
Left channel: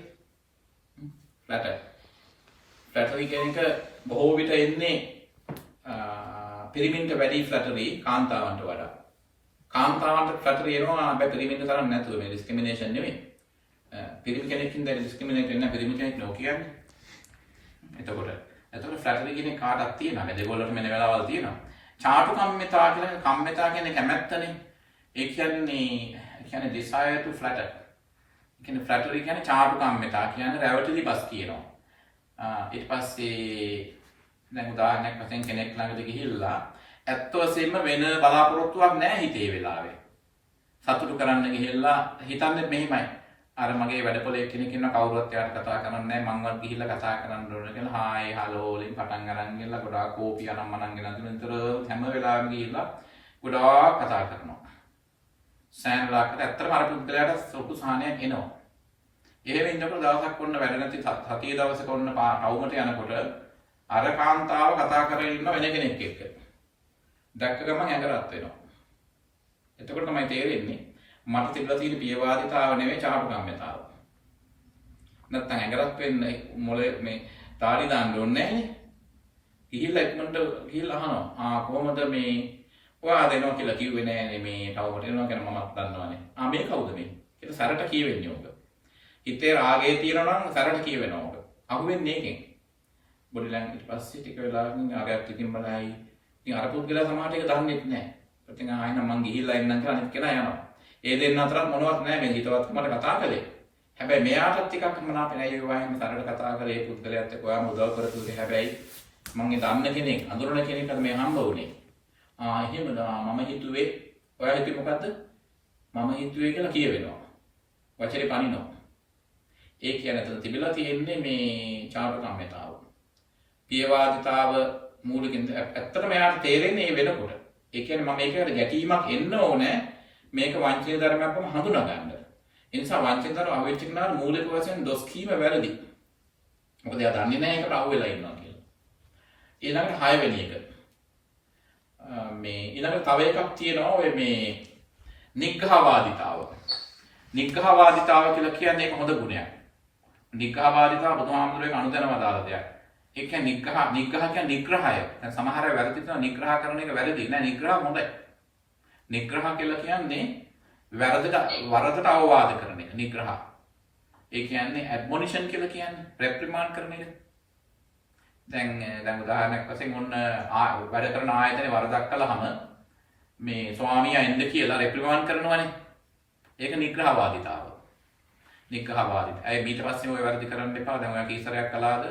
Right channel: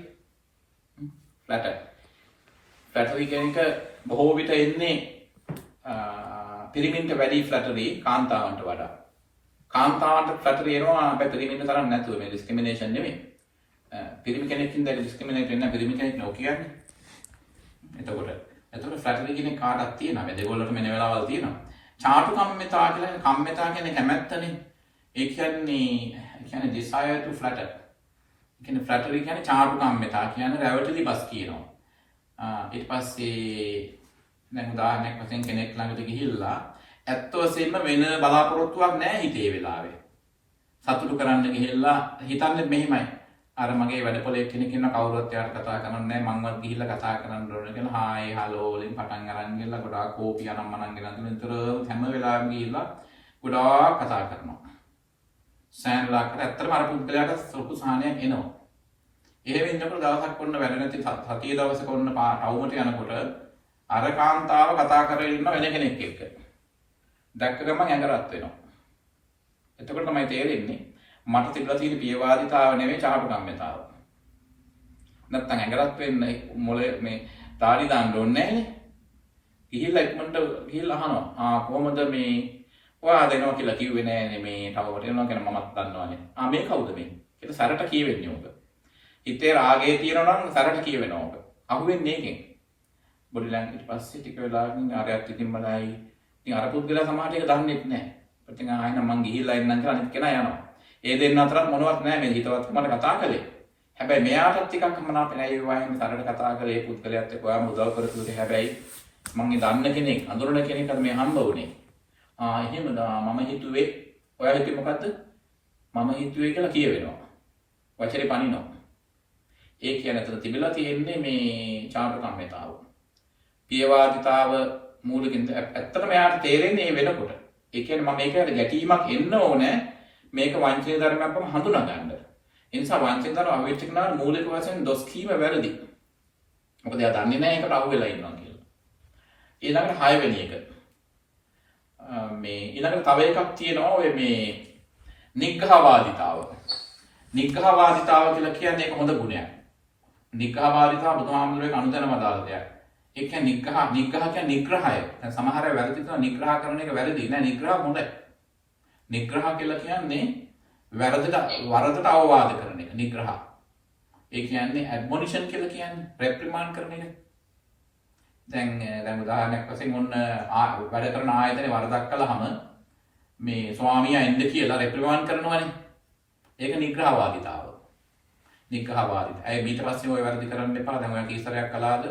flattery කියන එක බොහෝ විට එන්නේ පිරිමින්ට වැඩි flattery කාන්තාවන්ට වඩා. කාන්තාවන්ට flattery එනවා හැබැයි පිරිමින්ට තරම් නැතුව මේ discrimination නෙමෙයි. පිරිමි කෙනෙක්ින් දැන් discriminate වෙන්න පිරිමි කෙනෙක් නෝ කියන්නේ. එතකොට flattery කියන කාටක් තියෙනවා. මේ දෙගොල්ලටම මේ වෙලාවල් තියෙනවා. චාටුකම්මිතා කියලා කම්මිතා කියන්නේ කැමැත්තනේ. ඒ කියන්නේ desire to flatter. ඒ කියන්නේ flattery කියන්නේ චාටුකම්මිතා කියන්නේ රැවටිලි බස් කියනවා. ඊට පස්සේ දැන් උදාහරණයක් වශයෙන් කෙනෙක් ළඟට ගිහිල්ලා ඇත්ත වශයෙන්ම වෙන බලාපොරොත්තුවක් නැහැ හිතේ වෙලාවේ. සතුටු කරන්න ගිහිල්ලා හිතන්නේ මෙහිමයි. අර මගේ වැඩපොලේ කෙනෙක් ඉන්න කවුරුත් එයාට කතා කරන්නේ නැහැ මංවත් ගිහිල්ලා කතා කරන්න ඕන කියලා හායි හලෝ වලින් පටන් අරන් ගිහලා ගොඩාක් කෝපි අනම් මනම් ගෙනත් විතර හැම වෙලාවෙම ගිහිල්ලා ගොඩාක් කතා කරනවා. සෑන්ලාකට ඇත්තටම අර පුද්ගලයාට සුළු සහනයක් එනවා. එහෙම ඉන්නකොට දවසක් ඔන්න වැඩ නැති සතිය දවසක ඔන්න ටවුමට යනකොට අර කාන්තාව කතා කරගෙන ඉන්න වෙන කෙනෙක් එක්ක. දැක්ක ගමන් ඇඟ රත් වෙනවා. එතකොට තමයි තේරෙන්නේ මට තිබලා තියෙන පියවාදිතාව නෙවෙයි චාටුකම්මිතාව. නැත්තම් ඇඟ රත් වෙන්න මොලේ මේ තාඩි දාන්න ඕනේ නැහැ. ගිහිල්ලා ඉක්මනට ගිහිල්ලා අහනවා. කොහොමද මේ ඔයා දෙනවා කියලා කිව්වේ නෑනේ මේ ටවුමට එනවා කියන මමත් දන්නවනේ. මේ කවුද මේ? ඒක සරට කියවෙන්නේ ඔබ. හිතේ රාගය තියෙනවා නම් සරට කියවෙනවා ඔබ. අහුවෙන්නේ ඒකෙන්. බොඩි ලැන්ග්වේජ් පස්සේ ටික වෙලාවකින් ආරයක් ඉතින් බලයි. ඉතින් අර පුද්ගලයා සමාජයට ඒක දන්නේ නැහැ. ඉතින් ආයෙත් මං ගිහිල්ලා එන්නම් කියලා අනිත් කෙනා යනවා. ඒ දෙන්න අතරත් මොනවත් නැහැ මේ හිතවත්කමට කතා කළේ. හැබැයි මෙයාටත් ටිකක් මනාප නැහැ ඒ වයින් සරට කතා කරේ පුද්ගලයාත් එක්ක ඔයාම උදව් කරතුනේ. හැබැයි මං දන්න කෙනෙක් අඳුරන කෙනෙක්ට මේ හම්බ වුණේ. එහෙමද මම හිතුවේ ඔයා හිතුවේ මොකද්ද? මම හිතුවේ කියලා කියවෙනවා. වචනේ පනිනවා. ඒ කියන්නේ අතන තිබිලා තියෙන්නේ මේ චාටුකම්මිතාව. පියවාදිතාව මූලිකින් ඇත්තටම එයාට තේරෙන්නේ මේ වෙනකොට. ඒ කියන්නේ මම මේකට ගැටීමක් එන්න ඕනේ මේක වංචනික ධර්මයක් වම හඳුනා ගන්න. ඒ නිසා වංචනික ධර්ම අහුවෙච්ච කෙනා මූලික වශයෙන් දොස් කීම වැරදි. මොකද එයා දන්නේ නැහැ ඒකට අහු වෙලා ඉන්නවා කියලා. ඊළඟට 6 වෙනි එක. මේ ඊළඟට තව එකක් තියෙනවා ඔය මේ නිග්‍රහවාදිතාව. නිග්‍රහවාදිතාව කියලා කියන්නේ ඒක හොඳ ගුණයක්. නිග්‍රහවාදිතාව බුදුහාමුදුරුවෝ අනුදැනව දාලා දෙයක්. ඒ කියන්නේ නිග්‍රහ කියන්නේ නිග්‍රහය. දැන් සමහර අය වැරදි කරන නිග්‍රහ කරන එක වැරදි නෑ නිග්‍රහ හොඳයි. නිග්‍රහ කියලා කියන්නේ වරදට අවවාද කරන එක නිග්‍රහ. ඒ කියන්නේ ඇඩ්මොනිෂන් කියලා කියන්නේ රෙප්‍රිමාන්ඩ් කරන එක. දැන් උදාහරණයක් වශයෙන් ඔන්න වැඩ කරන ආයතනේ වරදක් කළාම මේ ස්වාමියා එන්න කියලා රෙප්‍රිමාන්ඩ් කරනවානේ. ඒක නිග්‍රහවාදිතාව. නිග්‍රහවාදිත. අය ඊට පස්සේ ඔය වැරදි කරන්න එපා. දැන් ඔයා කීසරයක් කළාද?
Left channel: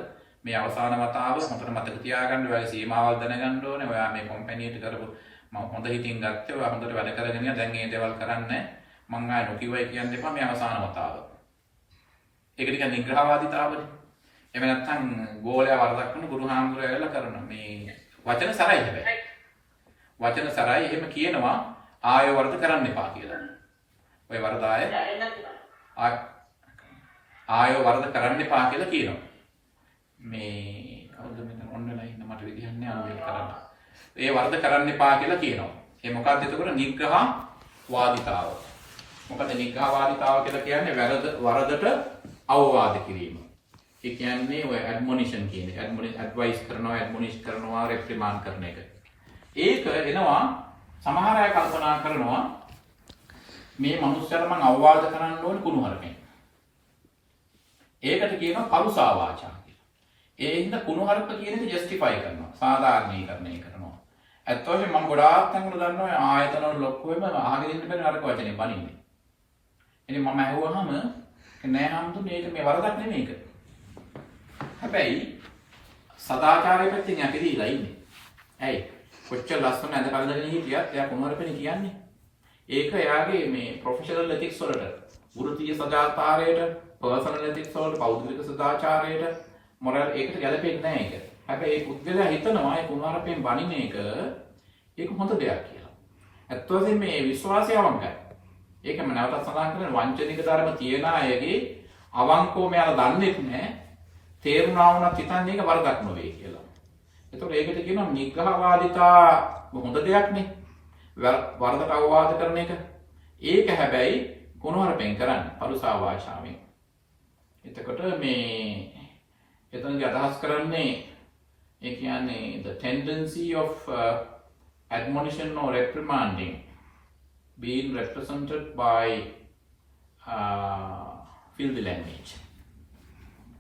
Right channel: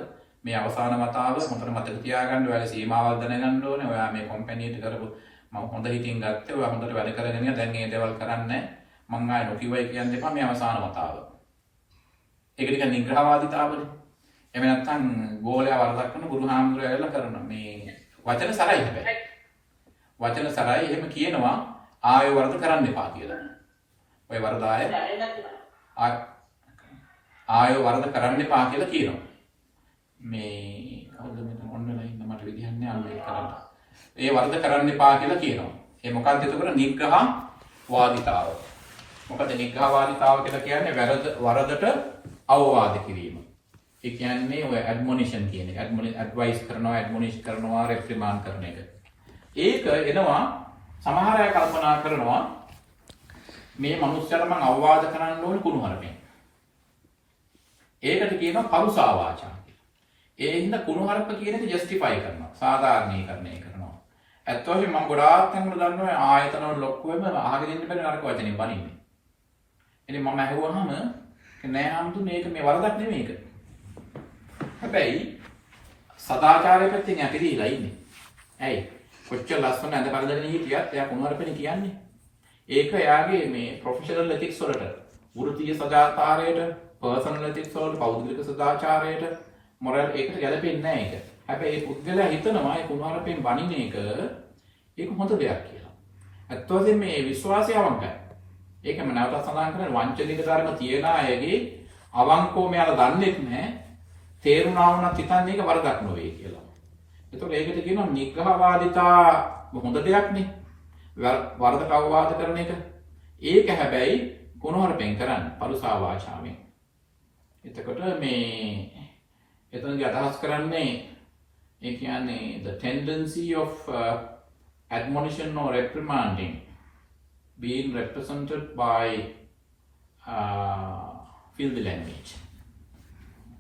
මේ අවසාන වතාව හොඳට මතක තියාගන්න. ඔයාගේ සීමාවල් දැනගන්න ඕනේ. ඔයා මේ කම්පැනියට කරපු මම හොඳ හිතින් ගත්තේ. ඔයා හොඳට වැඩ කරගෙන යන. දැන් මේ දේවල් කරන්නේ මං ආයෙ නොකියවයි කියන්න එපා. මේ අවසාන වතාව. ඒක ටිකක් නිග්‍රහවාදිතාවනේ. එහෙම නැත්නම් ගෝලයා වරදක් කරන ගුරුහාමුදුරුවෝ ඇවිල්ලා කරන මේ වචන සරයි හැබැයි. වචන සරයි එහෙම කියනවා ආයෙ වරද කරන්න එපා කියලා. ඔය වරද ආයෙ වරද කරන්න එපා කියලා කියනවා. මේ කවුද මෙතන ඔන්නලා ඉන්න මට විදිහක් නෑ අනුලේ කරන්න. ඒ වරද කරන්න එපා කියලා කියනවා. ඒ මොකක්ද එතකොට නිග්‍රහ වාදිතාව. මොකද නිග්‍රහවාදීතාව කියලා කියන්නේ වරදට අවවාද කිරීම. ඒ කියන්නේ ඔය ඇඩ්මොනිෂන් කියන එක. ඇඩ්වයිස් කරනවා, ඇඩ්මොනිෂ් කරනවා, රෙප්‍රිමාන්ඩ් කරන එක. ඒක එනවා සමහර අය කල්පනා කරනවා මේ මනුස්සයල මං අවවාද කරන්න ඕනේ කුණුහරුපෙන්. ඒකට කියනවා පරුසා වාචා කියලා. ඒ හින්දා කුණුහරුප කියන එක ජස්ටිෆයි කරනවා, සාධාරණීකරණය කරනවා. ඇත්ත වශයෙන්ම මම ගොඩාක් තැන්වල දන්නවා ආයතනවල ලොක්කුවෙම අහගෙන ඉන්න බැරි නරක වචනේ බනින්නේ. ඉතින් මම අහුවහම නෑ හම්තු මේක මේ වරදක් නෙමෙයි ඒක. හැබැයි සදාචාරය පැත්තෙන් ඇපිරිලා ඉන්නේ. ඇයි? කොච්චර ලස්සන ඇඳ කඩගෙන හිටියත් එයා කුණුහරුපනේ කියන්නේ. ඒක එයාගේ මේ ප්‍රොෆෙෂනල් එතික්ස් වලට, වෘත්තීය සදාචාරයට, පර්සනල් එතික්ස් වලට, පෞද්ගලික සදාචාරයට, මොරල් ඒකට ගැලපෙන්නේ නැහැ ඒක. හැබැයි ඒ පුද්ගලයා හිතනවා ඒ කුණුහරුපෙන් බණින එක ඒක හොඳ දෙයක් කියලා. ඇත්ත වශයෙන්ම මේ විශ්වාසය අවංකයි. ඒකම නැවතත් සඳහන් කරන වංචනික ධර්ම තියන අයගේ අවංකව මෙයාලා දන්නේ නැහැ. තේරුණා වුණත් හිතන්නේ ඒක වරදක් නෙවෙයි කියලා. ඒතකොට ඒකට කියනවා නිග්‍රහවාදිතා හොඳ දෙයක් නේ. වරදට අවවාද කරන එක. ඒක හැබැයි කුණුහරුපෙන් කරන්නේ පරුසා භාෂාවෙන්. එතකොට මේ එතනදී අදහස් කරන්නේ ඒ කියන්නේ the tendency of admonition or reprimanding being represented by filthy language.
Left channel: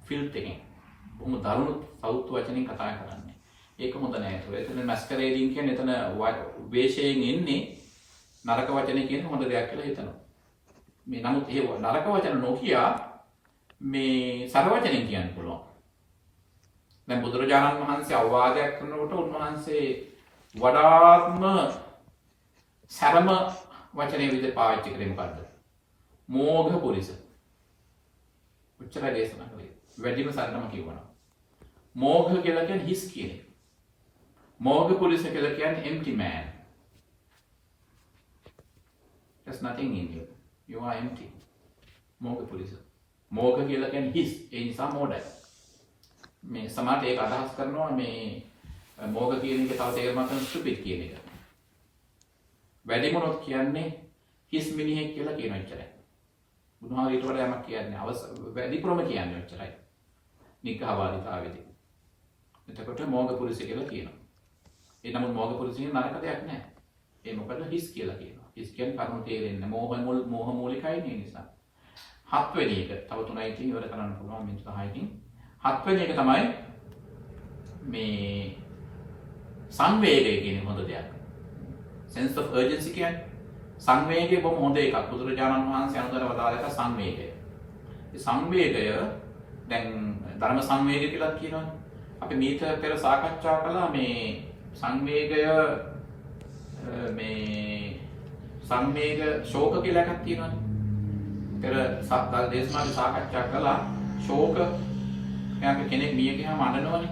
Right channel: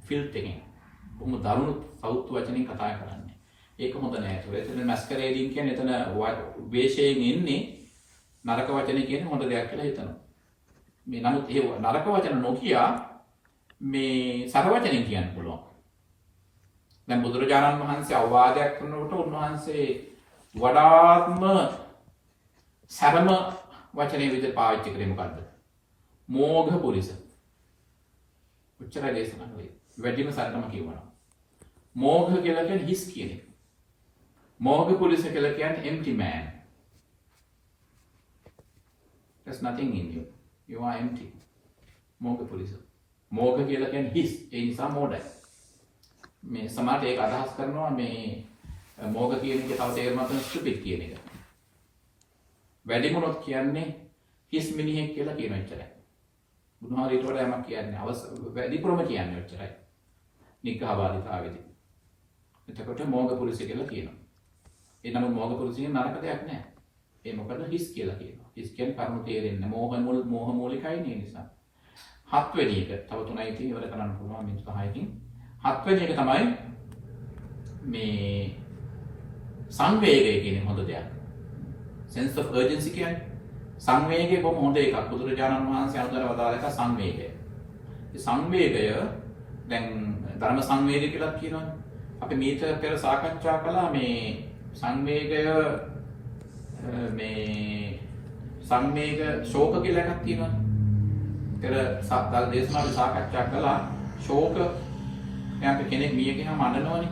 filthy බොහොම දරුණු සෞතු වචනින් කතා කරන්නේ. ඒක හොඳ නෑ. එතන මැස්කරේඩින් කියන්නේ එතන වේශයෙන් ඉන්නේ නරක වචනේ කියන්නේ හොඳ දෙයක් කියලා හිතනවා. මේ නමුත් ඒ නරක වචන නොකිය මේ සර වචනෙන් කියන්න පුළුවන්. දැන් බුදුරජාණන් වහන්සේ අවවාදයක් කරනකොට උන්වහන්සේ වඩාත්ම සරම වචනේ විදිහට පාවිච්චි කරේ මොකද්ද? මෝඝ පුරිස. උච්චාරය දේශනා කළේ. වැඩිම සරලම කියවනවා. මෝඝ කියලා කියන්නේ හිස් කියන එක. මෝඝ පුරිස කියලා කියන්නේ empty man. There's nothing in you. You are empty. මෝඝ පුරිස. මෝඝ කියලා කියන්නේ හිස්. ඒ නිසා මෝඩයි. මේ සමාජයට ඒක අදහස් කරනවා මේ මෝඝ කියන එක තව තේරුමක් ගන්න stupid කියන එක. වැඩිමනොත් කියන්නේ හිස් මිනිහෙක් කියලා කියන එච්චරයි. බුදුහාම ඊට වඩා යමක් කියන්නේ වැඩිපුරම කියන්නේ එච්චරයි. නිග්‍රහවාදීතාවේදී. එතකොට මෝඝ පුරුෂ කියලා කියනවා. ඒ නමුත් මෝඝ පුරුෂින් නරක දෙයක් නැහැ. ඒ මොකද හිස් කියලා කියනවා. හිස් කියන්නේ කරුණු තේරෙන්නේ මෝහ මූලිකයි නේ නිසා. හත්වෙනි එක තව තුනයි තියෙන ඉවර කරන්න පුළුවන් මිනිස් 10කින්. හත්වෙනි එක තමයි මේ සංවේගය කියන්නේ හොඳ දෙයක්. sense of urgency කියන්නේ සංවේගය බොහොම හොඳ එකක්. බුදුරජාණන් වහන්සේ අනුතර වදාළ එක සංවේගය. ඒ සංවේගය දැන් ධර්ම සංවේගය කියලා කියනවනේ. අපි මීට පෙර සාකච්ඡා කළා මේ සංවේගය මේ සංවේග ශෝක කියලා එකක් තියෙනවනේ. පෙර දේශනාවේ සාකච්ඡා කළා ශෝක කෙනෙක් මිය ගියාම අඬනවනේ.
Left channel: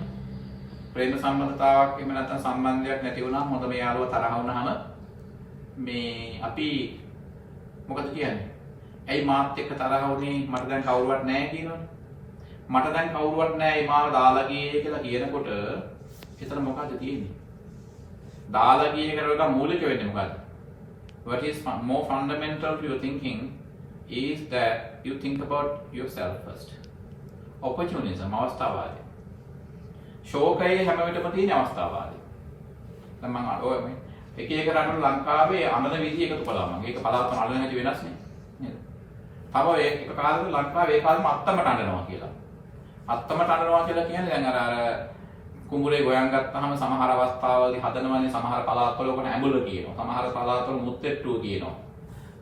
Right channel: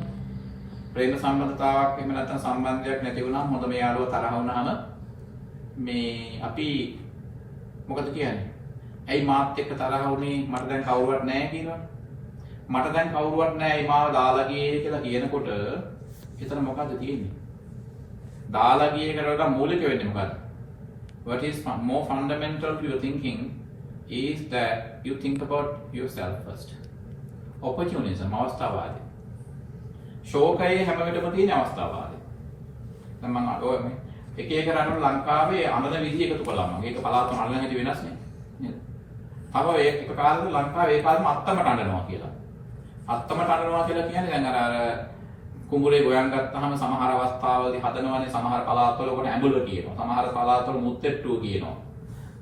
ප්‍රේම සම්බන්ධතාවක් එහෙම නැත්නම් සම්බන්ධයක් නැති වුණාම හොඳම යාළුවා තරහ වුණාම මේ අපි මොකද කියන්නේ? ඇයි මාත් එක්ක තරහ වුනේ? මට දැන් කවුරුවත් නැහැ කියනවනේ. මට දැන් කවුරුවත් නැහැ මාව දාලා ගියේ කියලා කියනකොට එතන මොකද්ද තියෙන්නේ? දාලා ගිය එකට වඩා මූලික වෙන්නේ මොකද්ද? What is more fundamental to your thinking is that you think about yourself first. Opportunism අවස්ථාවාදී. ශෝකයේ හැම විටම තියෙන අවස්ථාවාදී. දැන් මම ඔය එක එක රටවල ලංකාවේ අමන විදිහ එකතු කළා මම. ඒක පළාත් වල අල්ලන හැටි වෙනස් නේ. නේද? තව ඒක කාලෙක ලංකාවේ ඒ කාලෙම අත්තමට අඬනවා කියලා. අත්තමට අඬනවා කියලා කියන්නේ දැන් අර කුඹුරේ ගොයන් ගත්තාම සමහර අවස්ථාවලදී හදනවනේ සමහර පළාත්වල ඔකට ඇඹුල කියනවා. සමහර පළාත්වල මුත්තෙට්ටුව කියනවා.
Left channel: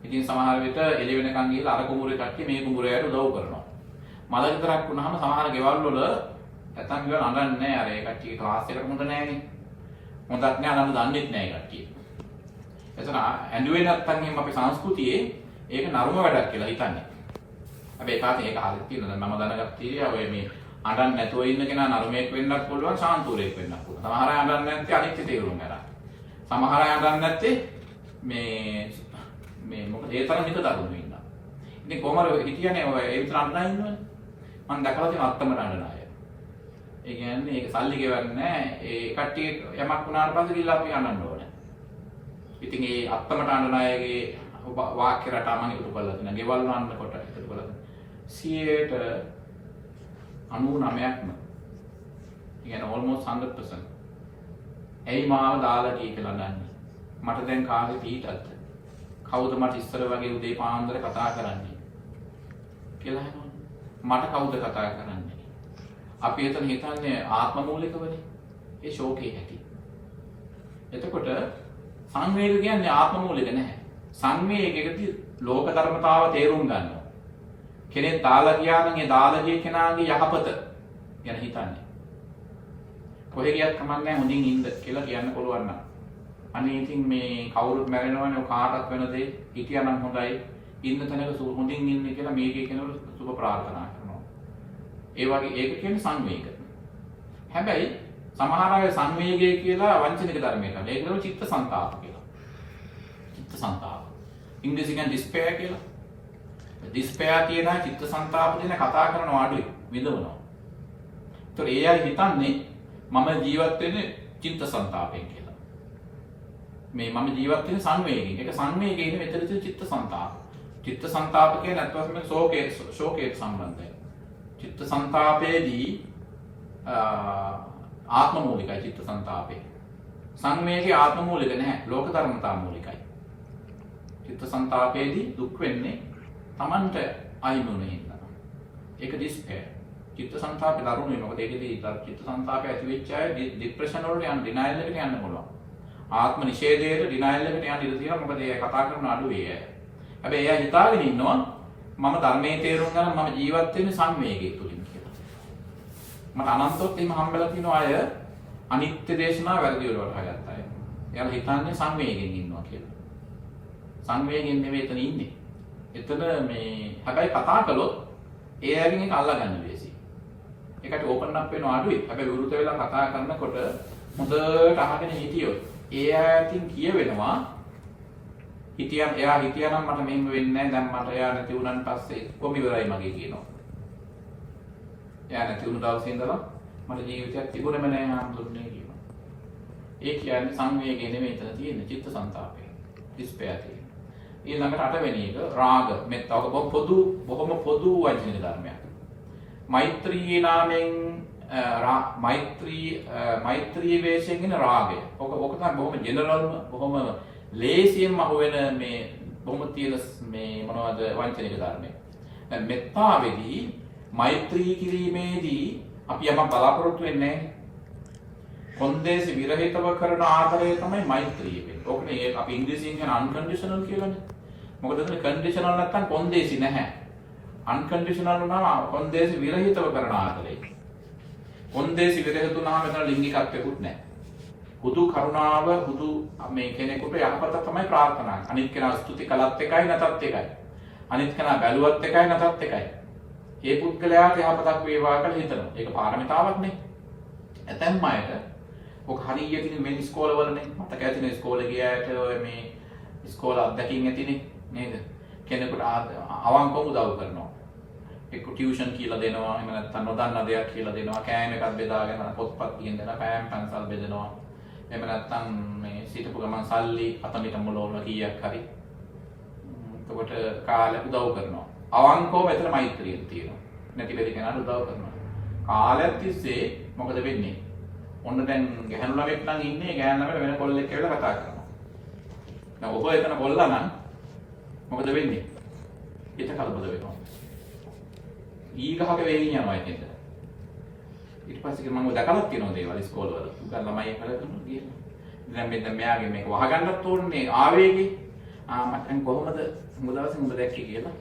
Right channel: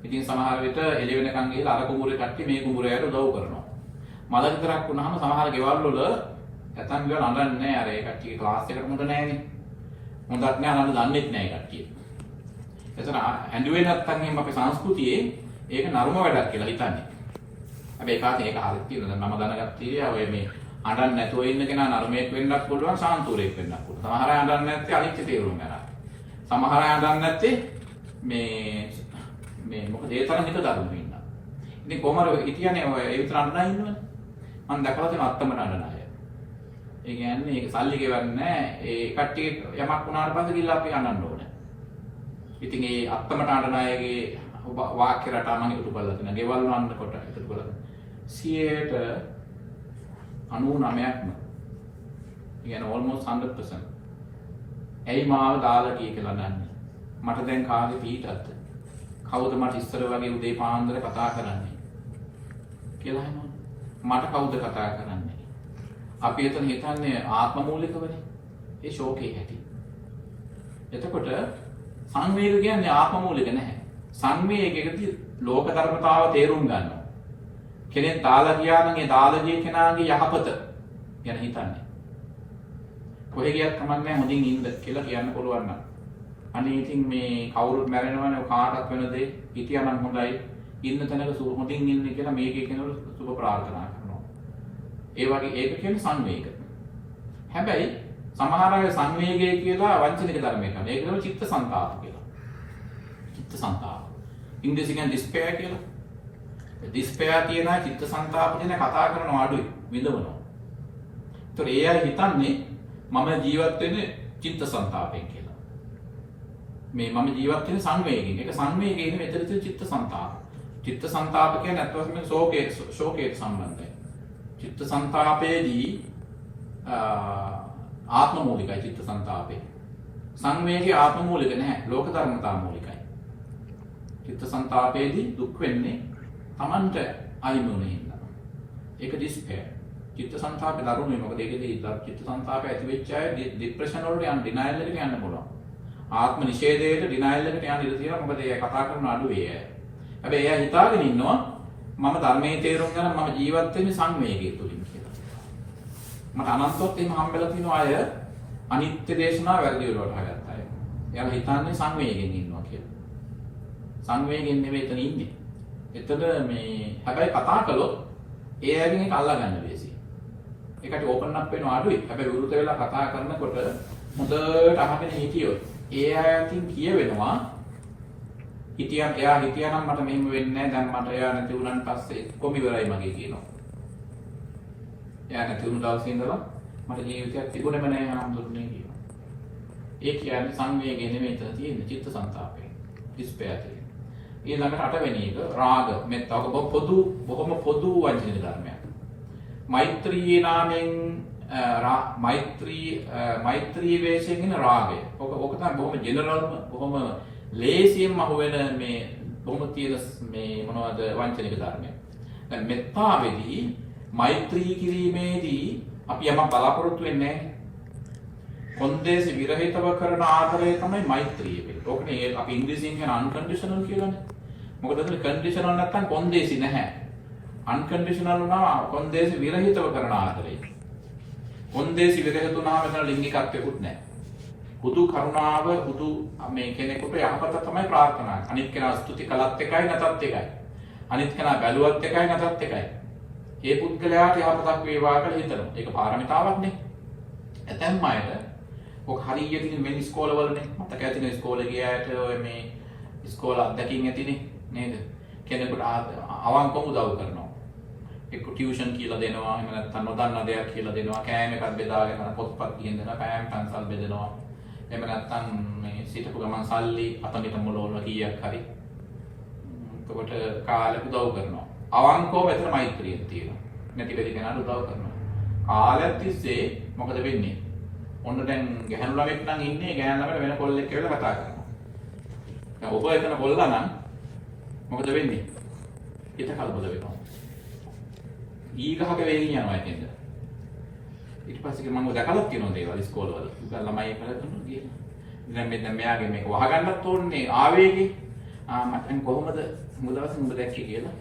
ඉතින් සමහර විට එළි වෙනකන් ගිහලා අර කුඹුරේ කට්ටිය මේ කුඹුරයට උදව් කරනවා. මල විතරක් වුණාම සමහර ගෙවල් වල නැත්තම් ගෙවල් අඬන්නේ නැහැ. අර ඒ කට්ටිය ක්ලාස් එකට මොකද නැහැනේ. හොඳක් නෑ අනන්න දන්නෙත් නෑ කට්ටිය. එතන ඇඬුවේ නැත්තම් එහෙනම් අපේ සංස්කෘතියේ ඒක නරම වැඩක් කියලා හිතන්නේ. හැබැයි කාට ඒක හරියට කියනවා. දැන් මම දැනගත්තේ ඔය මේ අඬන්නේ නැතුව ඉන්න කෙනා නරමයක් වෙන්නත් පුළුවන් සාන්තුරයක් වෙන්නත් පුළුවන්. සමහර අය අඬන්නේ නැත්තේ අනිත්‍ය තේරුම් ගන්න. සමහර අය අඬන්නේ නැත්තේ මේ මොකද ඒ තරම් හිත දරුණු වෙනවා. ඉතින් කොහමද හිතියනේ ඔය ඒ විතර අඬනා ඉන්නවනේ. මම දැකලා තියෙන අත්තමට අඬන අය. ඒ කියන්නේ ඒක සල්ලි ගෙවන්නේ නැහැ. ඒ කට්ටිය යමක් වුණාට පස්සේ ගිහලා අපි අඬන්න ඕනේ. ඉතින් ඒ අත්තමට අඬන අයගේ වාක්‍ය රටා මම එකතු කරලා තියෙනවා. ගෙවල් වන්නකොට එකතු කරලා 99%ක්ම يعني almost 100%. ඇයි මාව දාලා ගියේ කියලා දන්නේ. මට දැන් කාගේ පීටක්ද? කවුද මට ඉස්සර වගේ උදේ පාන්දර කතා කරන්නේ කියලා අහනවා. මට කවුද කතා කරන්නේ? අපි එතන හිතන්නේ ආත්ම මූලිකවනේ. ඒ ශෝකේ ඇති. එතකොට සංවේග කියන්නේ ආත්ම මූලික නැහැ. සංවේගයකදී ලෝක ධර්මතාව තේරුම් ගන්නවා. කෙනෙක් දාලා ගියා නම් ඒ දාලා ගිය කෙනාගේ යහපත ගැන හිතන්නේ. කොහෙ ගියත් කමන්නේ හොඳින් ඉන්න කියලා කියන්න පුළුවන් නම්. අනේ ඉතින් මේ කවුරුත් මැරෙනවනේ කාටවත් වෙන දේ හිටියානම් හොඳයි. ඉන්න තැනක හොඳින් ඉන්නේ කියලා මේකේ කෙනෙකුට සුබ ප්‍රාර්ථනා කරනවා. ඒ වගේ ඒක කියන්නේ සංවේග. හැබැයි සමහර අය සංවේගය කියලා වංචනික ධර්මයකට. ඒක නෝ චිත්ත සංතාප කියලා. චිත්ත සංතාප. ඉංග්‍රීසියෙන් despair කියලා. despair කියන චිත්ත සංතාප කියන කතා කරන අඩුයි විඳවනවා. ඒතර ඒ අය හිතන්නේ මම ජීවත් වෙන්නේ චිත්ත සංතාපයෙන් කියලා. මේ මම ජීවත් වෙන්නේ සංවේගයෙන්. ඒක සංවේගයෙන් නෙවෙයි මෙතන තියෙන චිත්ත සංතාප. චිත්ත සංතාප කියන්නේ අත්වශයෙන්ම ශෝකයේ සම්බන්ධයි. චිත්ත සංතාපයේදී ආත්ම මූලිකයි චිත්ත සංතාපේ. සංවේගී ආත්ම මූලික නැහැ. ලෝක ධර්මතා මූලිකයි. චිත්ත සංතාපයේදී දුක් වෙන්නේ Tamanට අයිමුනේ ඉන්නවා. ඒක despair. චිත්ත සංතාපේ දරුණුයි. මොකද ඒකේදී චිත්ත සංතාපය ඇති වෙච්ච අය ડિප්‍රෙෂන් වලට යන ඩිනයිල් එකට යන්න පුළුවන්. ආත්ම නිෂේධයට ඩිනයිල් එකට යන්න ඉඩ තියෙනවා. මොකද ඒ කතා කරන අඩු ඒ අය. හැබැයි එයා හිතාගෙන ඉන්නවා මම ධර්මයේ තේරුම් ගන්න මම ජීවත් වෙන්නේ සංවේගයේ තුලින් කියලා. මට අනන්තවත් එහෙම හම්බෙලා තියෙන අය අනිත්‍ය දේශනාව වැරදි වලට හගත්තා අය. එයාලා හිතන්නේ සංවේගයෙන් ඉන්නවා කියලා. සංවේගයෙන් නෙවෙයි එතන ඉන්නේ. එතන මේ හැබැයි කතා කළොත් ඒ අයගෙන් ඒක අල්ලා ගන්න බැසි. ඒකට ඕපන් අප් වෙනවා අඩුයි. හැබැයි විරුද්ධ වෙලා කතා කරනකොට හොඳට අහගෙන හිටියොත් ඒ අයකින් කියවෙනවා එයා හිටියනම් මට මෙහෙම වෙන්නේ නැහැ. දැන් මට එයා නැති වුණාන් පස්සේ කොහොම ඉවරයි මගේ කියනවා. එයා නැති වුණ දවසේ ඉඳලා මට ජීවිතයක් තිබුණේම නැහැ හම්දුන්නේ කියනවා. ඒ කියන්නේ සංවේගය නෙමෙයි එතන තියෙන්නේ චිත්ත සංතාපය. despair තියෙන්නේ. ඊළඟට අටවෙනි එක රාග. මෙත් බොහොම පොදු වචන ධර්මයක්. මෛත්‍රී නාමයෙන් මෛත්‍රී වේශයෙන් ඉන රාගය. ඔක තමයි බොහොම ජෙනරල් බොහොම ලේසියෙන් අහුවෙන මේ බොහොම තියෙන මේ මොනවද වංචනික ධර්මයක්. දැන් මෙත්තාවේදී මෛත්‍රී කිරීමේදී අපි යමක් බලාපොරොත්තු වෙන්නේ නැහැ. කොන්දේසි විරහිතව කරන ආදරය තමයි මෛත්‍රිය වෙන්නේ. ඕකනේ අපි ඉංග්‍රීසියෙන් කියන unconditional කියලානේ. මොකද එතන conditional නැත්තම් කොන්දේසි නැහැ. unconditional වුණාම කොන්දේසි විරහිතව කරන ආදරය. කොන්දේසි විරහිත වුණාම එතන ලිංගිකත්වයක්වත් නැහැ. හුදු කරුණාව හුදු මේ කෙනෙකුට යහපත තමයි ප්‍රාර්ථනා කරන්නේ. අනිත් කෙනා ස්තුති කළත් එකයි නැතත් එකයි. අනිත් කෙනා බැලුවත් එකයි නැතත් එකයි. ඒ පුද්ගලයාට යහපතක් වේවා කියලා හිතනවා. ඒක පාරමිතාවක් නේ. ඇතැම් අයට ඔක හරියට මේ ඉස්කෝලවලනේ මතක ඇතිනේ ඉස්කෝලේ ගියාට ඔය මේ ඉස්කෝල අත්දැකීම් ඇතිනේ නේද? කෙනෙකුට අවංකව උදව් කරනවා. එක්ක ටියුෂන් කියලා දෙනවා. එහෙම නැත්නම් නොදන්න දෙයක් කියලා දෙනවා. කෑම එකක් බෙදාගෙන පොත්පත් කියන දෙනවා. කෑම පන්සල් බෙදනවා. එහෙම නැත්නම් මේ සිටපු ගමන් සල්ලි අතමිට මොලවල කීයක් හරි. එතකොට කාලෙක උදව් කරනවා. අවංකව මෙතන මෛත්‍රිය තියෙනවා. නැති වෙලි කෙනාට උදව් කරනවා. කාලයක් තිස්සේ මොකද වෙන්නේ? ඔන්න දැන් ගැහණු ළමෙක් නම් ඉන්නේ ගැහණු ළමයට වෙන කොල්ලෙක් කියලා කතා කරනවා. දැන් ඔබ එතන කොල්ලා නම් මොකද වෙන්නේ? හිත කලබල වෙනවා. ඊගහක වෙලින් යනවා ඉතින්ද. ඊට පස්සේ මම දැකලා තියෙනවා දේවල් ඉස්කෝලවල. උගා ළමයි කරලා ගිහින්. දැන් මෙයාගේ මේක වහගන්නත් ඕනේ ආවේගේ. මම කොහොමද මුදවස් මුද දැක්කේ කියලා.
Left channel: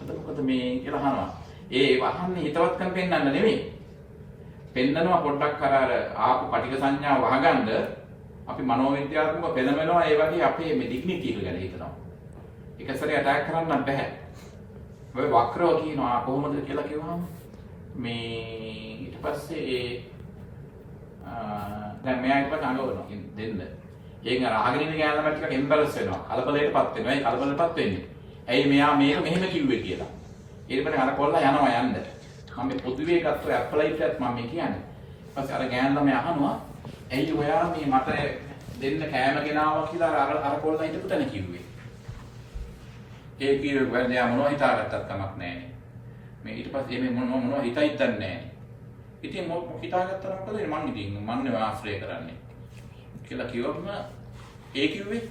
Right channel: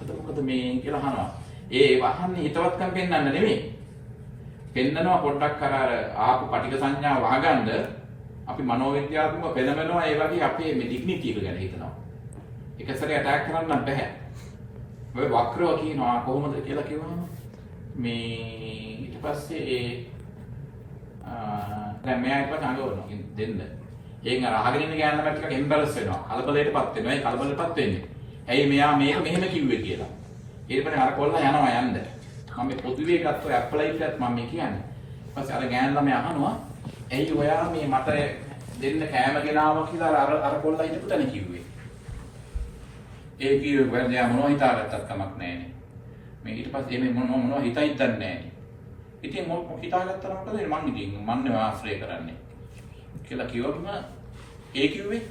අද මොකද මේ කියලා අහනවා. ඒ වහන්නේ හිතවත්කම් පෙන්වන්න නෙමෙයි. පෙන්නනවා පොඩ්ඩක් අර ආපු පටික සංඥා වහගන්න අපි මනෝවිද්‍යාත්මක පෙළමෙනවා ඒ වගේ අපේ මේ ඩිග්නිටි එක ගැන හිතනවා. එක සැරේ අටැක් කරන්න බෑ. ඔය වක්‍රව කියනවා කොහොමද කියලා කිව්වම මේ ඊට පස්සේ දැන් මෙයා ඉපද අඬවනවා දෙන්න. ඒන් අර අහගෙන ඉන්න ගෑනලා ටිකක් එම්බැරස් වෙනවා. කලබලයටපත් වෙනවා. ඒ කලබලටපත් වෙන්නේ. ඇයි මෙයා මේක මෙහෙම කිව්වේ කියලා. ඊට පස්සේ අර කොල්ලා යනවා යන්න. මම මේ පොදුවේ ගත්ත ඇප්ලයිට් එකත් මම මේ කියන්නේ. ඊපස්සේ අර ගෑනලා මේ අහනවා ඇයි ඔයා මේ මට දෙන්න කෑම ගෙනාවා කියලා අර කොල්ලා හිටපු තැන කිව්වේ. ඒ කීව වැඩ යා මොනවා හිතාගත්තත් කමක් නැහැනේ. මේ ඊට පස්සේ මේ මොනවා හිතයිද දන්නේ නැහැනේ. ඉතින් මොකක් හිතාගත්තා නම් මොකද මං ඉතින් මන්නේ ආශ්‍රය කරන්නේ කියලා කිව්වම ඒ කිව්වේ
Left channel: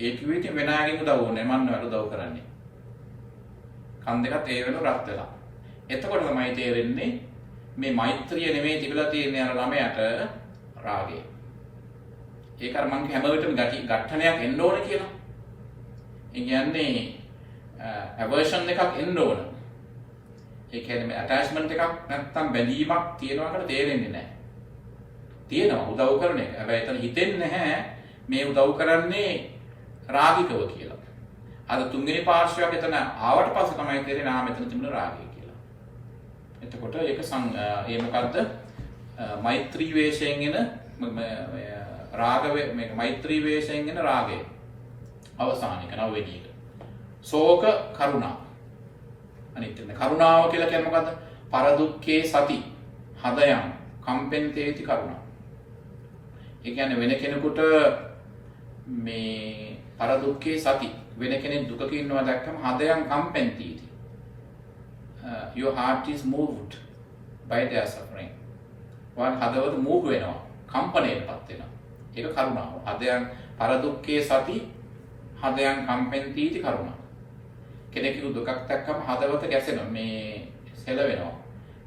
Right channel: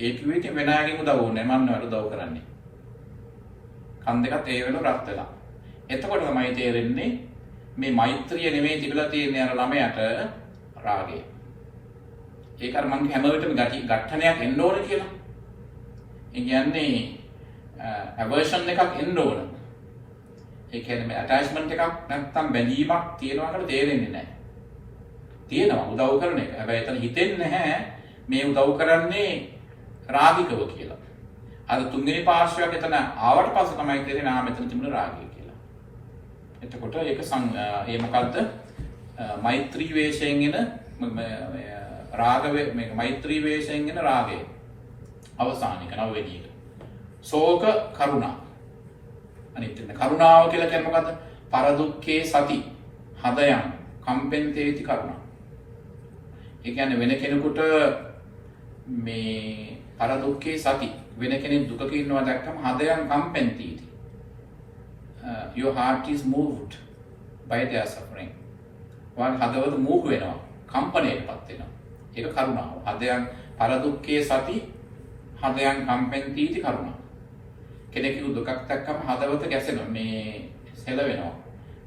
ඉතින් වෙනාගෙන් උදව් ඕනේ මන්නේ වල උදව් කරන්නේ. කන් දෙකත් ඒ වෙලාව රත් වෙලා. එතකොට තමයි තේරෙන්නේ මේ මෛත්‍රිය නෙමෙයි තිබිලා තියෙන්නේ අර ළමයට රාගය. ඒක අර මං හැම වෙලටම ඝට්ටනයක් එන්න ඕනේ කියලා. ඒ කියන්නේ aversion එකක් එන්න ඕන. ඒ කියන්නේ මේ attachment එකක් නැත්තම් බැඳීමක් තියෙනවා කියලා තේරෙන්නේ නැහැ. තියෙනවා උදව් කරන එක. හැබැයි එතන හිතෙන්නේ නැහැ මේ උදව් කරන්නේ රාගිකව කියලා. අද තුන්වෙනි පාර්ශ්වයක් එතන ආවට පස්සේ තමයි තේරෙන්නේ ආ මෙතන තිබුණ රාගය කියලා. එතකොට ඒක ඒ මොකද්ද? මෛත්‍රී වේශයෙන් එන රාග මේක මෛත්‍රී වේශයෙන් එන රාගය. අවසානික නවවෙනි එක. ශෝක කරුණා. අනිත් එක කරුණාව කියලා කියන්නේ මොකද්ද? පරදුක්ඛේ සති හදයන් කම්පෙන්තේති කරුණා. ඒ කියන්නේ වෙන කෙනෙකුට මේ පරදුක්ඛේ සති වෙන කෙනෙක් දුකක ඉන්නවා දැක්කම හදයන් කම්පෙන්තේති. Your heart is moved by their suffering. වාගේ හදවත මූහ් වෙනවා, කම්පණයටපත් වෙනවා. ඒක කරුණාව. හදයන් පරදුක්ඛේ සති හදයන් කම්පෙන්තේති කරුණා. කෙනෙකුගේ දුකක් දැක්කම හදවත ගැසෙනවා මේ සෙලවෙනවා.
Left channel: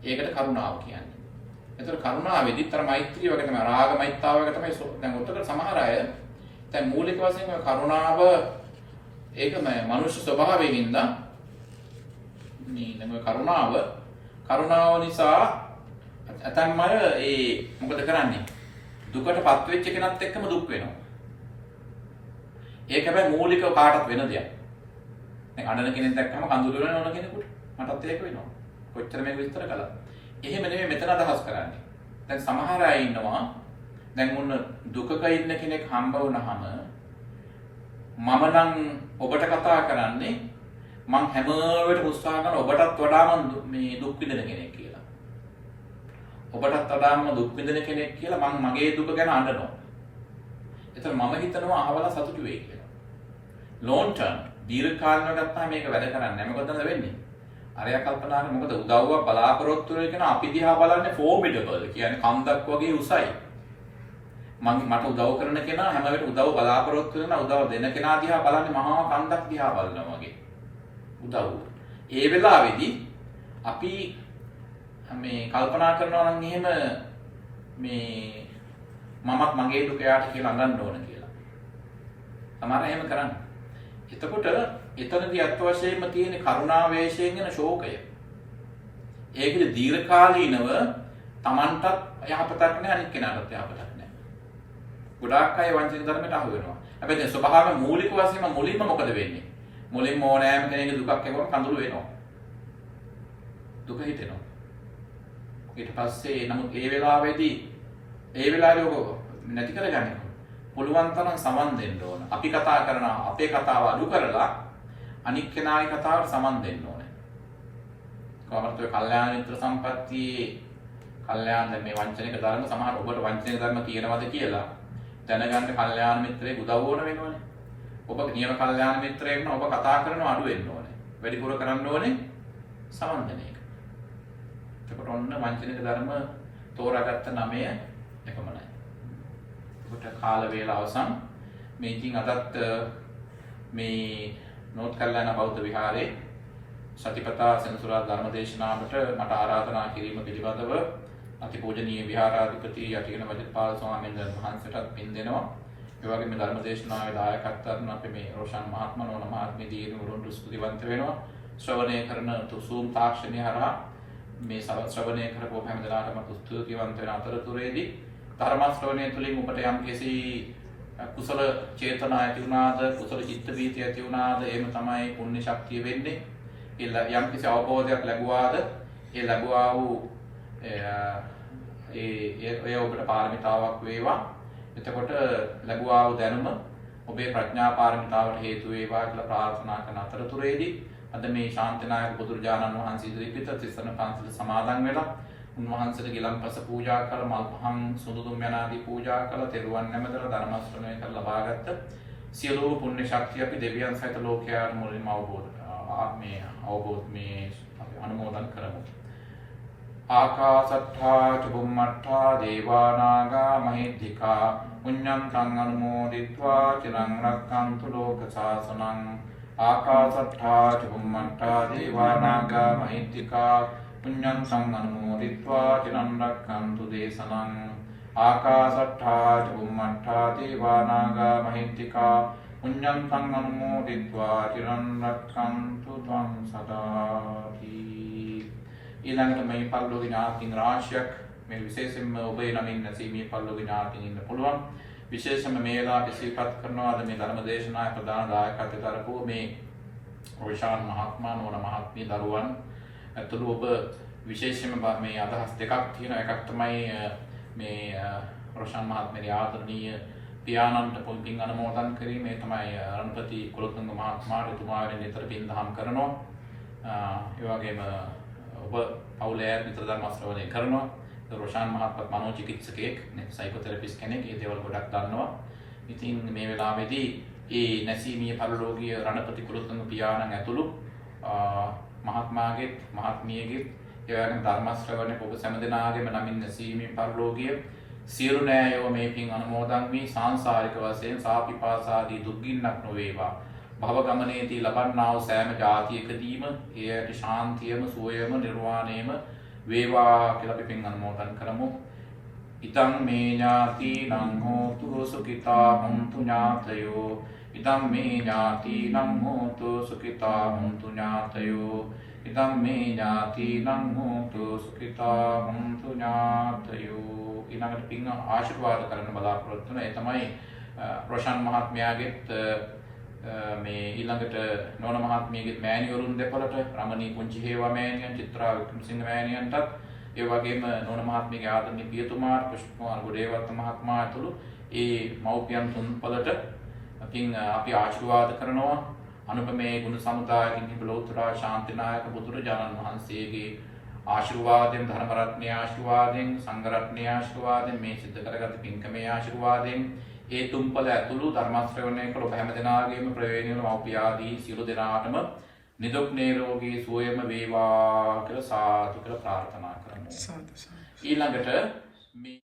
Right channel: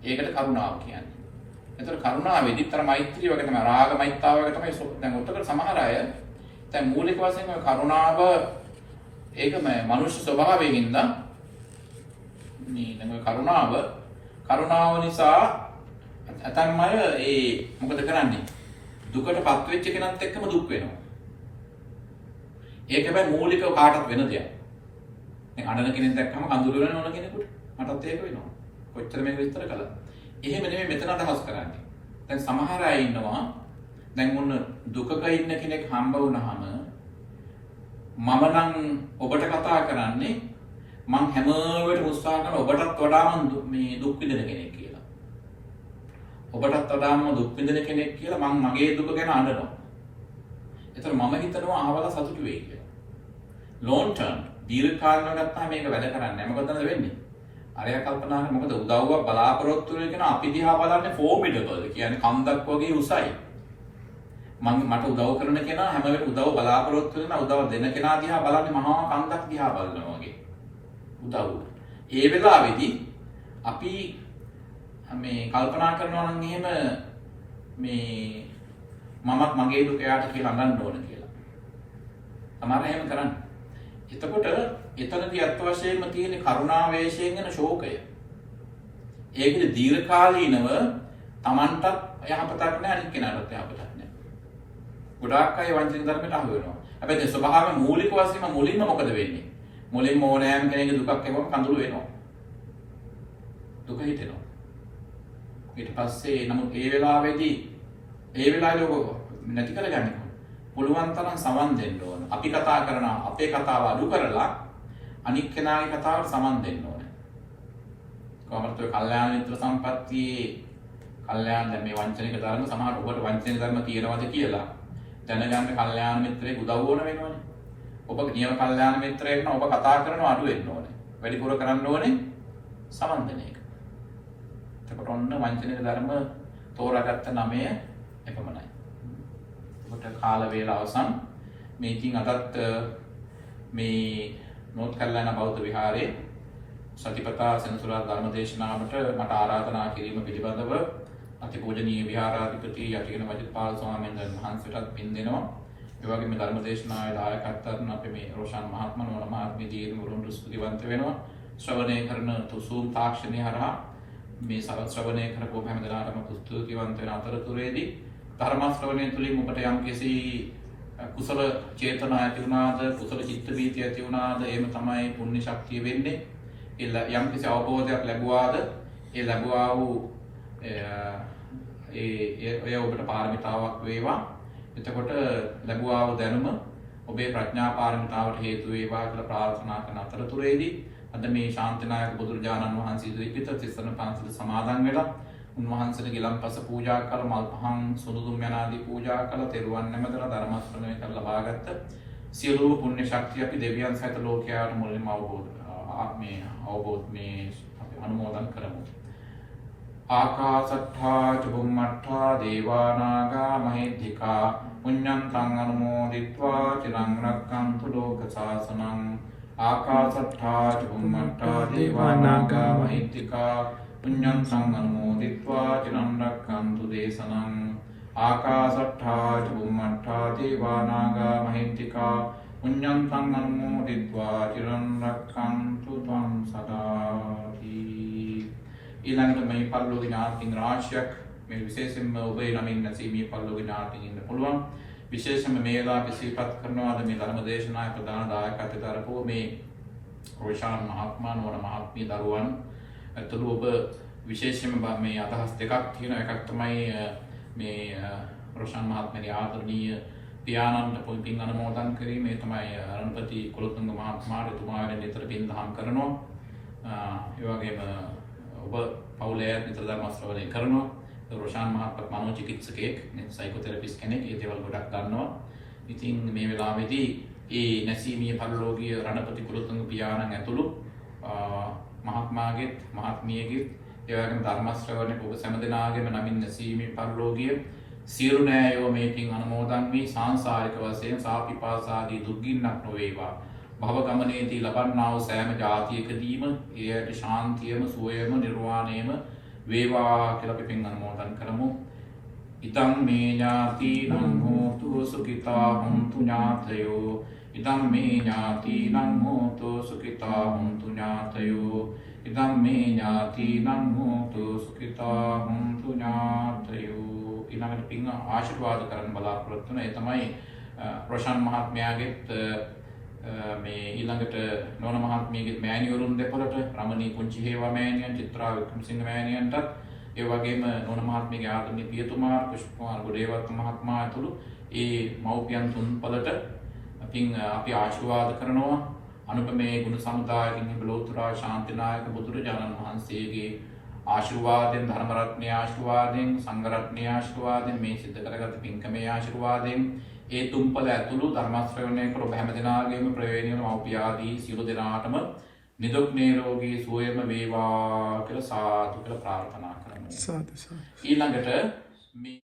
ඒකට කරුණාව කියන්නේ. එතකොට කරුණාවේදීත් අර මෛත්‍රිය වගේ තමයි රාග මෛත්‍තාව වගේ තමයි දැන් උත්තර සමහර අය දැන් මූලික වශයෙන් කරුණාව ඒක මනුෂ්‍ය ස්වභාවයෙන් ඉඳන් මේ දැන් කරුණාව නිසා අතන්ම ඒ මොකද කරන්නේ දුකටපත් වෙච්ච කෙනත් එක්කම දුක් වෙනවා. ඒක හැබැයි මූලික කාටත් වෙන දෙයක්. දැන් අඬන කෙනෙක් දැක්කම කඳුළු වෙන ඕන කෙනෙකුට මටත් ඒක වෙනවා. කොච්චර මේක විස්තර කළා. එහෙම නෙමෙයි මෙතන අදහස් කරන්නේ. දැන් සමහර අය ඉන්නවා දැන් මොන දුකක ඉන්න කෙනෙක් හම්බ වුණාම මම නම් ඔබට කතා කරන්නේ මං හැම වෙලේම උත්සාහ කරන ඔබටත් වඩා මං මේ දුක් විඳින කෙනෙක් කියලා. ඔබටත් වඩා මම දුක් විඳින කෙනෙක් කියලා මං මගේ දුක ගැන අඬනවා. ඒතර මම හිතනවා අහවලා සතුටු වෙයි කියලා. long term දීර්ඝ කාලයක් ගත්තාම මේක වැඩ කරන්නේ නැහැ. මොකදද වෙන්නේ? අරයා කල්පනා කරන මොකද උදව්වක් බලාපොරොත්තු වෙන කෙනා අපි දිහා බලන්නේ formidable කියන්නේ කන්දක් වගේ උසයි. මට උදව් කරන කෙනා හැම වෙලේම උදව් බලාපොරොත්තු වෙන උදව් දෙන කෙනා දිහා බලන්නේ මහා කන්දක් දිහා බලනවා වගේ. උදව්. ඒ වෙලාවේදී අපි මේ කල්පනා කරනවා නම් එහෙම මේ මමත් මගේ දුක යාට කියලා අඟන්න ඕන කියලා. සමහර එහෙම කරන්නේ. එතකොට එතනදී අත් වශයෙන්ම තියෙන කරුණා වේශයෙන් එන ශෝකය. ඒකද දීර්ඝකාලීනව Tamanටත් යහපතක් නැහැ අනිත් කෙනාටත් යහපතක් නැහැ. ගොඩාක් අය වංචනික ධර්මයට අහු වෙනවා. හැබැයි ඒ ස්වභාවයෙන් මූලික වශයෙන්ම මුලින්ම මොකද වෙන්නේ? මුලින්ම ඕනෑම කෙනෙකුගේ දුකක් එක්කම කඳුළු වෙනවා. දුක හිතෙනවා. ඊට පස්සේ නමුත් ඒ වෙලාවේදී ඔක නැති කරගන්න පුළුවන් තරම් සමන් දෙන්න ඕන. අපි කතා කරන අපේ කතාව අඩු කරලා අනික් කෙනාගේ කතාවට සමන් දෙන්න ඕනේ. කොහොමද ඔය කල්යාණ මිත්‍ර සම්පත්තියේ කල්යාණ මේ වංචනික ධර්ම සමහර ඔබට වංචනික ධර්ම කියනවාද කියලා දැනගන්න කල්යාණ මිත්‍රයෙක් උදව් ඕන වෙනවනේ. ඔබ නියම කල්යාණ මිත්‍රයෙක් නම් ඔබ කතා කරනවා අඩු වෙන්න ඕනේ. වැඩිපුර කරන්න ඕනේ සමන් දෙන එක. එතකොට ඔන්න වංචනික ධර්ම තෝරාගත්ත 9 එපමණයි. ඔබට කාල වේලාව අවසන්. මේ ඉතින් අදත් මේ නෝත් කල්යාණ බෞද්ධ විහාරයේ සතිපතා සෙනසුරාදා ධර්ම දේශනාවට මට ආරාධනා කිරීම පිළිබඳව අතිපූජනීය විහාරාධිපති යටිගන වජිරපාල ස්වාමීන් වහන්සේටත් පින් දෙනවා. ඒ වගේම මේ ධර්ම දේශනාවේ දායකත්වයෙන් අපි මේ රෝෂන් මහත්මයා නෝන මහත්මිය දීර්ඝ මුරුන් ස්තුතිවන්ත වෙනවා. ශ්‍රවණය කරන තුසුම් තාක්ෂණය හරහා මේ ශ්‍රවණය කරපු හැම දිනකටම ස්තුතිවන්ත වෙන අතරතුරේදී ධර්ම ශ්‍රවණය තුළින් ඔබට යම්කිසි කුසල චේතනා ඇති වුණාද කුසල චිත්ත වීතිය ඇති වුණාද එහෙම තමයි පුණ්‍ය ශක්තිය වෙන්නේ. යම්කිසි අවබෝධයක් ලැබුවාද ඒ ලැබුවා වූ ඒ ඔබට පාරමිතාවක් වේවා. එතකොට ලැබුවා වූ දැනුම ඔබේ ප්‍රඥා පාරමිතාවට හේතු වේවා කියලා ප්‍රාර්ථනා කරන අතරතුරේදී අද මේ ශාන්තිනායක බුදුරජාණන් වහන්සේ ඉදිරිපිට තිස්සන පන්සල සමාදන් වෙලා උන්වහන්සේට ගිලන්පස පූජා කළ මල් පහන් සුදු දුම් යනාදී පූජා කළ තෙරුවන් නැමදලා ධර්ම ශ්‍රවණය කර ලබාගත්ත සියලුම පුණ්‍ය ශක්තිය අපි දෙවියන් සහිත ලෝකයාට මුලින්ම අවබෝධ මේ අපි අනුමෝදන් කරමු. ආකාසට්ඨා ච බුම්මට්ඨා දේවා නාග මහිද්దికා පුඤ්ඤන්තං අනුමෝදිත්වා චිරං රක්ඛන්තු ලෝක සාසනං. ආකාසට්ඨා ච බුම්මට්ඨා දේවා නාග මහිද්దికා පුඤ්ඤන්තං අනුමෝදිත්වා චිරං රක්ඛන්තු දේශනං. ආකාසට්ඨා ච බුම්මට්ඨා දේවා නාග මහිද්దికා පුඤ්ඤන්තං අනුමෝදිත්වා චිරං රක්ඛන්තු ත්වං සදාති. ඊළඟට මේ පරිලෝක ඥාතින් රාශියක් මේ විශේෂයෙන්ම ඔබේ නමින් නැසී මේ පරිලෝක ඥාතින් ඉන්න පුළුවන්. විශේෂයෙන්ම මේ වෙලාවට සිහිපත් කරනවා අද මේ ධර්ම දේශනාවේ ප්‍රධාන දායකත්වයට අරපුව මේ රොෂාන් මහත්මයා නෝන මහත්මිය දරුවන් ඇතුළු ඔබ විශේෂයෙන්ම මේ අදහස් දෙකක් තියෙනවා. එකක් තමයි මේ රොෂාන් මහත්මියගේ ආදරණීය පියාණන්ට පින් අනුමෝදන් කිරීම. ඒ තමයි රණපති කුලතුංග මහත්මයාට එතුමාගෙන් නිතර පින් දහම් කරනවා. ඒ වගේම ඔබ පවුලේ නිතර ධර්ම ශ්‍රවණය කරනවා. රොෂාන් මහත්මයා මනෝචිකිත්සකයෙක්, සයිකෝതെරපිස්ට් කෙනෙක්. ඒ දේවල් ගොඩක් දන්නවා. ඉතින් මේ වෙලාවේදී ඒ නැසීමේ පරිලෝකීය රණපති කුලතුංග පියාණන් ඇතුළු මහත්මයාගෙත් මහත්මියගෙත් ඒ වගේම ධර්ම ශ්‍රවණය ඔබ සෑම දෙනාගේම නමින් නැසීමේ පරිලෝකීය සියලු නෑයෝ මේ පින් අනුමෝදන් වී සාංසාරික වශයෙන් සාපිපාසාදී දුක්ගින්නක් නොවේවා. භව ගමනේදී ලබන්නා වූ සෑම ජාතියකදීම එයට ශාන්තියම සුවයම නිර්වාණයම වේවා කියලා අපි පින් අනුමෝදන් කරමු. ඉදං මේ ඥාතිනං හෝතු සුඛිතා හොන්තු ඥාතයෝ. ඉදං මේ ඥාතිනං හෝතු සුඛිතා හොන්තු ඥාතයෝ. ඉදං මේ ඥාතිනං හෝතු සුඛිතා හොන්තු ඥාතයෝ. ඊළඟට පින් ආශිර්වාද කරන්න බලාපොරොත්තු වෙන. ඒ තමයි රොෂාන් මහත්මයාගෙත් මේ ඊළඟට නෝන මහත්මියගේ මෑණිවරුන් දෙපළට රමණී පුංචි හේවා මෑණියන්, චිත්‍රා වික්‍රමසිංහ මෑණියන්ටත් ඒ වගේම නෝන මහත්මියගේ ආදරණීය පියතුමාට පුෂ්පකුමාර ගොඩේවත්ත මහත්මයා ඇතුළු ඒ මව්පියන් තුන්පළට අපි ආශිර්වාද කරනවා. අනුපමේ ගුණ සමුදායකින් හිබලෝතර ශාන්තිනායක බුදුරජාණන් වහන්සේගේ ආශිර්වාදයෙන්, ධර්ම රත්නයේ ආශිර්වාදයෙන්, සංඝ රත්නයේ ආශිර්වාදයෙන්, මේ සිද්ධ කරගත් පින්කමේ ආශිර්වාදයෙන් ඒ තුන්පළ ඇතුළු ධර්ම ශ්‍රවණය කළ ඔබ හැම දෙනාගේම ප්‍රවේණිය මව්පිය ආදී සියලු දෙනාටම නිදුක් නිරෝගී සුවයම වේවා කියලා සාදු කියලා ප්‍රාර්ථනා කරමු. ඊළඟට මේ